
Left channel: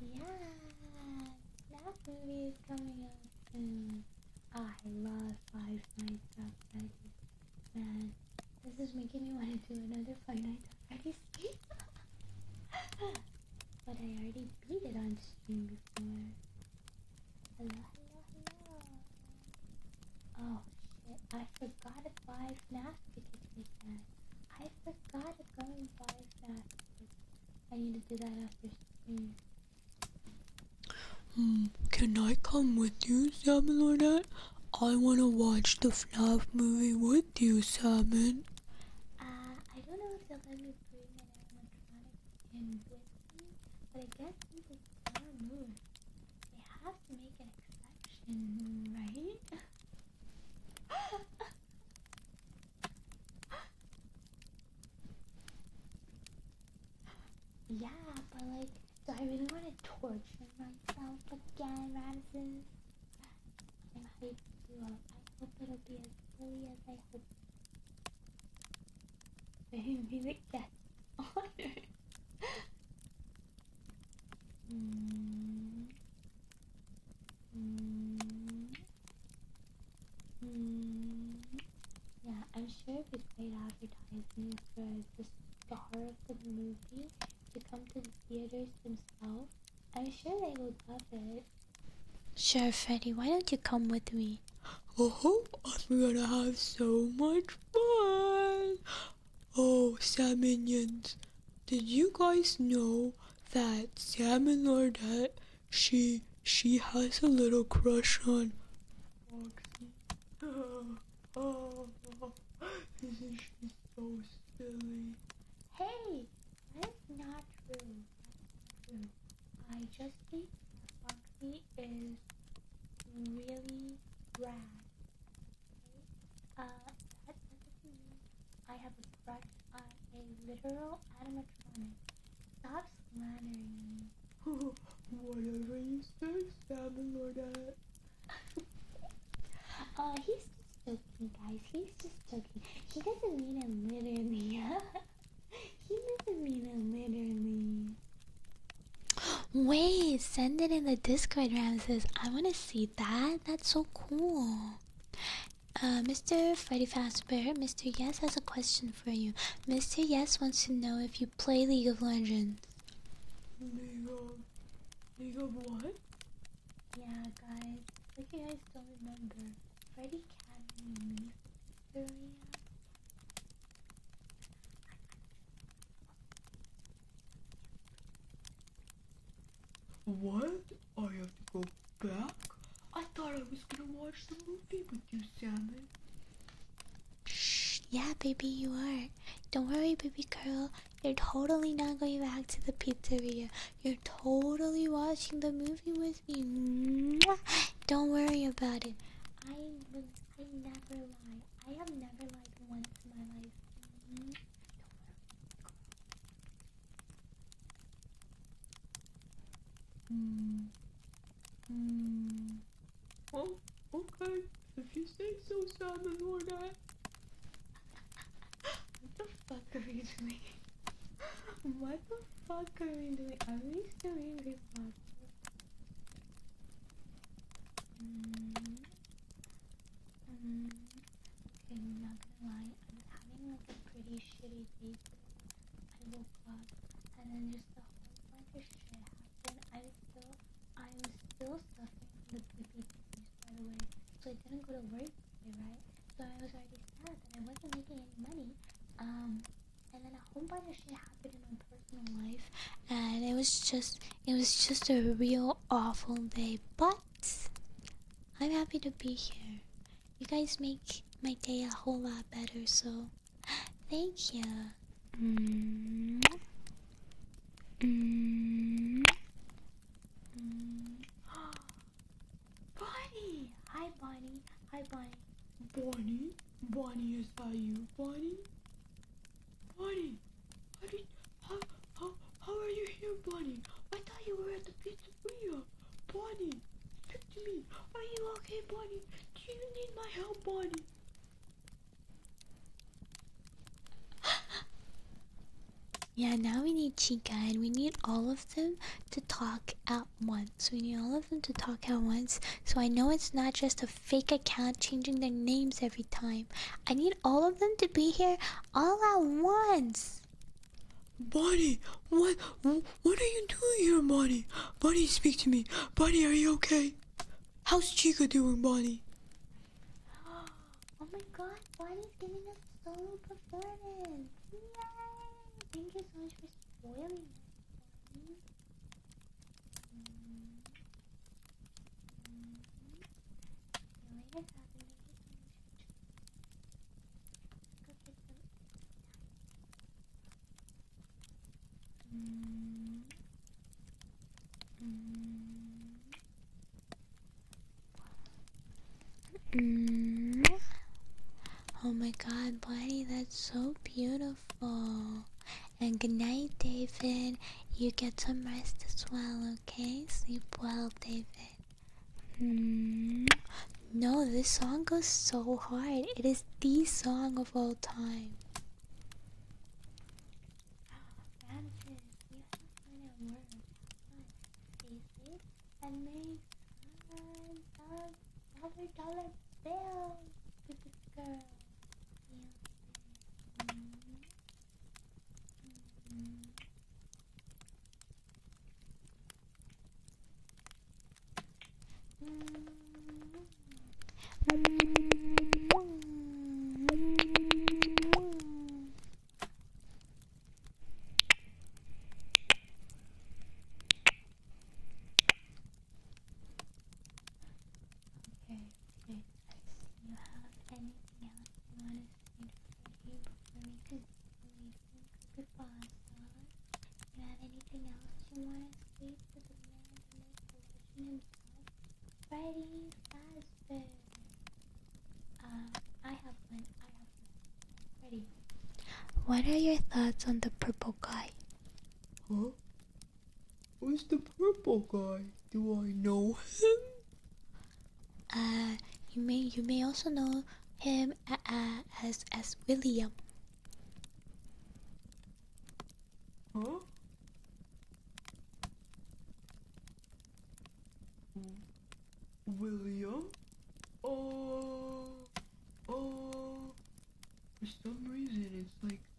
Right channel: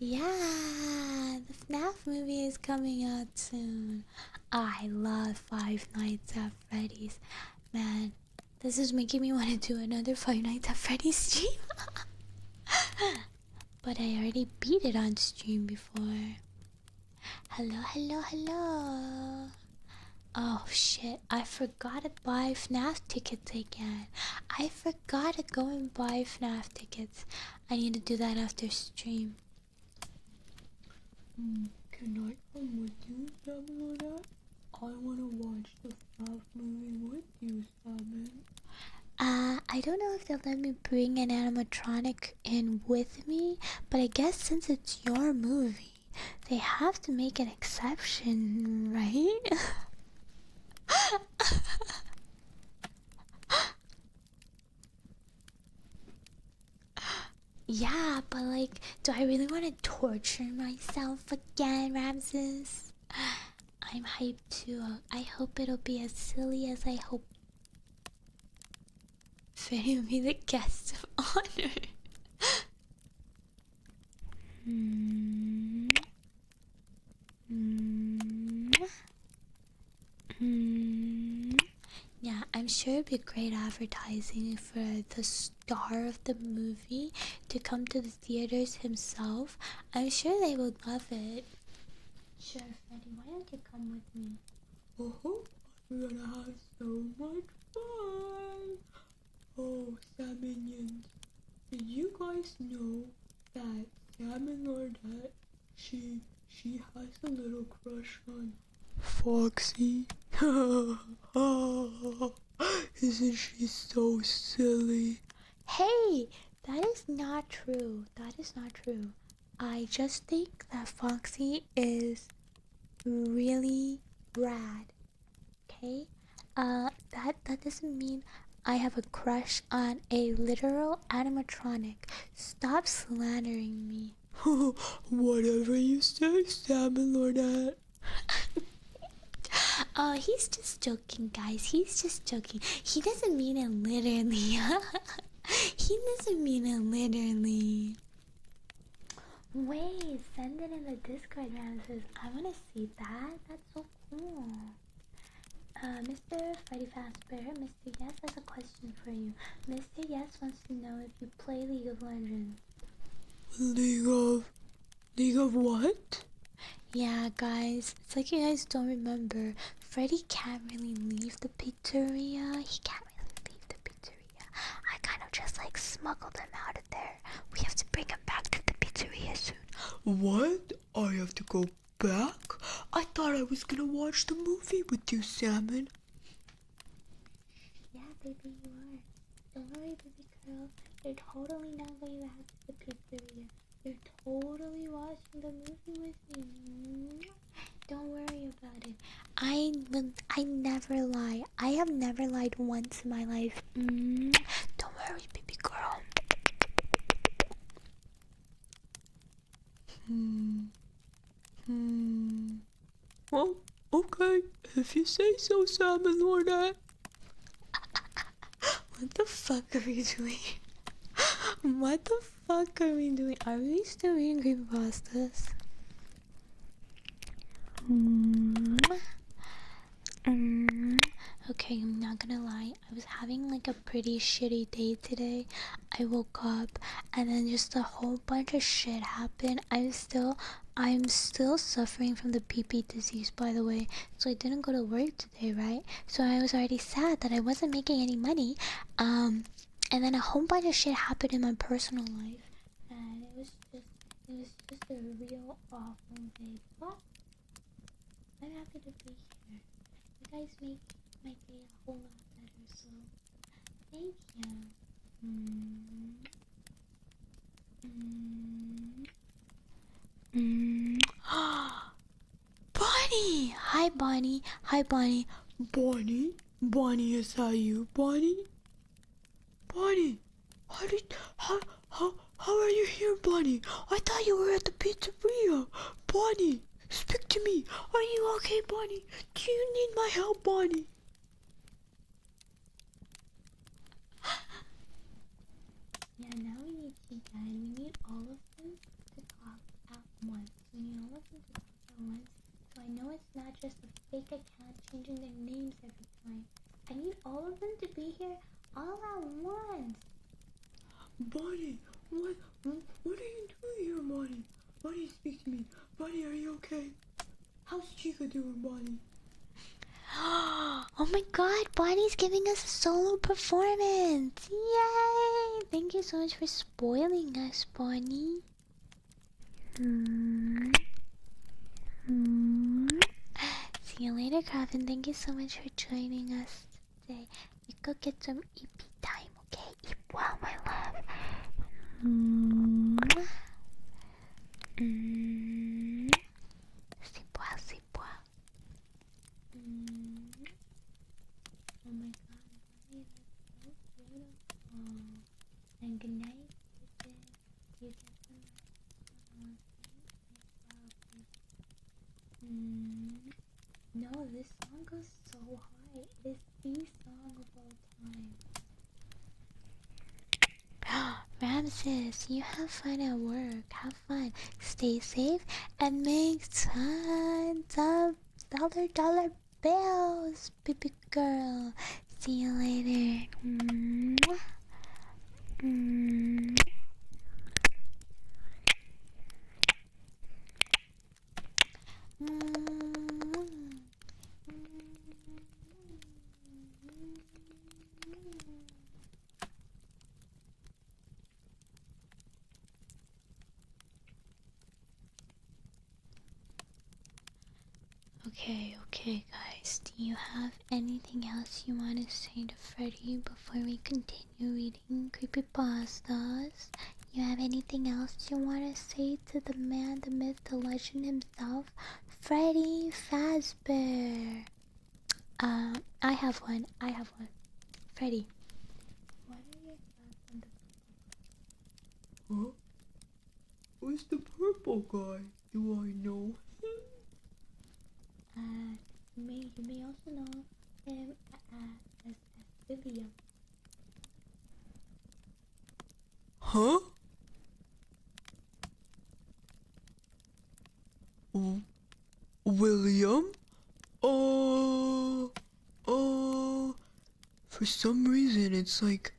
Yeah, the FNAF movie is coming out soon. I love Five Nights at Freddy's. Man, this is making me want to do another Five Nights at Freddy's stream. But I already beat it on stream before. Hello. Oh shit, I forgot to buy FNAF tickets again. I forgot to go and buy FNAF tickets. I need to do that after stream. Can I come with you, Salmon Lordette? I wanna watch the FNAF movie with you, Salmon. I don't know if they'll let me bring an animatronic in with me, but I guess since it's your movie, they have to make an exception, right? Yeah, but like, do I really want to torture myself again, Ramses? I'm hyped too. I hope it'll be as silly as I hope. Freddy will be the guest of honor. Mm. Mm. Mm. Yeah, I'm sure it'd be great advertising for the star of the movie to come to the theaters himself. I'm sure they would love it. Sure, Freddy, why don't you come with me? Oh, I'm gonna have so much fun. Oh, Salmonians, did you guys know that Salmon Lordette, she has a little crush on Foxy? Isn't she so silly? Hey, that is not true. That is not true. I just think that Foxy is really rad. Okay? That doesn't mean I have a crush on a literal animatronic. Stop slandering me. Whatever you say, Salmon Lordette. Oh, he's just joking, guys. He's just joking. He doesn't mean it literally. He doesn't mean it literally. Wait, send it in the Discord, Ramses. I want to see that. That's so cool. Mr. Freddy Fazbear, Mr. Yes has a question for you. Mr. Yes wants to know if you play League of Legends. League of what? Yeah, guys, it's like you guys don't remember. Freddy can't really leave the pizzeria. He can't really leave the pizzeria. I kind of just like smuggled him out of there. We have to bring him back to the pizzeria soon. What? I have to go back? I thought I was gonna watch the movie with you, Salmon. Shh, yeah, baby, you are. Don't worry, baby girl. You're totally not going back to the pizzeria. You're totally watching the movie with me. Mwah. Don't worry about it. I never lie. I have never lied once in my life. Don't worry, baby girl. Well, okay. If you say so, Salmon Lordette. What the fuck are we doing? What the fuck are we doing? Are we still eating creepypastas? Okay, I'm not gonna lie. I was having like a pretty shitty day today. I woke up and then just a whole bunch of shit happened. I'm still suffering from the PP disease, by the way. So I didn't go to work today, right? So I was already sad that I wasn't making any money. And then a whole bunch of shit happened in my personal life, and it was just a real awful day. But I'm happy to be here. You guys make my day a whole lot better, so thank you. Bonnie! Hi, Bonnie. Hi, Bonnie. Bonnie? Bonnie, is that you, Bonnie? Bonnie, how are you here, Bonnie? I thought you were at the pizzeria. Bonnie, speak to me. Are you okay, Bonnie? Do you need my help, Bonnie? Yeah, now we need Chica, and we need all of them to talk at once. We need all of them to talk at once, so I know it's not just a fake account changing their names every time. I need all of them to be here all at once. Bonnie, what are you doing here, Bonnie? Bonnie, speak to me. Bonnie, are you okay? How's Chica doing, Bonnie? Oh my god, Bonnie's giving us a solo performance! Yay! Thank you so much for spoiling us, Bonnie. See you later, Coffin. Thank you so much for joining us today. You go get some EP time, okay? Eep, wow, my love. Oh my god, Bonnie, that's so beautiful. And good night, David. You get some rest as well, okay? Sleep well, David. No, this song goes so hard. It is the song of all time. Ramses, you have fun at work. Have fun. Stay safe and make tons of dollar bills, baby girl. See you later. Mwah. Okay, guys. Do you have anything else you want to say to Freddy before we continue reading creepypastas? You have anything else you want to say to the man, the myth, the legend himself, Freddy Fazbear? I have one. Freddy, what are your thoughts on the purple guy? Huh? Who's the purple guy? Do I know him? You may also know him as William. Huh? William? For some reason it's like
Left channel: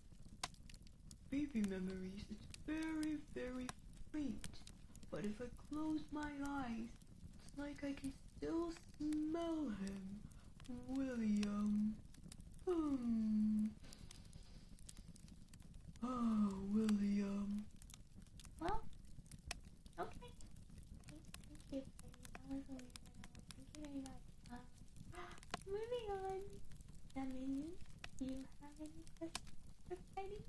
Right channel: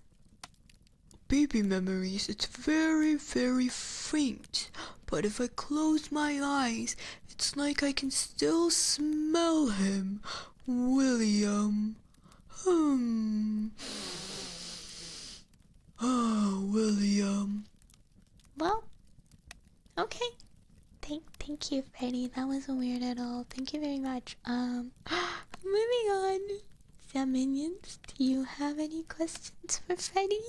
baby memories. It's very, very faint. But if I close my eyes, it's like I can still smell him. William. Oh, William. Well, okay. Thank you, Freddy. That wasn't weird at all. Thank you very much. Moving on. Sam Minions, do you have any questions for Freddy?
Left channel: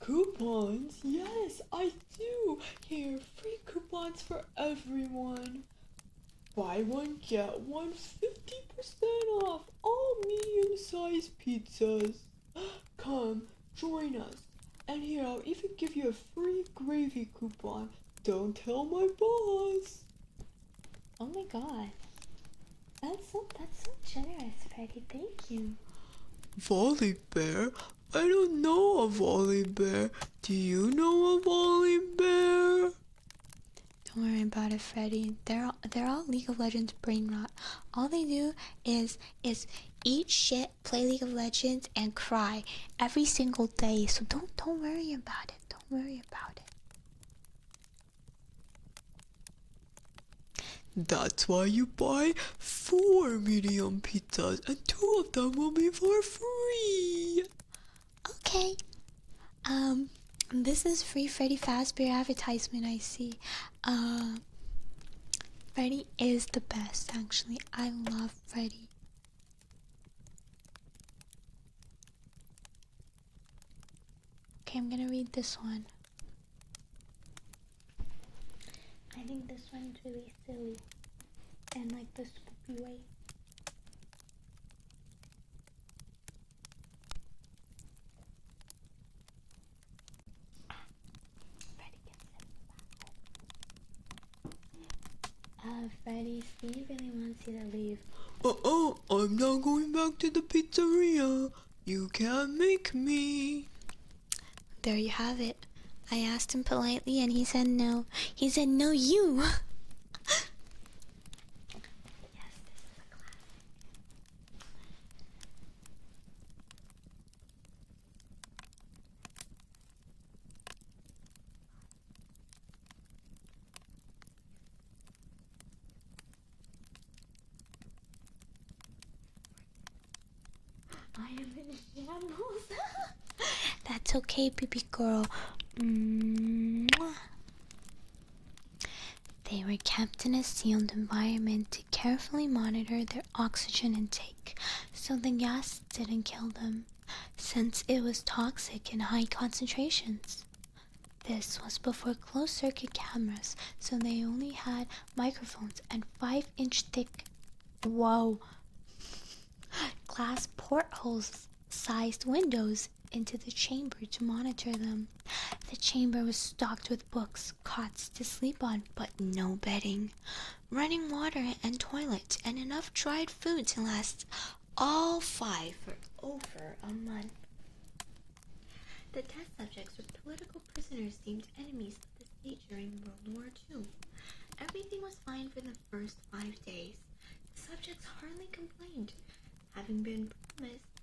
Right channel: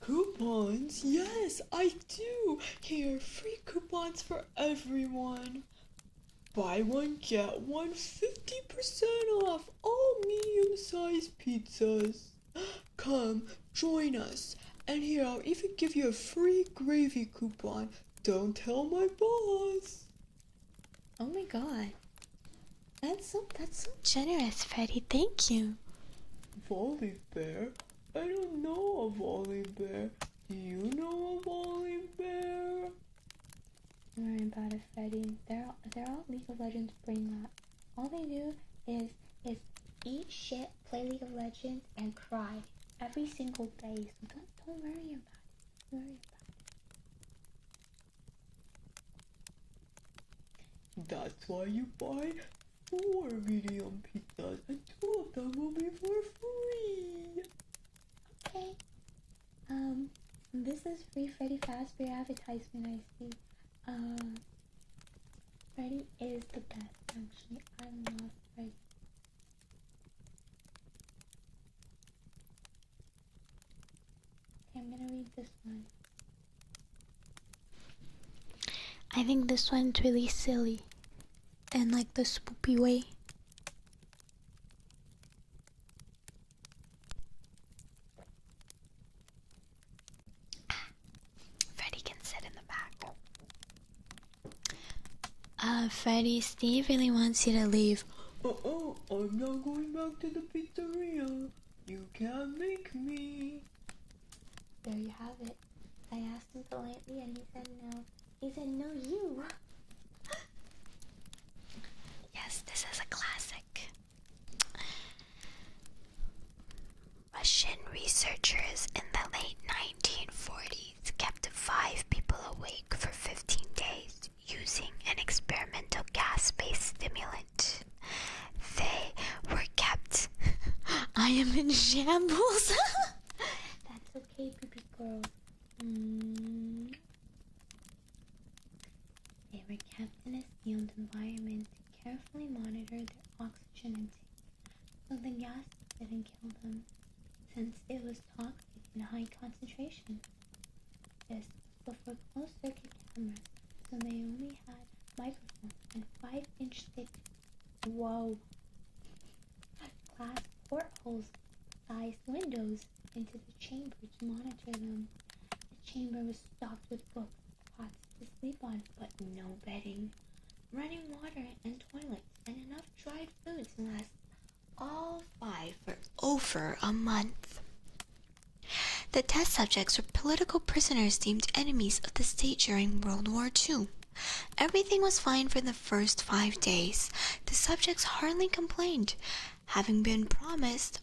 Coupons? Yes, I do. Here, free coupons for everyone. Buy one, get one, 50% off all medium-sized pizzas. Come, join us. And here, I'll even give you a free gravy coupon. Don't tell my boss. Oh my god. That's so generous, Freddy. Thank you. Volley bear? I don't know a volley bear. Do you know a volley bear? Don't worry about it, Freddy. They're all League of Legends brain rot. All they do is eat shit, play League of Legends, and cry every single day. So don't worry about it. Don't worry about it. That's why you buy 4 medium pizzas, and 2 of them will be for free. Okay. This is free Freddy Fazbear advertisement, I see. Freddy is the best, actually. I love Freddy. Okay, I'm gonna read this one. I think this one's really silly. In like the spoopy way. Freddy can sit in the back. Freddy, Steve really wants you to leave. I'm not going back to the pizzeria. You can't make me. There you have it. I asked him politely and he said no. He said no, you. Yes, this is a classic. Russian researchers in the late 1940s kept 5 people awake for 15 days using an experimental gas-based stimulant. They were kept... I am in shambles. That's okay, baby girl. Mwah. kept in a sealed environment to carefully monitor their oxygen intake so the gas didn't kill them, since it was toxic in high concentrations. This was before closed-circuit cameras, so they only had microphones and 5-inch thick, glass portholes-sized windows into the chamber to monitor them. The chamber was stocked with books, cots to sleep on, but no bedding, running water and toilet, and enough dried food to last all 5 for over a month. The test subjects were political prisoners deemed enemies of the state during World War II. Everything was fine for the first 5 days. The subjects hardly complained, having been promised,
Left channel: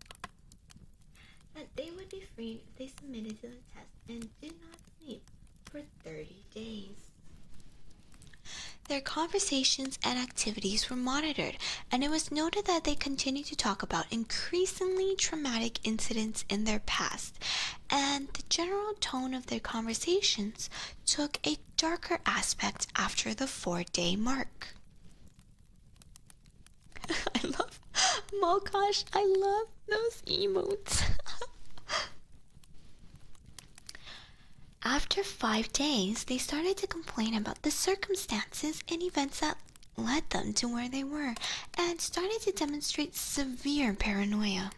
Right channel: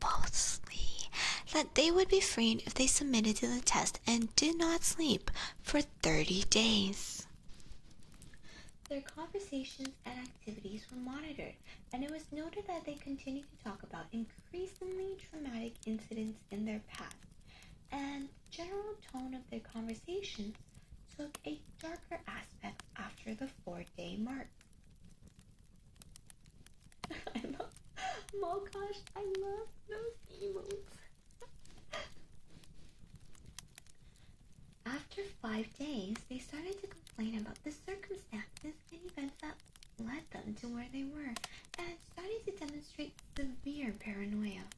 falsely, that they would be freed if they submitted to the test and did not sleep for 30 days. Their conversations and activities were monitored, and it was noted that they continued to talk about increasingly traumatic incidents in their past, and the general tone of their conversations took a darker aspect after the 4-day mark. I love Mokosh. I love those emotes. After 5 days, they started to complain about the circumstances and events that led them to where they were, and started to demonstrate severe paranoia.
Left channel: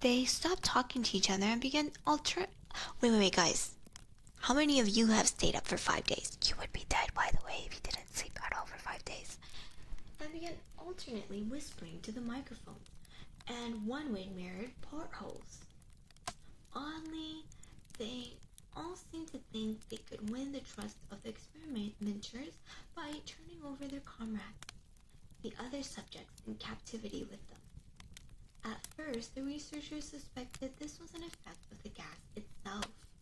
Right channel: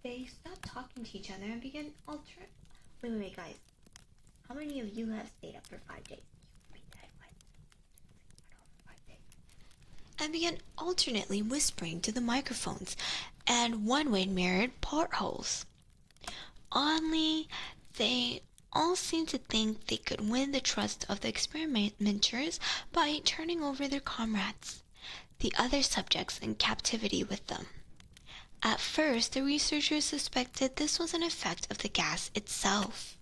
They stopped talking to each other and began Wait, guys. How many of you have stayed up for 5 days? You would be dead, by the way, if you didn't sleep at all for 5 days. And began alternately whispering to the microphones and one-way mirrored portholes. Oddly, they all seemed to think they could win the trust of the experimenters by turning over their comrades, the other subjects in captivity with them. At first, the researchers suspected this was an effect of the gas itself.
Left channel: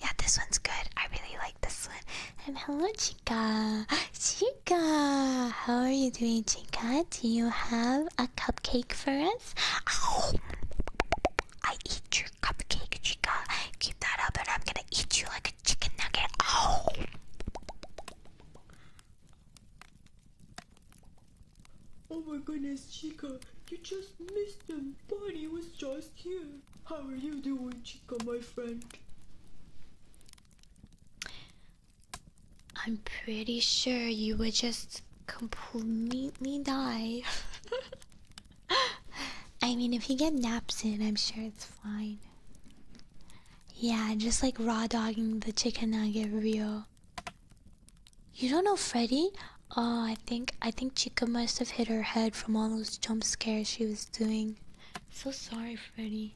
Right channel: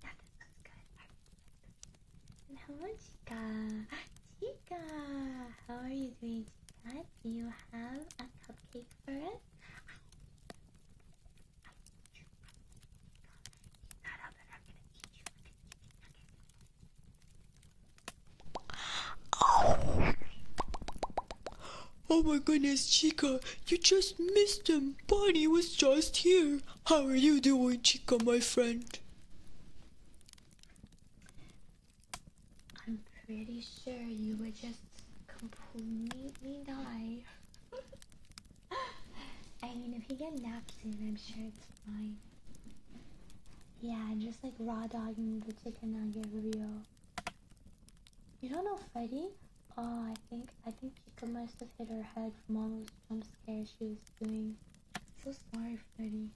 Yeah, this one's good. I really like this one. And hello, Chica. Chica, how are you doing, Chica? Do you have a cupcake for us? Ow. I eat your cupcake, Chica. Keep that up and I'm gonna eat you like a chicken nugget. Ow. Ow. Oh my goodness, Chica, you just missed him. Bonnie was just here. How are you doing, Chica, my friend? I'm pretty sure you would just completely die. I mean, if you get naps in, I'm sure it's fine. Yeah, just like raw dogging the chicken nugget real. You don't know Freddy? Oh, I think Chica must have hit her head from all those jump scares she was doing. So sorry, Freddy.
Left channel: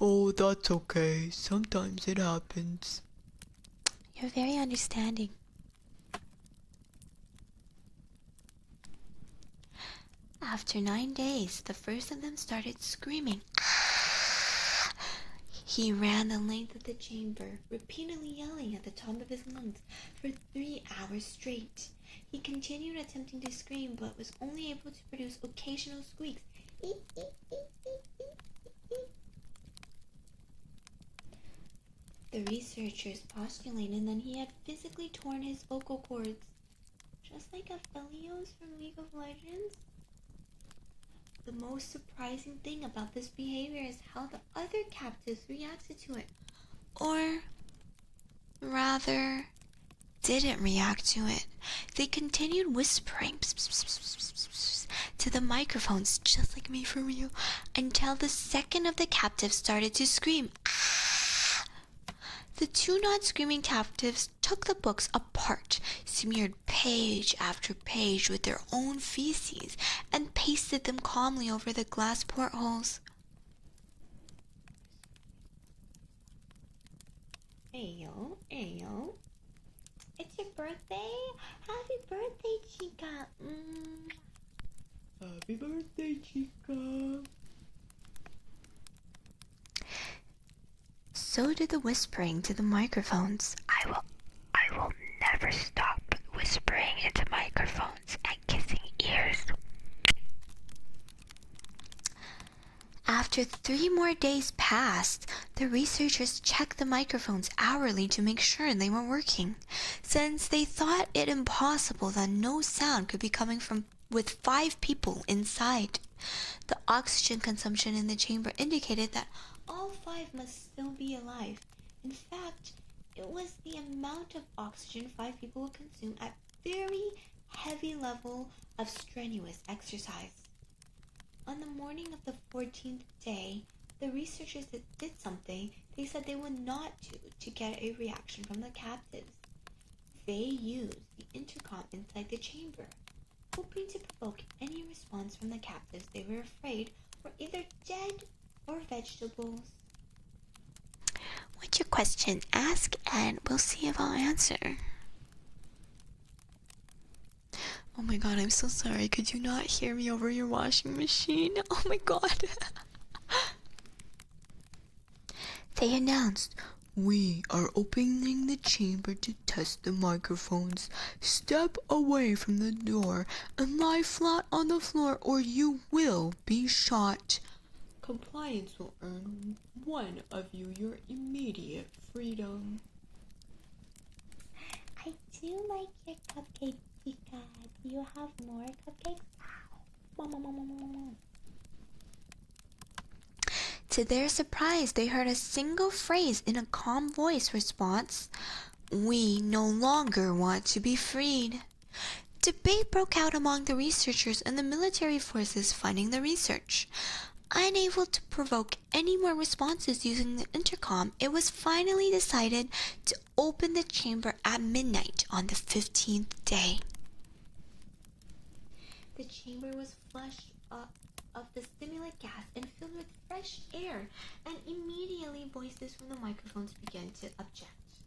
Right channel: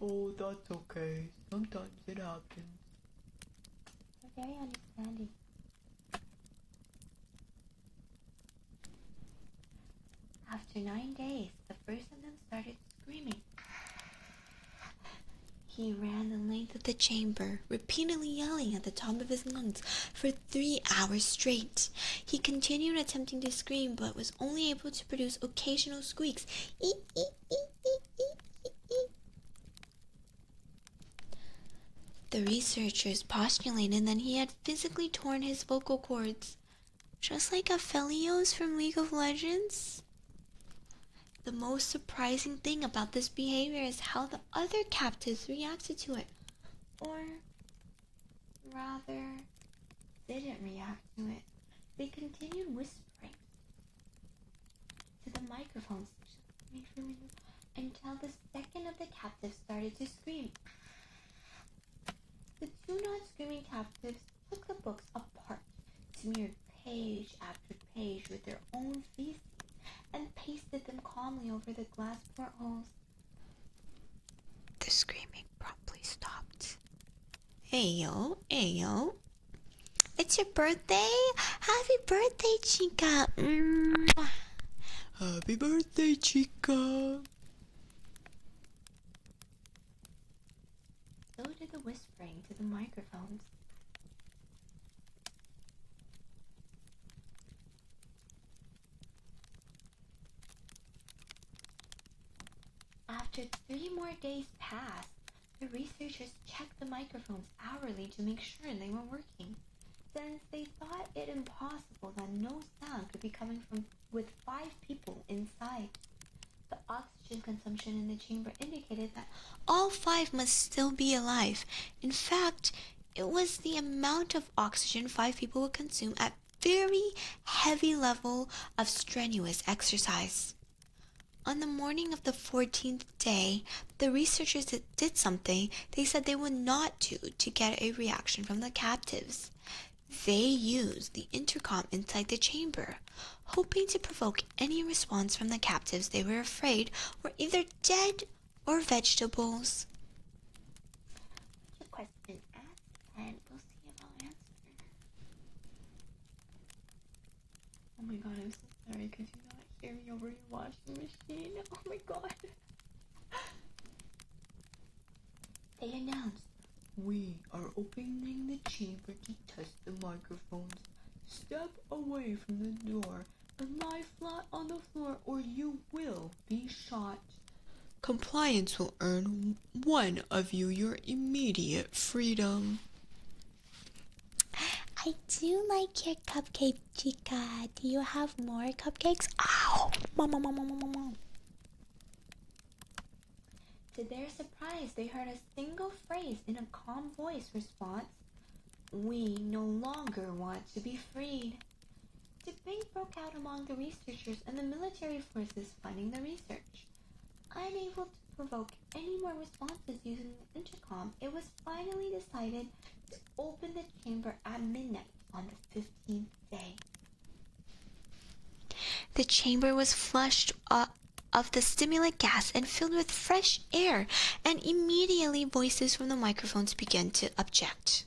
Oh, that's okay. Sometimes it happens. You're very understanding. After 9 days, the first of them started screaming. He ran the length of the chamber, repeatedly yelling at the top of his lungs for 3 hours straight. He continued attempting to scream, but was only able to produce occasional squeaks. Eek, eek, eek, eek, eek, eek. The researchers postulated that he had physically torn his vocal cords, just like Aphelios from League of Legends. The most surprising thing about this behavior is how the other captives reacted to it. Or, rather, didn't react to it. They continued whispering to the microphones, just like me for real, until the second of the captives started to scream. The 2 not screaming captives took the books apart, smeared page after page with their own feces, and pasted them calmly over the glass portholes. The screaming promptly stopped. Ayo, ayo. It's your birthday? Happy birthday, Chica. Happy birthday, Chica. So did the whispering to the microphones. I will never stop whispering into microphones and kissing ears. After 3 more days passed, The researchers checked the microphones hourly to make sure they were working, since they thought it impossible that no sound could be coming from with 5 people inside. The oxygen consumption in the chamber indicated that all 5 must still be alive. In fact, it was the amount of oxygen 5 people would consume at very heavy level of strenuous exercise. On the morning of the 14th day, the researchers did something they said they would not do to get a reaction from the captives. They used the intercom inside the chamber, hoping to provoke any response from the captives they were afraid were either dead or vegetables. What's your question? Ask and we'll see if I'll answer. Oh my god, I'm so sorry. Could you not hear me over your washing machine? Oh my god. They announced, "We are opening the chamber to test the microphones. Step away from the door and lie flat on the floor or you will be shot. Compliance will earn one of you your immediate freedom." I do like your cupcake, Chica. Do you have more cupcakes? Ow! Mom. To their surprise, they heard a single phrase in a calm voice response. "We no longer want to be freed." Debate broke out among the researchers and the military forces funding the research. Unable to provoke any more responses using the intercom, it was finally decided to open the chamber at midnight on the 15th day. The chamber was flushed of the stimulant gas and filled with fresh air, and immediately voices from the microphones began to object.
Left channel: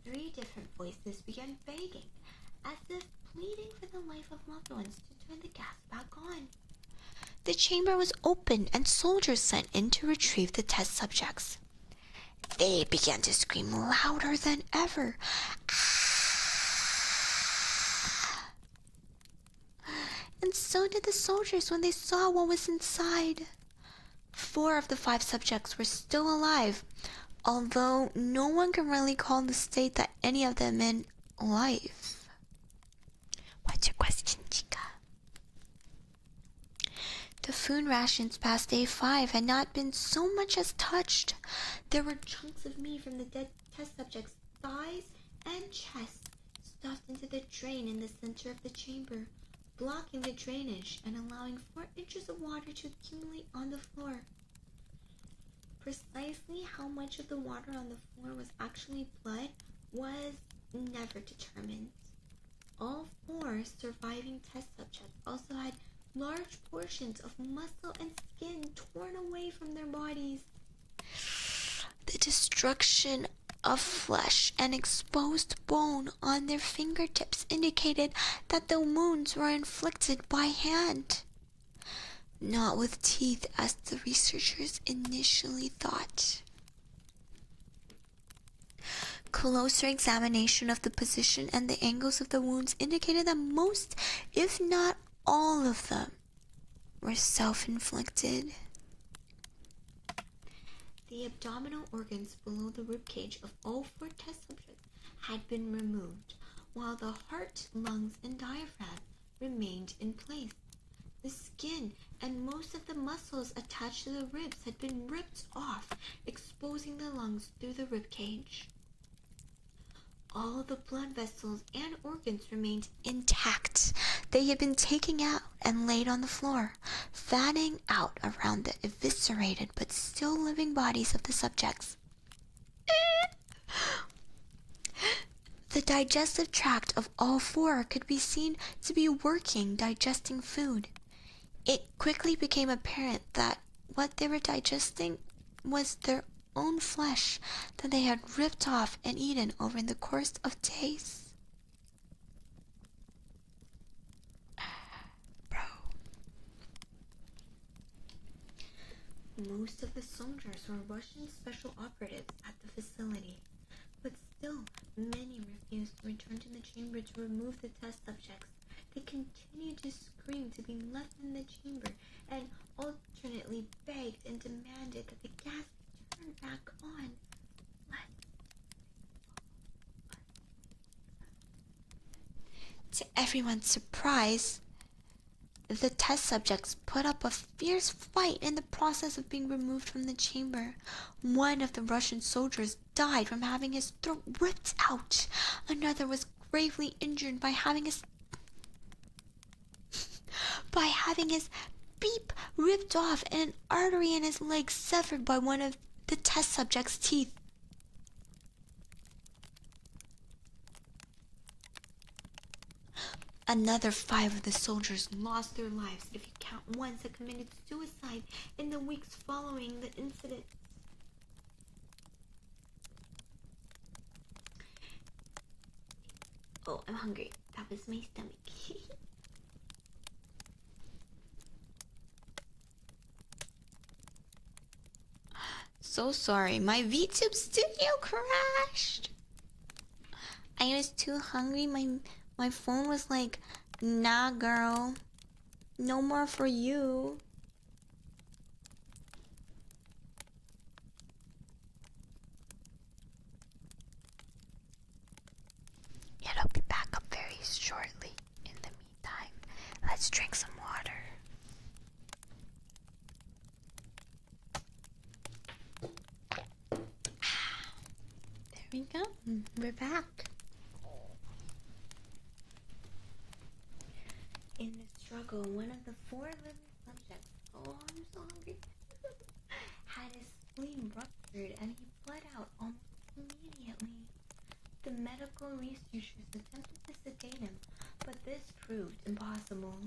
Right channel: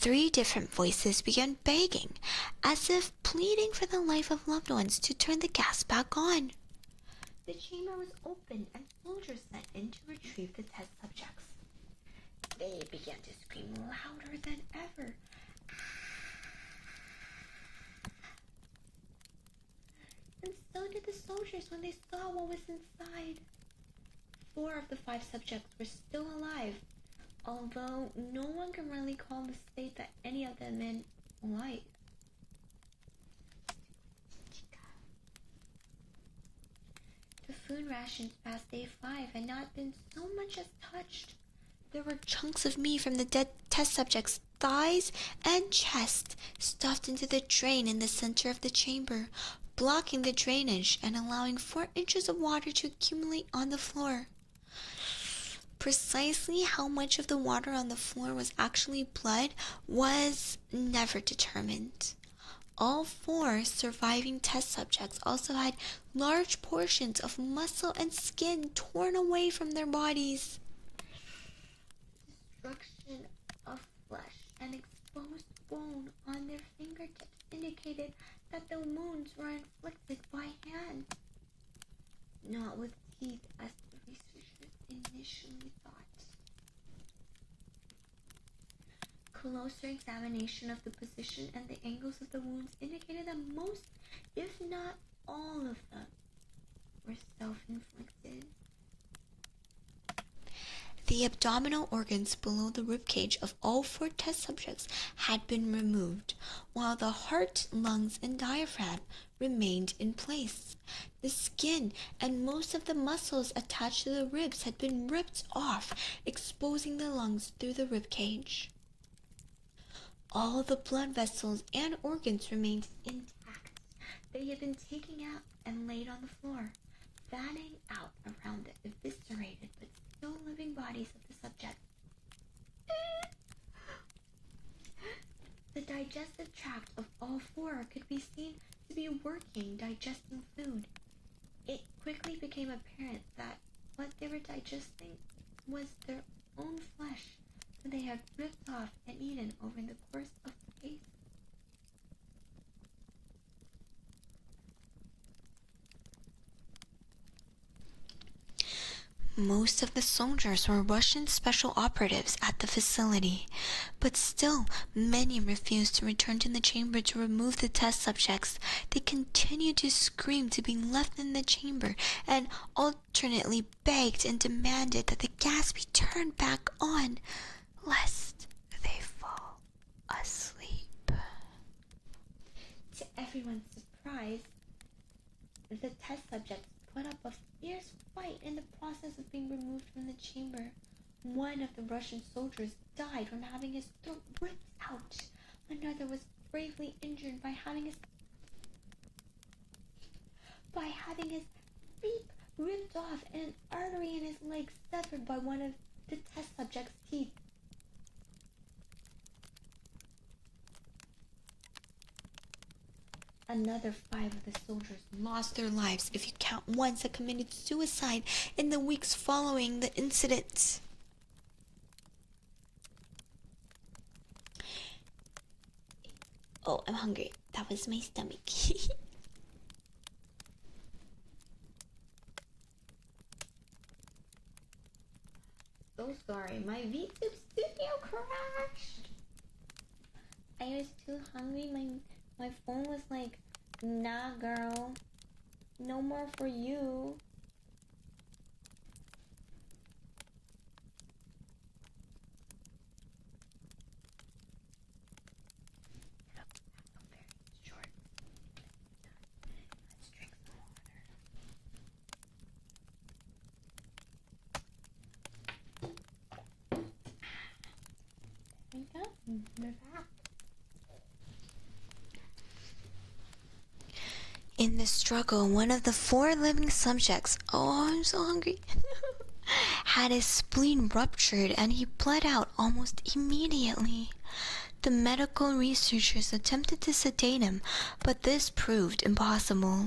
3 different voices began begging, as if pleading for the life of loved ones, to turn the gas back on. The chamber was opened and soldiers sent in to retrieve the test subjects. They began to scream louder than ever. And so did the soldiers when they saw what was inside. 4 of the 5 subjects were still alive, although no one can really call the state that any of them in life. What's your question, Chica? The food rations past day 5 had not been so much as touched. There were chunks of meat from the dead test subjects' thighs and chest stuffed into the drain in the center of the chamber, blocking the drainage and allowing 4 inches of water to accumulate on the floor. Precisely how much of the water on the floor was actually blood was never determined. All 4 surviving test subjects also had large portions of muscle and skin torn away from their bodies. The destruction of flesh and exposed bone on their fingertips indicated that the wounds were inflicted by hand, not with teeth as the researchers initially thought. Closer examination of the position and the angles of the wounds indicated that most, if not all of them, were self-inflicted. The abdominal organs below the ribcage of all 4 test subjects had been removed, while the heart, lungs, and diaphragm remained in place. The skin and most of the muscles attached to the ribs had been ripped off, exposing the lungs through the ribcage. All the blood vessels and organs remained intact. They had been taken out and laid on the floor, fanning out around the eviscerated but still living bodies of the subjects. The digestive tract of all 4 could be seen to be working, digesting food. It quickly became apparent that what they were digesting was their own flesh that they had ripped off and eaten over the course of days. Most of the soldiers were Russian special operatives at the facility, but still many refused to return to the chamber to remove the test subjects. They continued to scream to be left in the chamber and alternately begged and demanded that the gas be turned back on, lest they fall asleep. To everyone's surprise, the test subjects put up a fierce fight in the process of being removed from the chamber. One of the Russian soldiers died from having his throat ripped out. Another was gravely injured by having his beep ripped off and an artery in his leg severed by one of the test subjects' teeth. Another 5 of the soldiers lost their lives if you count ones that committed suicide in the weeks following the incident. Oh, I'm hungry. That was my stomach. So sorry, my VTuber studio crashed. I was too hungry. My phone was like, nah girl, no more for you. It'll be back up very shortly. In the meantime, let's drink some water. There we go. We're back. In the struggle, one of the 4 living subjects, oh, I'm so hungry, had his spleen ruptured and he bled out almost immediately. The medical researchers attempted to sedate him, but this proved impossible.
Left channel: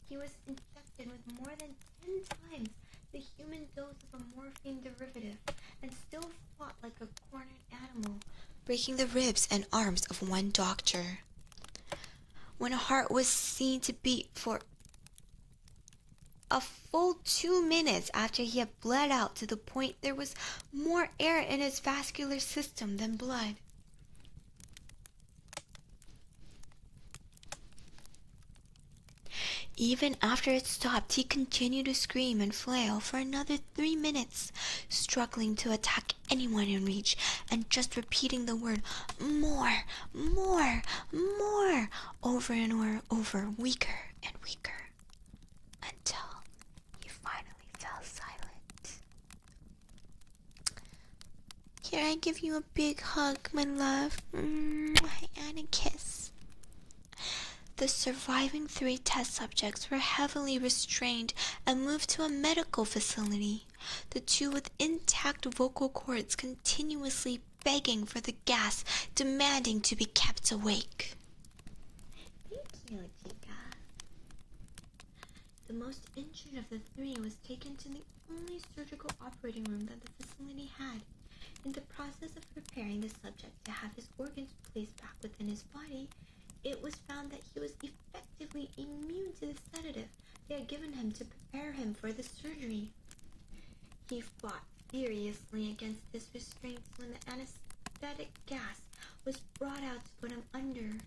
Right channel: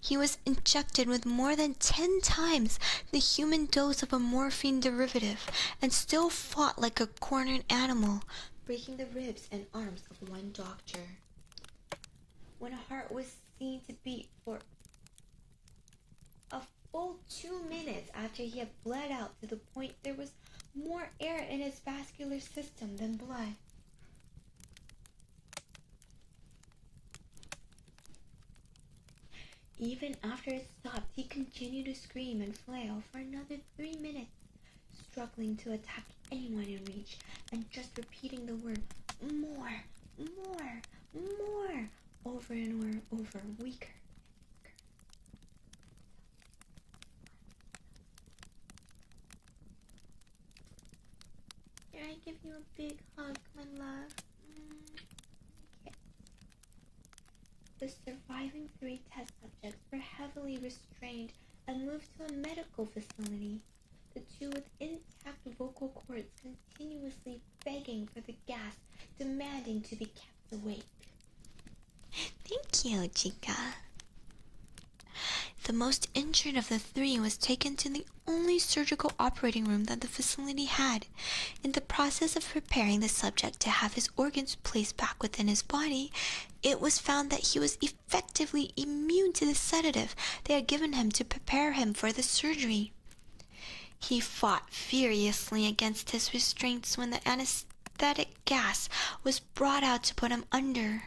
He was injected with more than 10 times the human dose of a morphine derivative and still fought like a cornered animal, breaking the ribs and arms of one doctor. When a heart was seen to beat for a full 2 minutes after he had bled out to the point there was more air in his vascular system than blood. Even after it stopped, he continued to scream and flail for another 3 minutes, struggling to attack anyone in reach and just repeating the word more, more, more over and over, weaker and weaker, until he finally fell silent. Here, I give you a big hug, my love, and a kiss. The surviving 3 test subjects were heavily restrained and moved to a medical facility, the 2 with intact vocal cords continuously begging for the gas, demanding to be kept awake. Thank you, Chica. The most injured of the 3 was taken to the only surgical operating room that the facility had. In the process of preparing the subject to have his organs placed back within his body, it was found that he was effectively immune to the sedative they had given him to prepare him for the surgery. He fought furiously against his restraints when the anesthetic gas was brought out to put him under.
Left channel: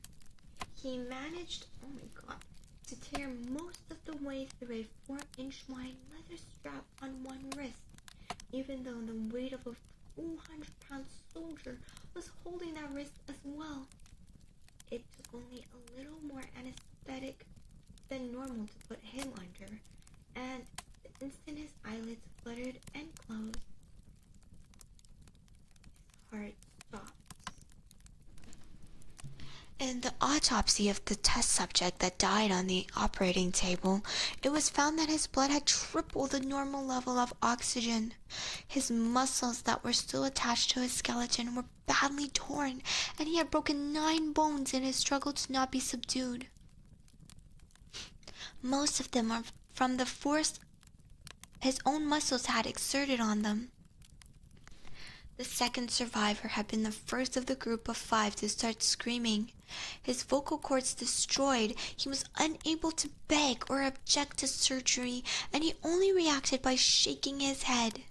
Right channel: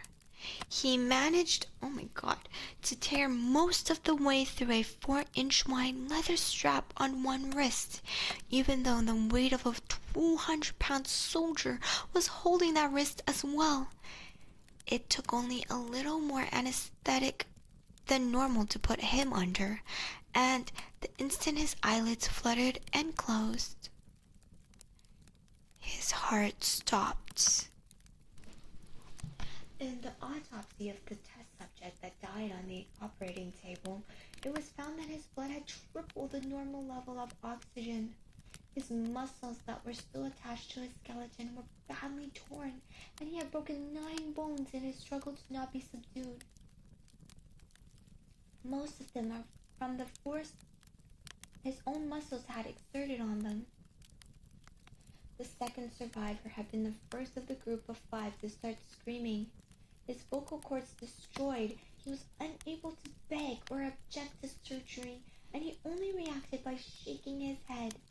He managed, oh my god, to tear most of the way through a 4-inch wide leather strap on one wrist, even though the weight of a 200-pound soldier was holding that wrist as well. It took only a little more anesthetic than normal to put him under, and the instant his eyelids fluttered and closed, his heart stopped. In the autopsy of the test subject that died on the operating table, it was found that his blood had tripled the normal level of oxygen. His muscles that were still attached to his skeleton were badly torn, and he had broken 9 bones in his struggle to not be subdued. Most of them are from the force his own muscles had exerted on them. The second survivor had been the first of the group of 5 to start screaming. His vocal cords destroyed, he was unable to beg or object to surgery, and he only reacted by shaking his head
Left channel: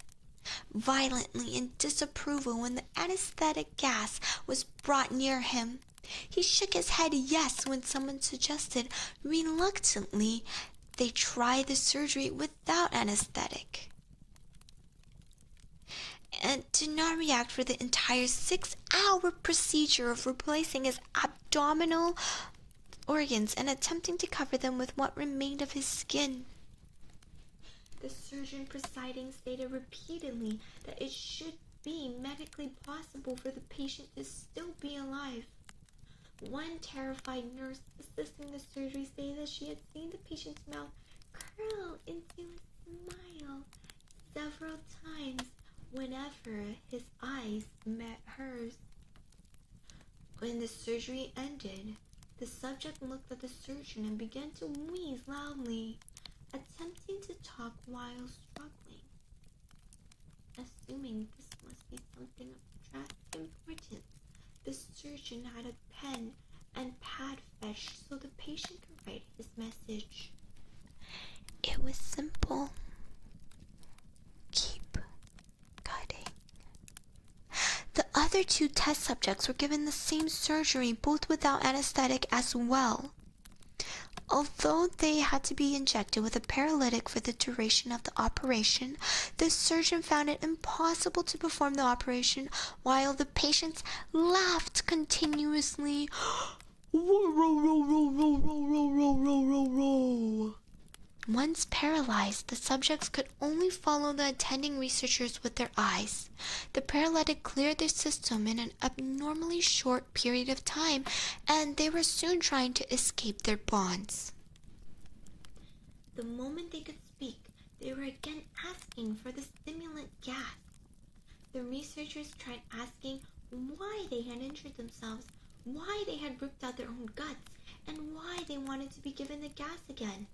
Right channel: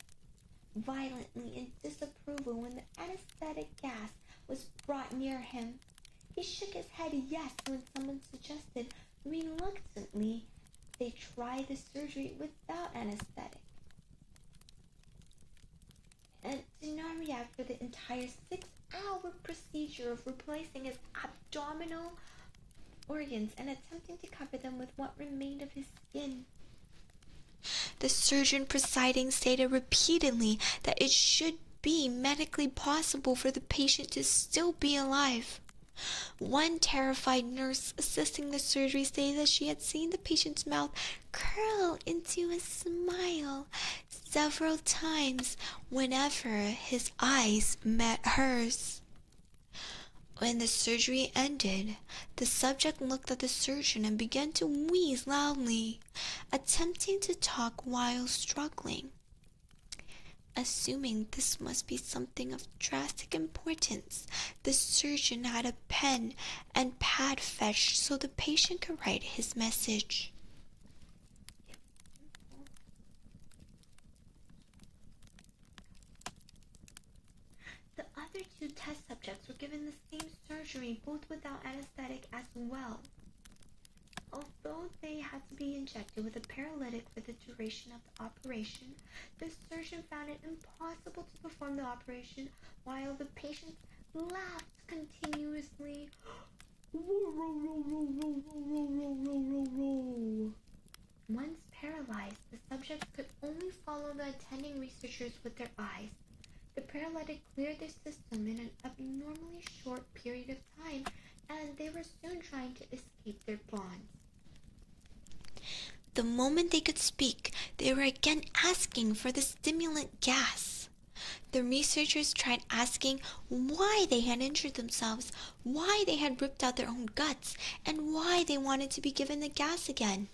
violently in disapproval when the anesthetic gas was brought near him. He shook his head yes when someone suggested, reluctantly, they try the surgery without anesthetic, and did not react for the entire 6-hour procedure of replacing his abdominal organs and attempting to cover them with what remained of his skin. The surgeon presiding stated repeatedly that it should be medically possible for the patient to still be alive. One terrified nurse assisting the surgery stated that she had seen the patient's mouth curl into a smile several times whenever his eyes met hers. When the surgery ended, the subject looked at the surgeon and began to wheeze loudly, attempting to talk while struggling. Assuming this must be something of drastic importance, the surgeon had a pen and pad fetched so the patient could write his message. It was simple. Keep cutting. The other 2 test subjects were given the same surgery, both without anesthetic as well. Although they had to be injected with a paralytic for the duration of the operation, the surgeon found it impossible to perform the operation while the patients laughed continuously. Once paralyzed, the subjects could only follow the attending researchers with their eyes. The paralytic cleared their system in an abnormally short period of time, and they were soon trying to escape their bonds. The moment they could speak, they were again asking for the stimulant gas. The researchers tried asking why they had injured themselves, why they had ripped out their own guts, and why they wanted to be given the gas again.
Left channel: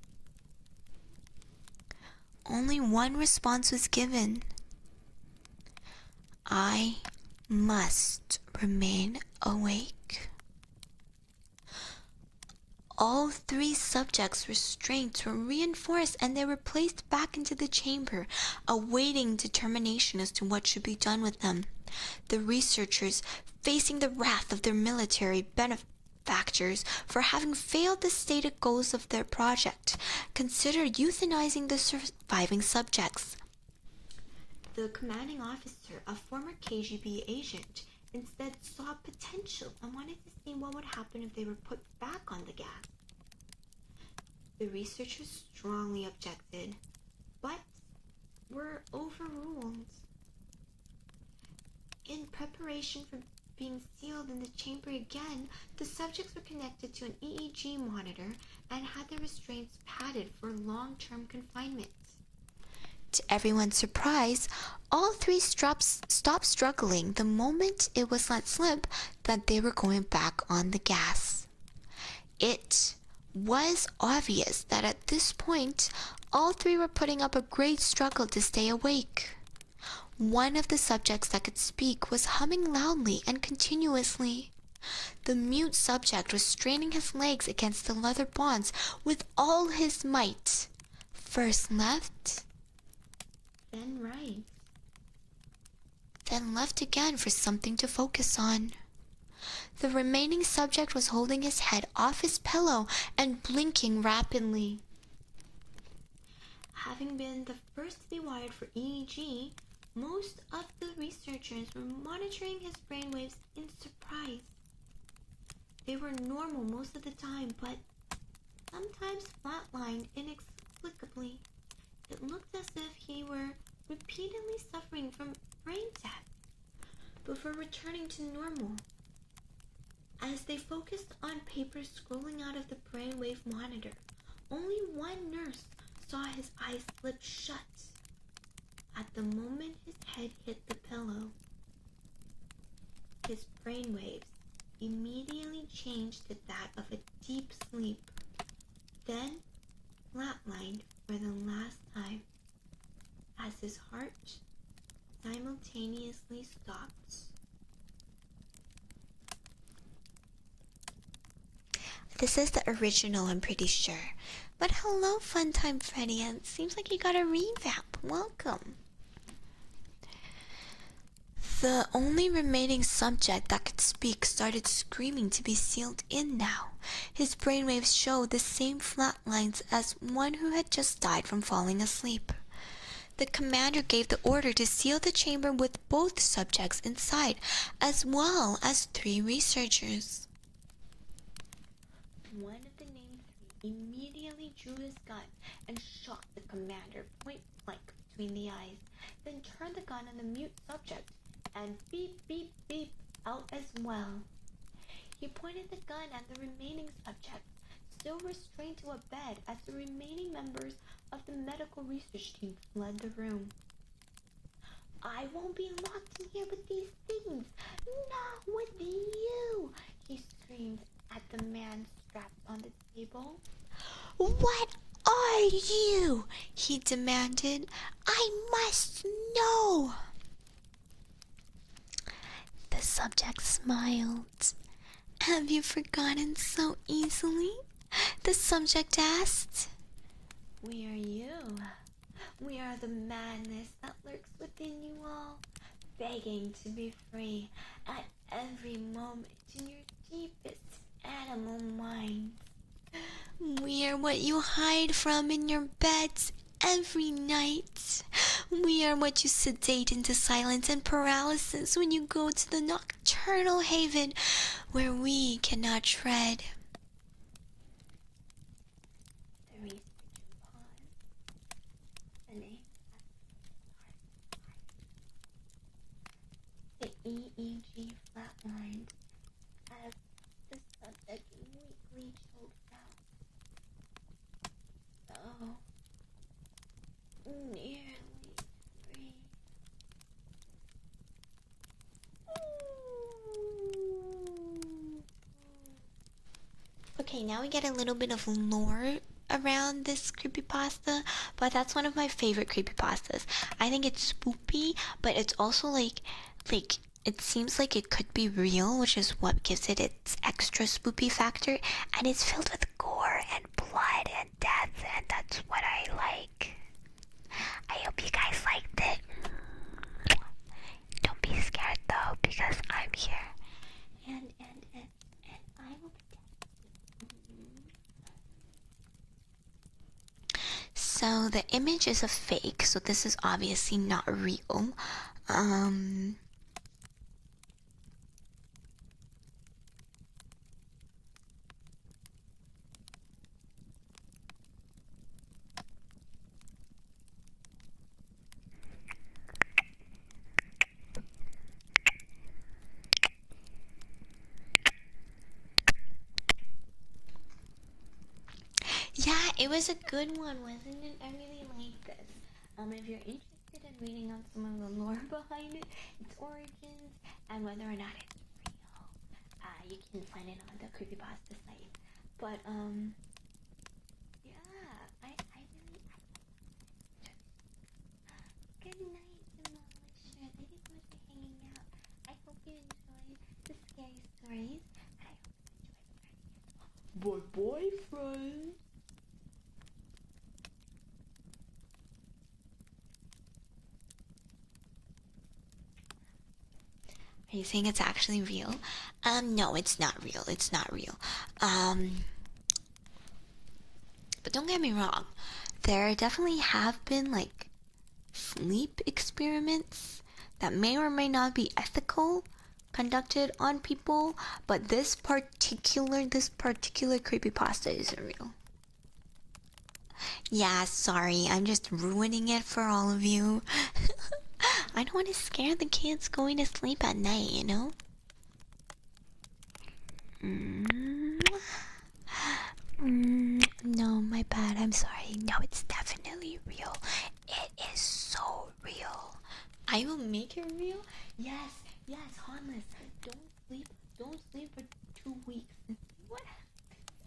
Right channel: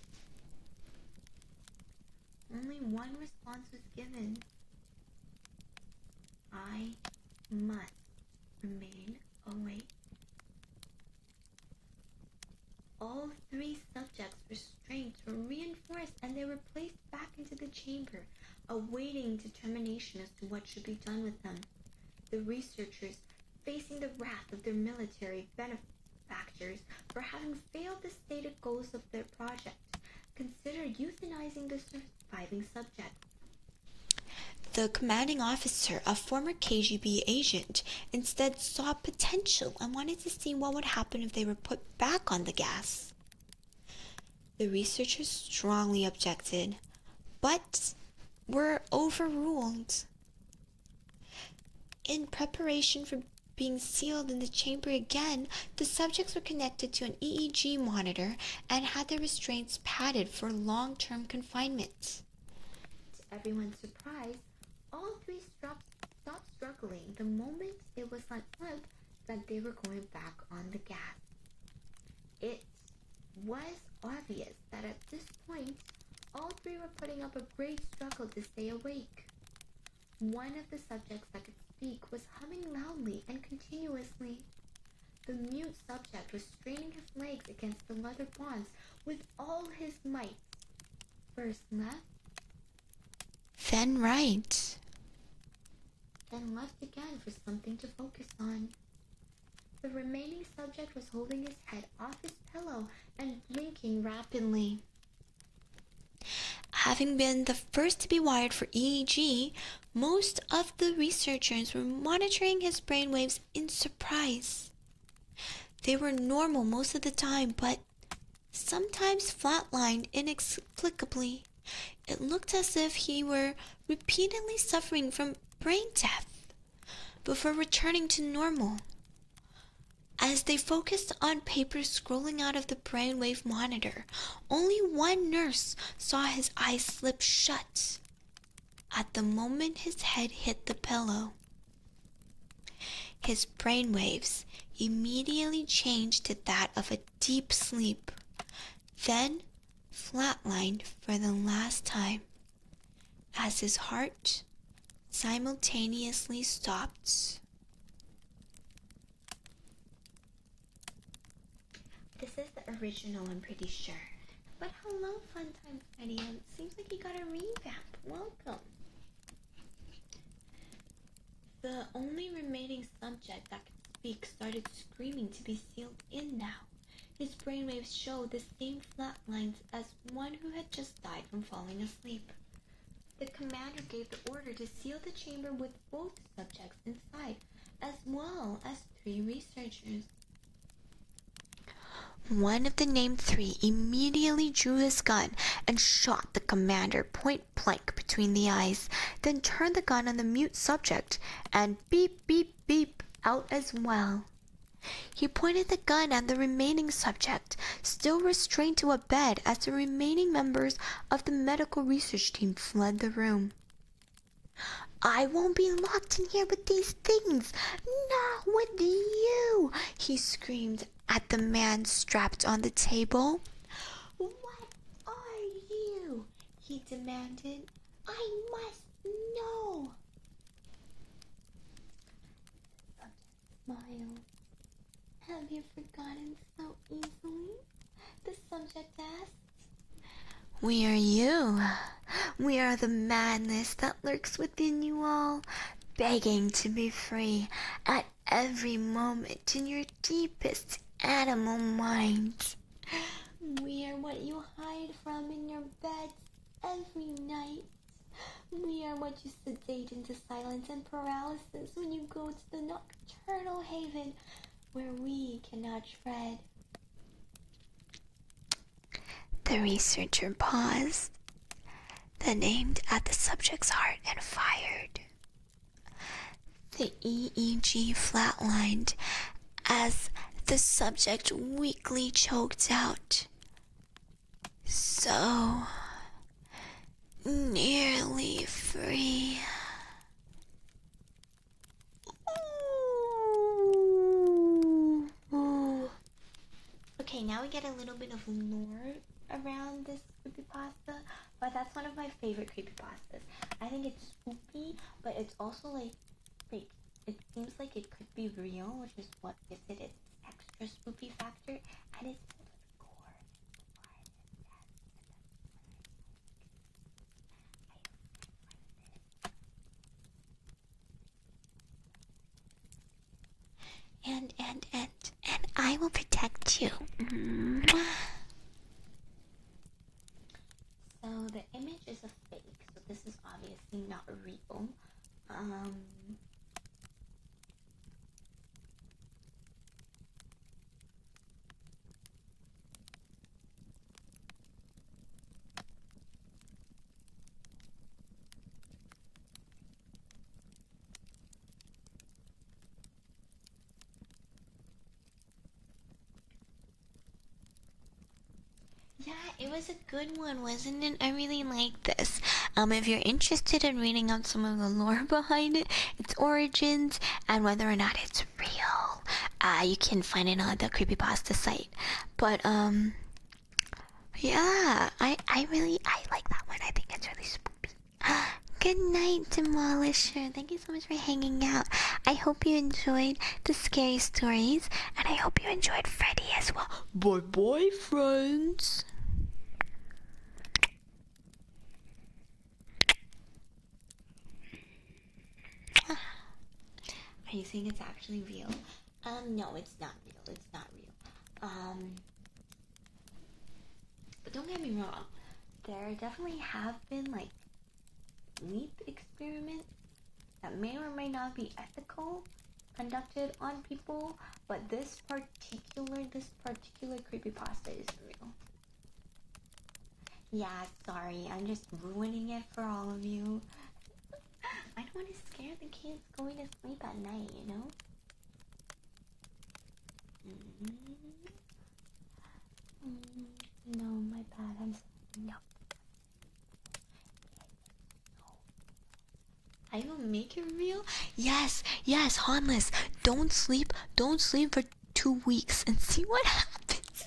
Only one response was given. I must remain awake. All 3 subjects' restraints were reinforced and they were placed back into the chamber, awaiting determination as to what should be done with them. The researchers, facing the wrath of their military benefactors for having failed the stated goals of their project, considered euthanizing the surviving subjects. The commanding officer, a former KGB agent, instead saw potential and wanted to see what would happen if they were put back on the gas. The researchers strongly objected, but were overruled. In preparation for being sealed in the chamber again, the subjects were connected to an EEG monitor and had their restraints padded for long-term confinement. To everyone's surprise, all 3 stopped struggling the moment it was let slip that they were going back on the gas. It was obvious that at this point, all 3 were putting up a great struggle to stay awake. One of the subjects that could speak was humming loudly and continuously. The mute subject was straining his legs against the leather bonds with all his might. First left, then right, then left again for something to focus on. The remaining subject was holding his head off his pillow and blinking rapidly. Having been the first to be wired for EEG, most of the researchers were monitoring his brainwaves in surprise. They were normal most of the time, but sometimes flatlined inexplicably. It looked as if he were repeatedly suffering from brain death before returning to normal. As they focused on papers scrolling out of the brainwave monitor, only one nurse saw his eyes slip shut at the moment his head hit the pillow. His brainwaves immediately changed to that of a deep sleep, then flatlined for the last time as his heart simultaneously stopped. This is the original, I'm pretty sure. But hello, Funtime Freddy. It seems like you got a revamp. Welcome. The only remaining subject that could speak started screaming to be sealed in now. His brainwaves showed the same flat lines as one who had just died from falling asleep. The commander gave the order to seal the chamber with both subjects inside, as well as 3 researchers. One of the named 3 immediately drew his gun and shot the commander point blank between the eyes, then turned the gun on the mute subject and beep beep beep out as well. He pointed the gun at the remaining subject, still restrained to a bed as the remaining members of the medical research team fled the room. "I won't be locked in here with these things! Not with you!" he screamed at the man strapped on the table. "What are you?" he demanded. "I must know." The subject smiled. "Have you forgotten so easily?" the subject asked. "We are you. We are the madness that lurks within you all, begging to be free at every moment in your deepest animal minds. We are what you hide from in your beds every night. We are what you sedate into silence and paralysis when you go to the nocturnal haven where we cannot tread." The researcher paused, then aimed at the subject's heart and fired. The EEG flatlined as the subject weakly choked out. "So nearly free." Ooh. Okay, now we get a little bit of lore around this creepypasta, but that's one of my favorite creepypastas. I think it's spoopy, but it's also like it seems like it could be real, which is what gives it its extra spoopy factor, and it's filled with gore and blood and death, and that's what I like. I hope you guys liked it. Don't be scared though, because I'm here. And I will protect you. So the image is a fake, so this is obviously not real. Yeah, it was a good one, wasn't it? I really like this. If you're interested in reading up some of the lore behind it, its origins, and whether or not it's real, you can find it on the creepypasta site. But yeah, I like that one. I think it's really spoopy. Good night, Demolisher. Thank you so much for hanging out. I hope you enjoyed the scary stories, and I hope you enjoyed Freddy as well. Bye, friends. Are you saying it's actually real? No, it's not real. It's not real. But don't get me wrong. There definitely have been, like, sleep experiments that may or may not be ethical conducted on people, but this particular creepypasta isn't real. Yeah, sorry, I'm just ruining it for all of you. I don't want to scare the kids going to sleep at night, you know? No, my bad, I'm sorry. No, it's definitely real. It is so real. I will make it real? Yes, harmless. Don't sleep for 2 weeks and see what happens.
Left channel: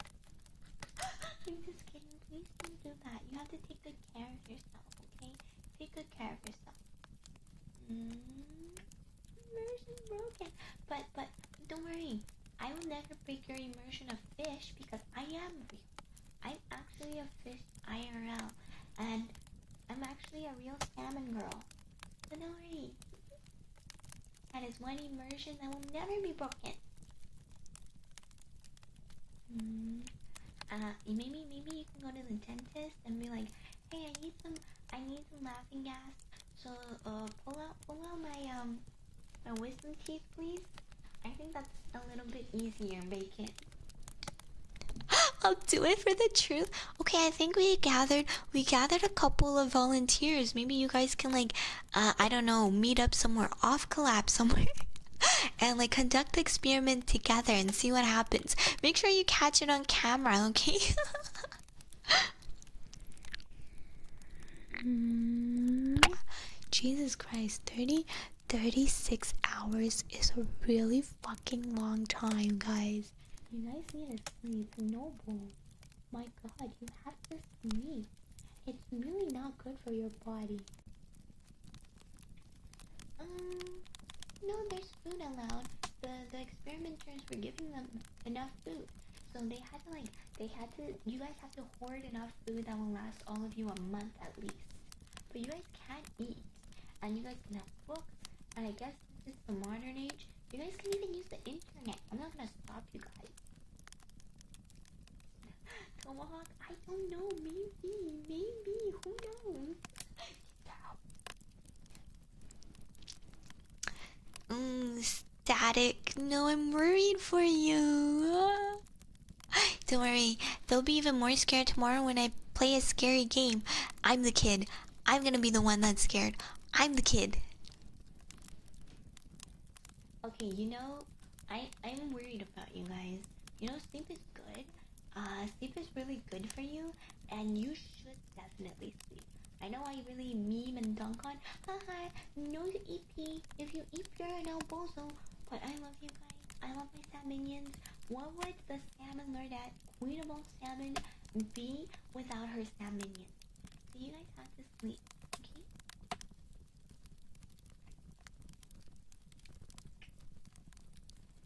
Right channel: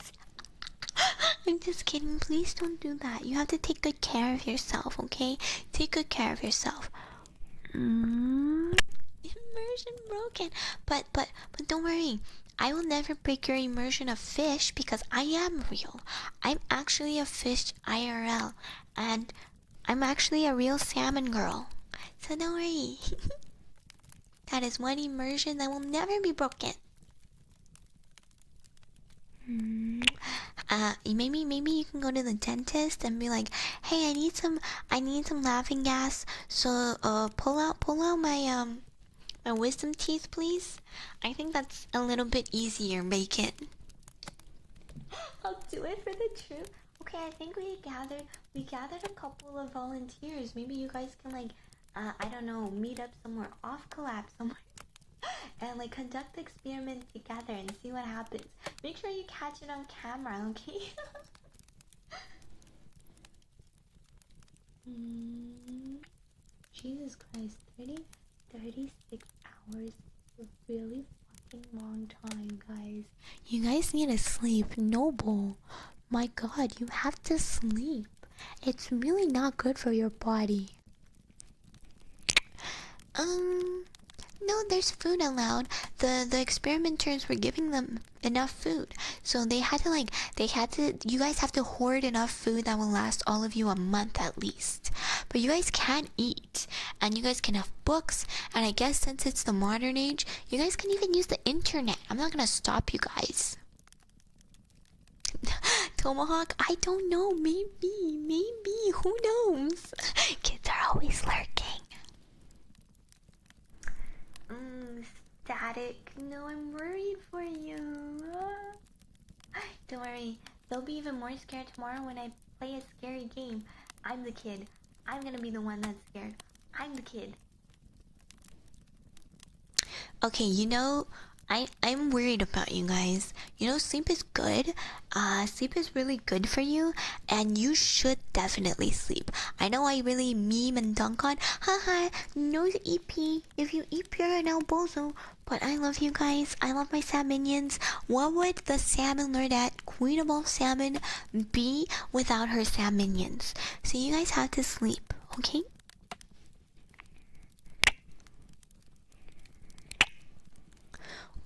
I'm just kidding. Please don't do that. You have to take good care of yourself, okay? Take good care of yourself. Immersion broken. But don't worry. I will never break your immersion of fish because I am real. I'm actually a fish IRL, and I'm actually a real salmon girl. So don't worry. That is one immersion that will never be broken. Maybe you can go to the dentist and be like, hey, I need some laughing gas. So pull out my wisdom teeth, please. I think that's a little bit easier. Make it. I'll do it for the truth. Okay, I think we gathered a couple of volunteers. Maybe you guys can like, I don't know, meet up somewhere off collab somewhere. And like conduct the experiment together and see what happens. Make sure you catch it on camera, okay? Jesus Christ, 36 hours is a really fucking long time, guys. You guys need to sleep. Noble. My god, you have to sleep. It's really not good for your body. No, there's food allowed. The experimenters were giving them enough food. So you guys have to hoard enough food that will last all of you a month at least. But you guys can eat, and you guys can have books, and I guess since it's the modern age, you guys can even use the internet. I'm not gonna stop you guys. Tomahawk, I don't know, maybe, who knows? Kids are always lurking. Static. No, I'm worried for you. Don't worry, they'll be even more scared tomorrow when I play a scary game. I'm the kid. I'm gonna be the one that's scared. I'm the kid. Okay, I'm worried about you guys. Sleep is good. Sleep is really good for you, and you should definitely sleep. I know I really meme and dunk on, haha, no EP. If you EP, you're an elbozo. But I love you guys. I love my salmonians. What would the Salmon Lordette, Queen of all salmon, be without her salmonians? So you guys have to sleep, okay?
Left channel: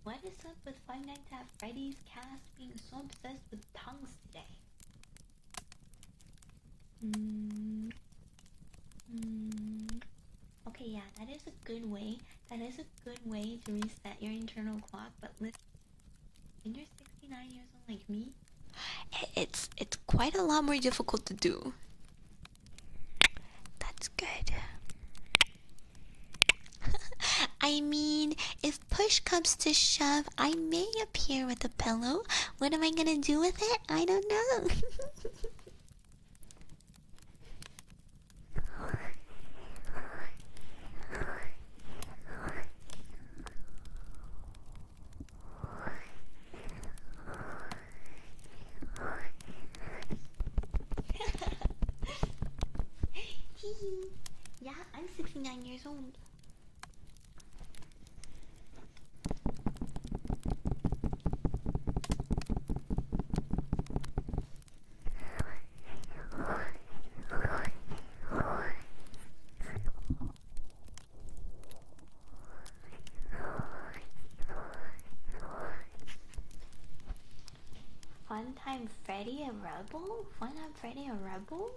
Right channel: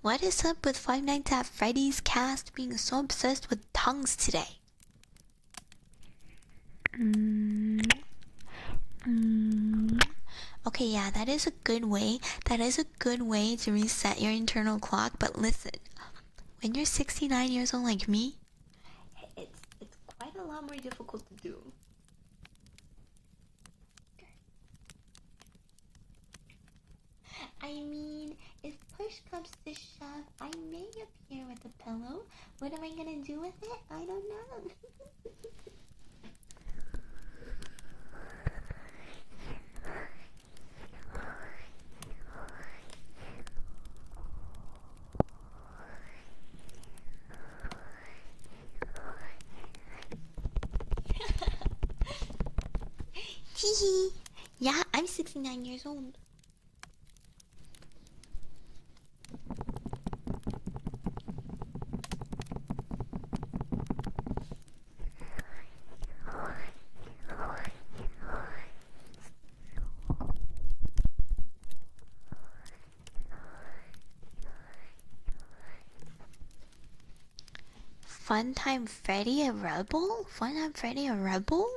What is up with Five Nights at Freddy's cast being so obsessed with tongues today? Okay, yeah, that is a good way. That is a good way to reset your internal clock. But listen, when you're 69 years old like me, it's quite a lot more difficult to do. That's good. I mean, if push comes to shove, I may appear with a pillow. What am I gonna do with it? I don't know. Hehe. Yeah, I'm 69 years old. Funtime Freddy a rebel? Funtime Freddy a rebel?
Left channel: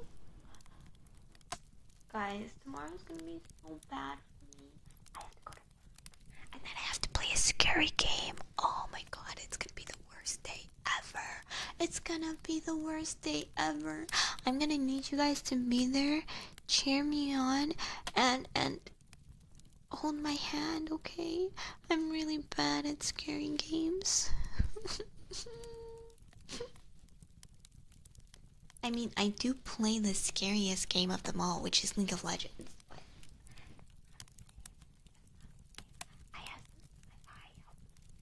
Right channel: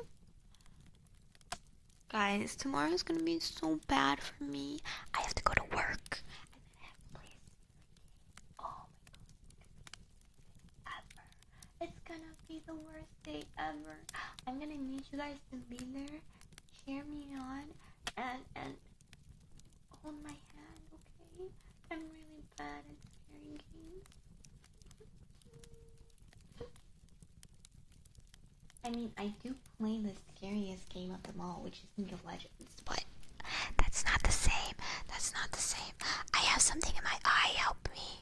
Guys, tomorrow's gonna be so bad for me. I have to go to work, and then I have to play a scary game. Oh my god, it's gonna be the worst day ever. It's gonna be the worst day ever. I'm gonna need you guys to be there, cheer me on, and hold my hand, okay? I'm really bad at scary games. I mean, I do play the scariest game of them all, which is League of Legends, but that's not the same. That's not the same. I have something in my eye, help me.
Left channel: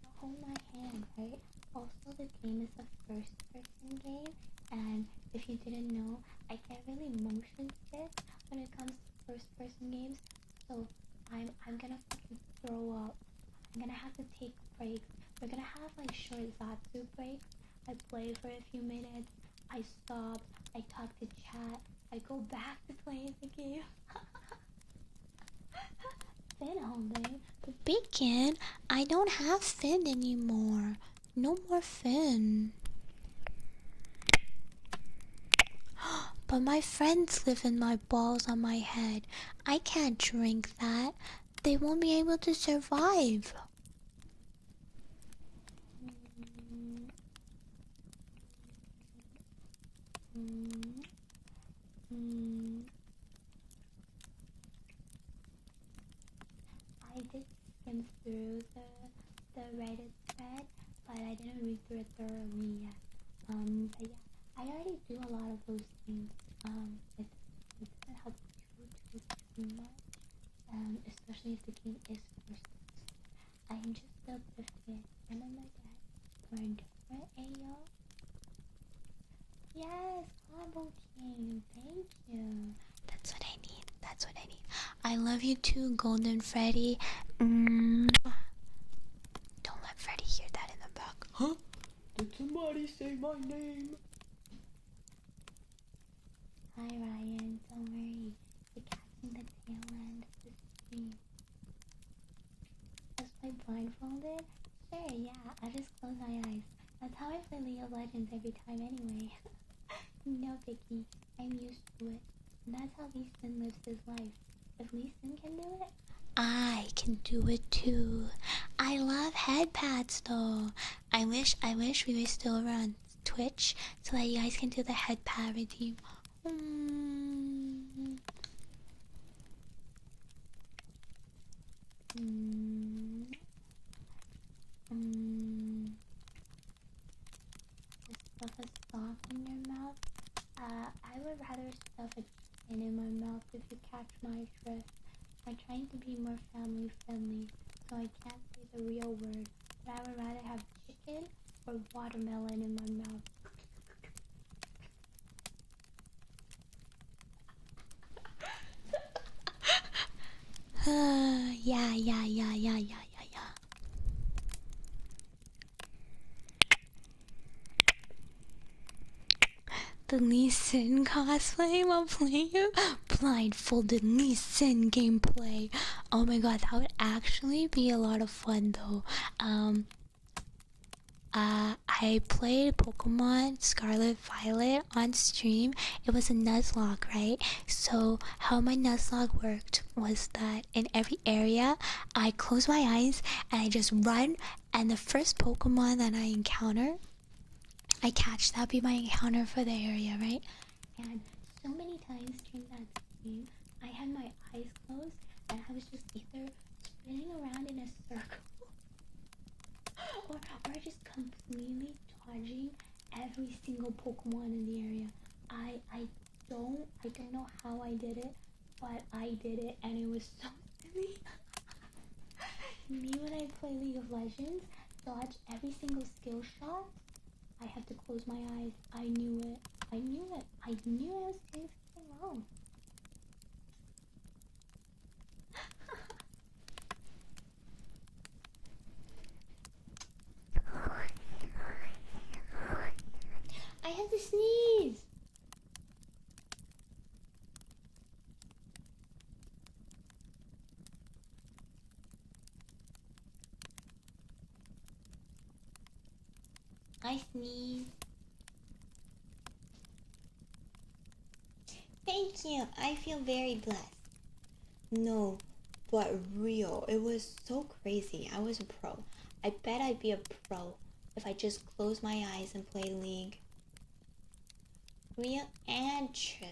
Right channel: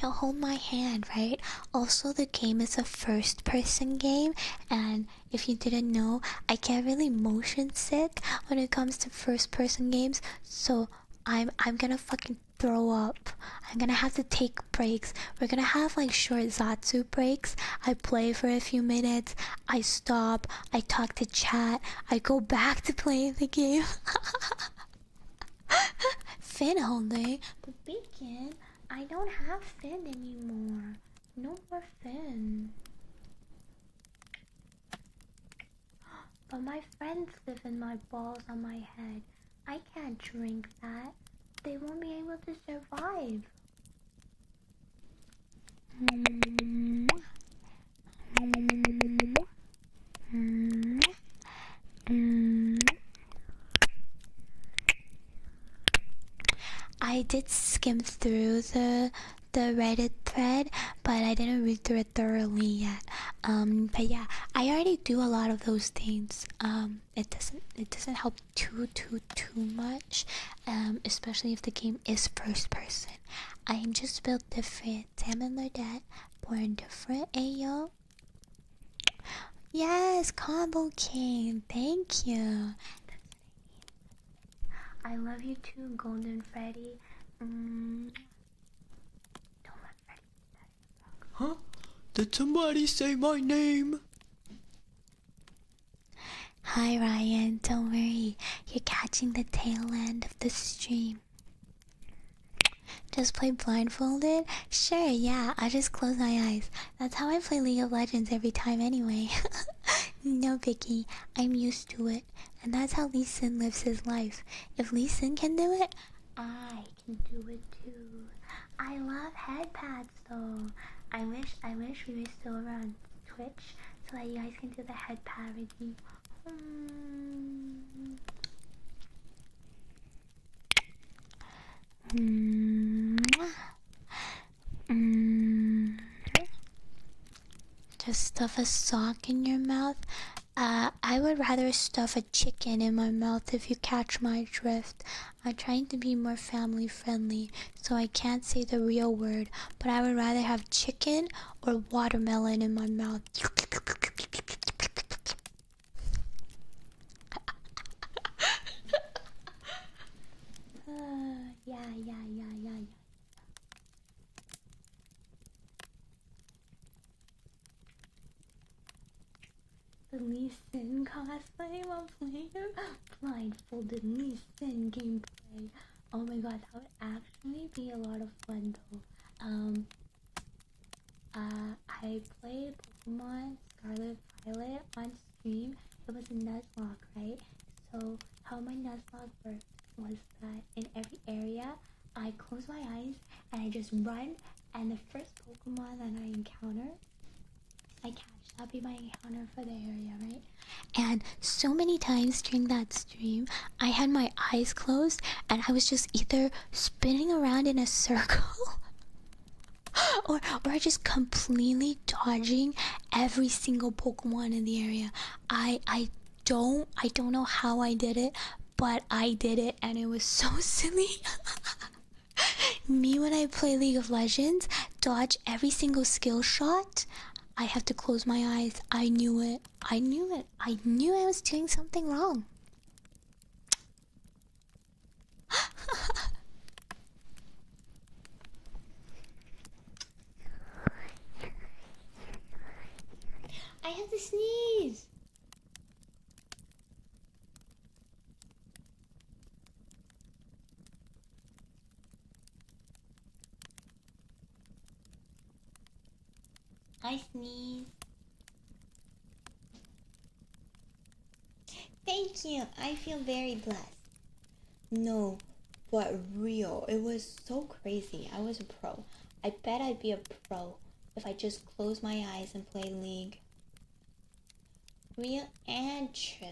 You'll hold my hand, right? Also, the game is a first-person game, and if you didn't know, I get really motion sick when it comes to first-person games, so I'm gonna fucking throw up. I'm gonna have to take breaks. We're gonna have like short Zatsu breaks. I play for a few minutes. I stop. I talk to chat. I go back to playing the game. Fin holding, but Bacon, I don't have Fin anymore. No more Fin. But my friends live in my balls on my head. I can't drink that. They won't be able to survive. I did skim through the Reddit thread, but I didn't read through it thoroughly yet. But yeah, I already do a lot of those things. It doesn't help too much. Especially if the game is first person. I am just built different. Salmon Lordette, born different. Ayo. Yes, Combo King. Thank you. That's what I need. That's what I need. I love you too, Golden Freddy. Don't let Freddy hear that in the back. Huh? Did somebody say my name? Hi Ryan, don't worry. You're catching the tail end of the stream. Just play blindfolded? Sure, yeah, I'll just close my eyes. That's how I play League of Legends every time anyway. No biggie, I'm used to it. And that's how Lee Sin lives his life. If Lee Sin can do it, I can do it too. I love head pads though. I wish we were still around Twitch so that you guys can do the head pad redeem. Just stuff a sock in your mouth. I would rather stuff a chicken in my mouth if you catch my drift. I'm trying to be more family friendly, so I can't say the real word, but I would rather have chicken or watermelon in my mouth. Yeah. The Lee Sin cosplay while playing blindfolded Lee Sin gameplay. Oh my god, that would actually be a lot of fun though. I played Pokemon Scarlet Violet on stream. It was a Nuzlocke, right? So how my Nuzlocke worked was that in every area, I close my eyes and I just run, and the first Pokemon that I encounter, I catch. That'd be my encounter for the area, right? And so many times during that stream, I had my eyes closed and I was just either spinning around in a circle or just completely dodging every single Pokemon in the area. I don't know how I did it, but I did it and it was so silly. Me when I play League of Legends, dodge every single skill shot. I have to close my eyes. I knew it. I knew I was doing something wrong. I have to sneeze. I sneeze. Thank you. I feel very blessed. No, but real. It was so crazy. I was a pro. I bet I'd be a pro if I just closed my eyes and played League. Real and true.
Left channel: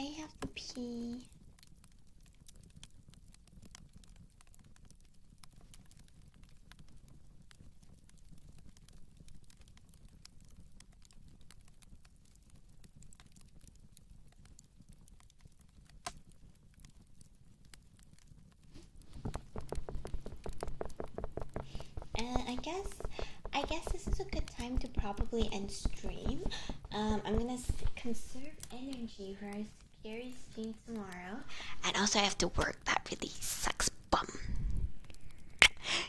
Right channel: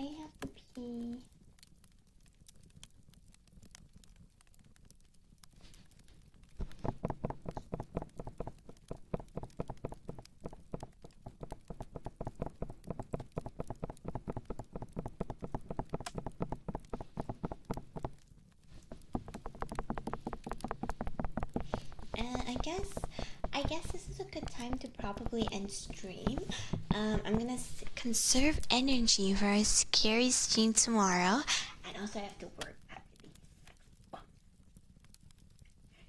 I have to pee. I guess this is a good time to probably end stream. I'm gonna conserve energy for a scary stream tomorrow, and also I have to work. That really sucks, bum.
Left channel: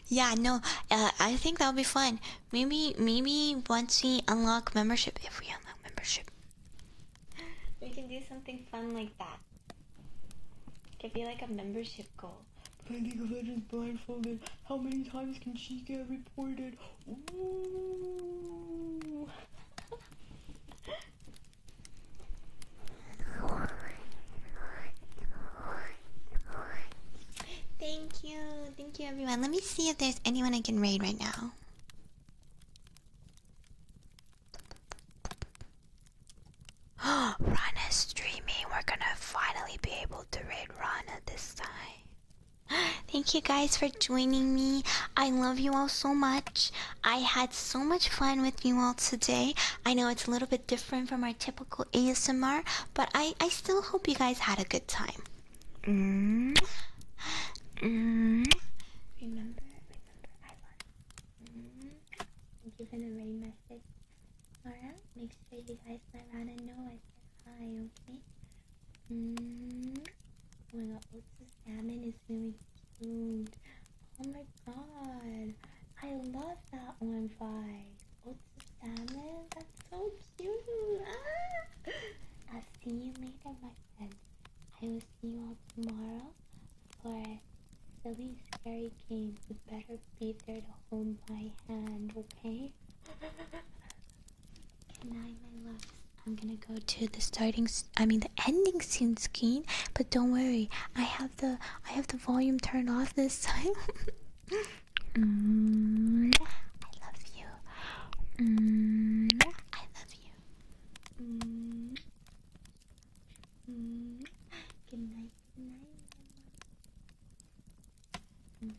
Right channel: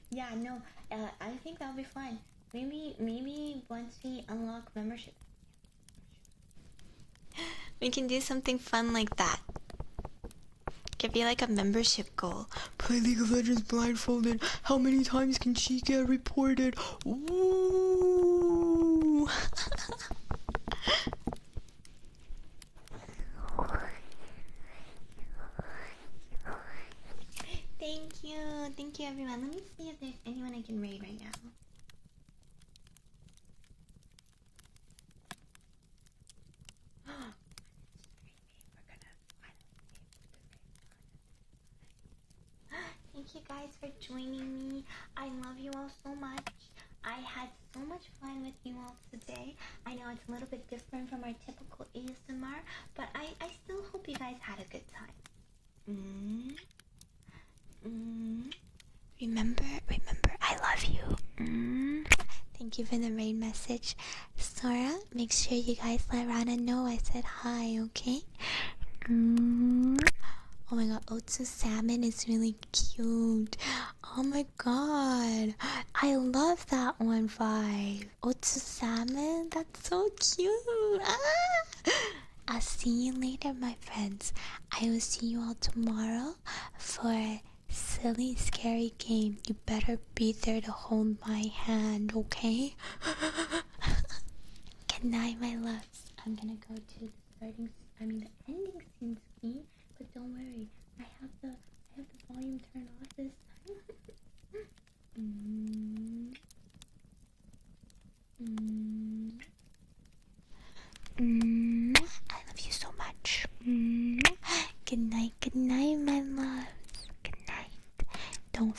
Yeah, no, I think that'll be fun. Maybe once we unlock membership, if we unlock membership, we can do something fun like that. Could be like a membership goal. Play League of Legends blindfolded. How many times can she get reported? Ooh. Thank you everyone. Let me see if there's anyone I can raid right now. Rana's streaming. We're gonna finally be able to raid Rana this time. Thank you guys for joining me. I love you all so much. I had so much fun with you all today. I know it's a little bit different from our typical ASMR, but I still hope you guys had a good time. Remember, I love you. Thank you for the raid message. Sora, make sure you guys let Rana know I said hi, okay? Oh my god, Otsu Salmon is really cute. Oh my god, I love that one vibe. Otsu Salmon, that's so cute. I'll see you later, my friends. I will see you all tomorrow for a silly, scary game. You better be there to hold my hand, okay? Good night, my loves. I'm gonna go to the the ending soon screen, but don't worry, I have the volume turned off this time. I love you. I love you. I love you so much. Good night, my loves. Good night. Don't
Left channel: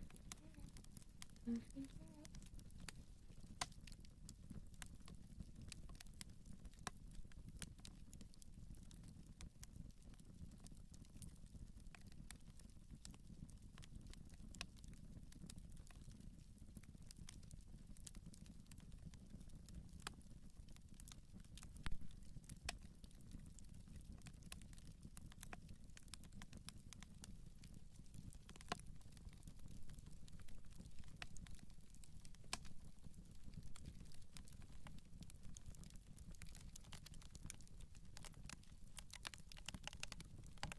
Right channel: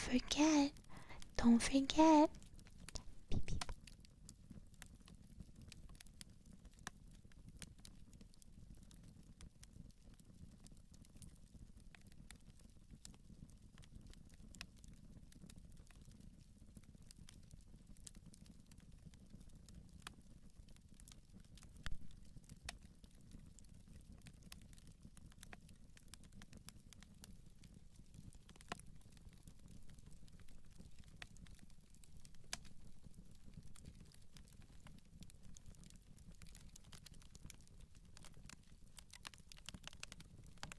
forget,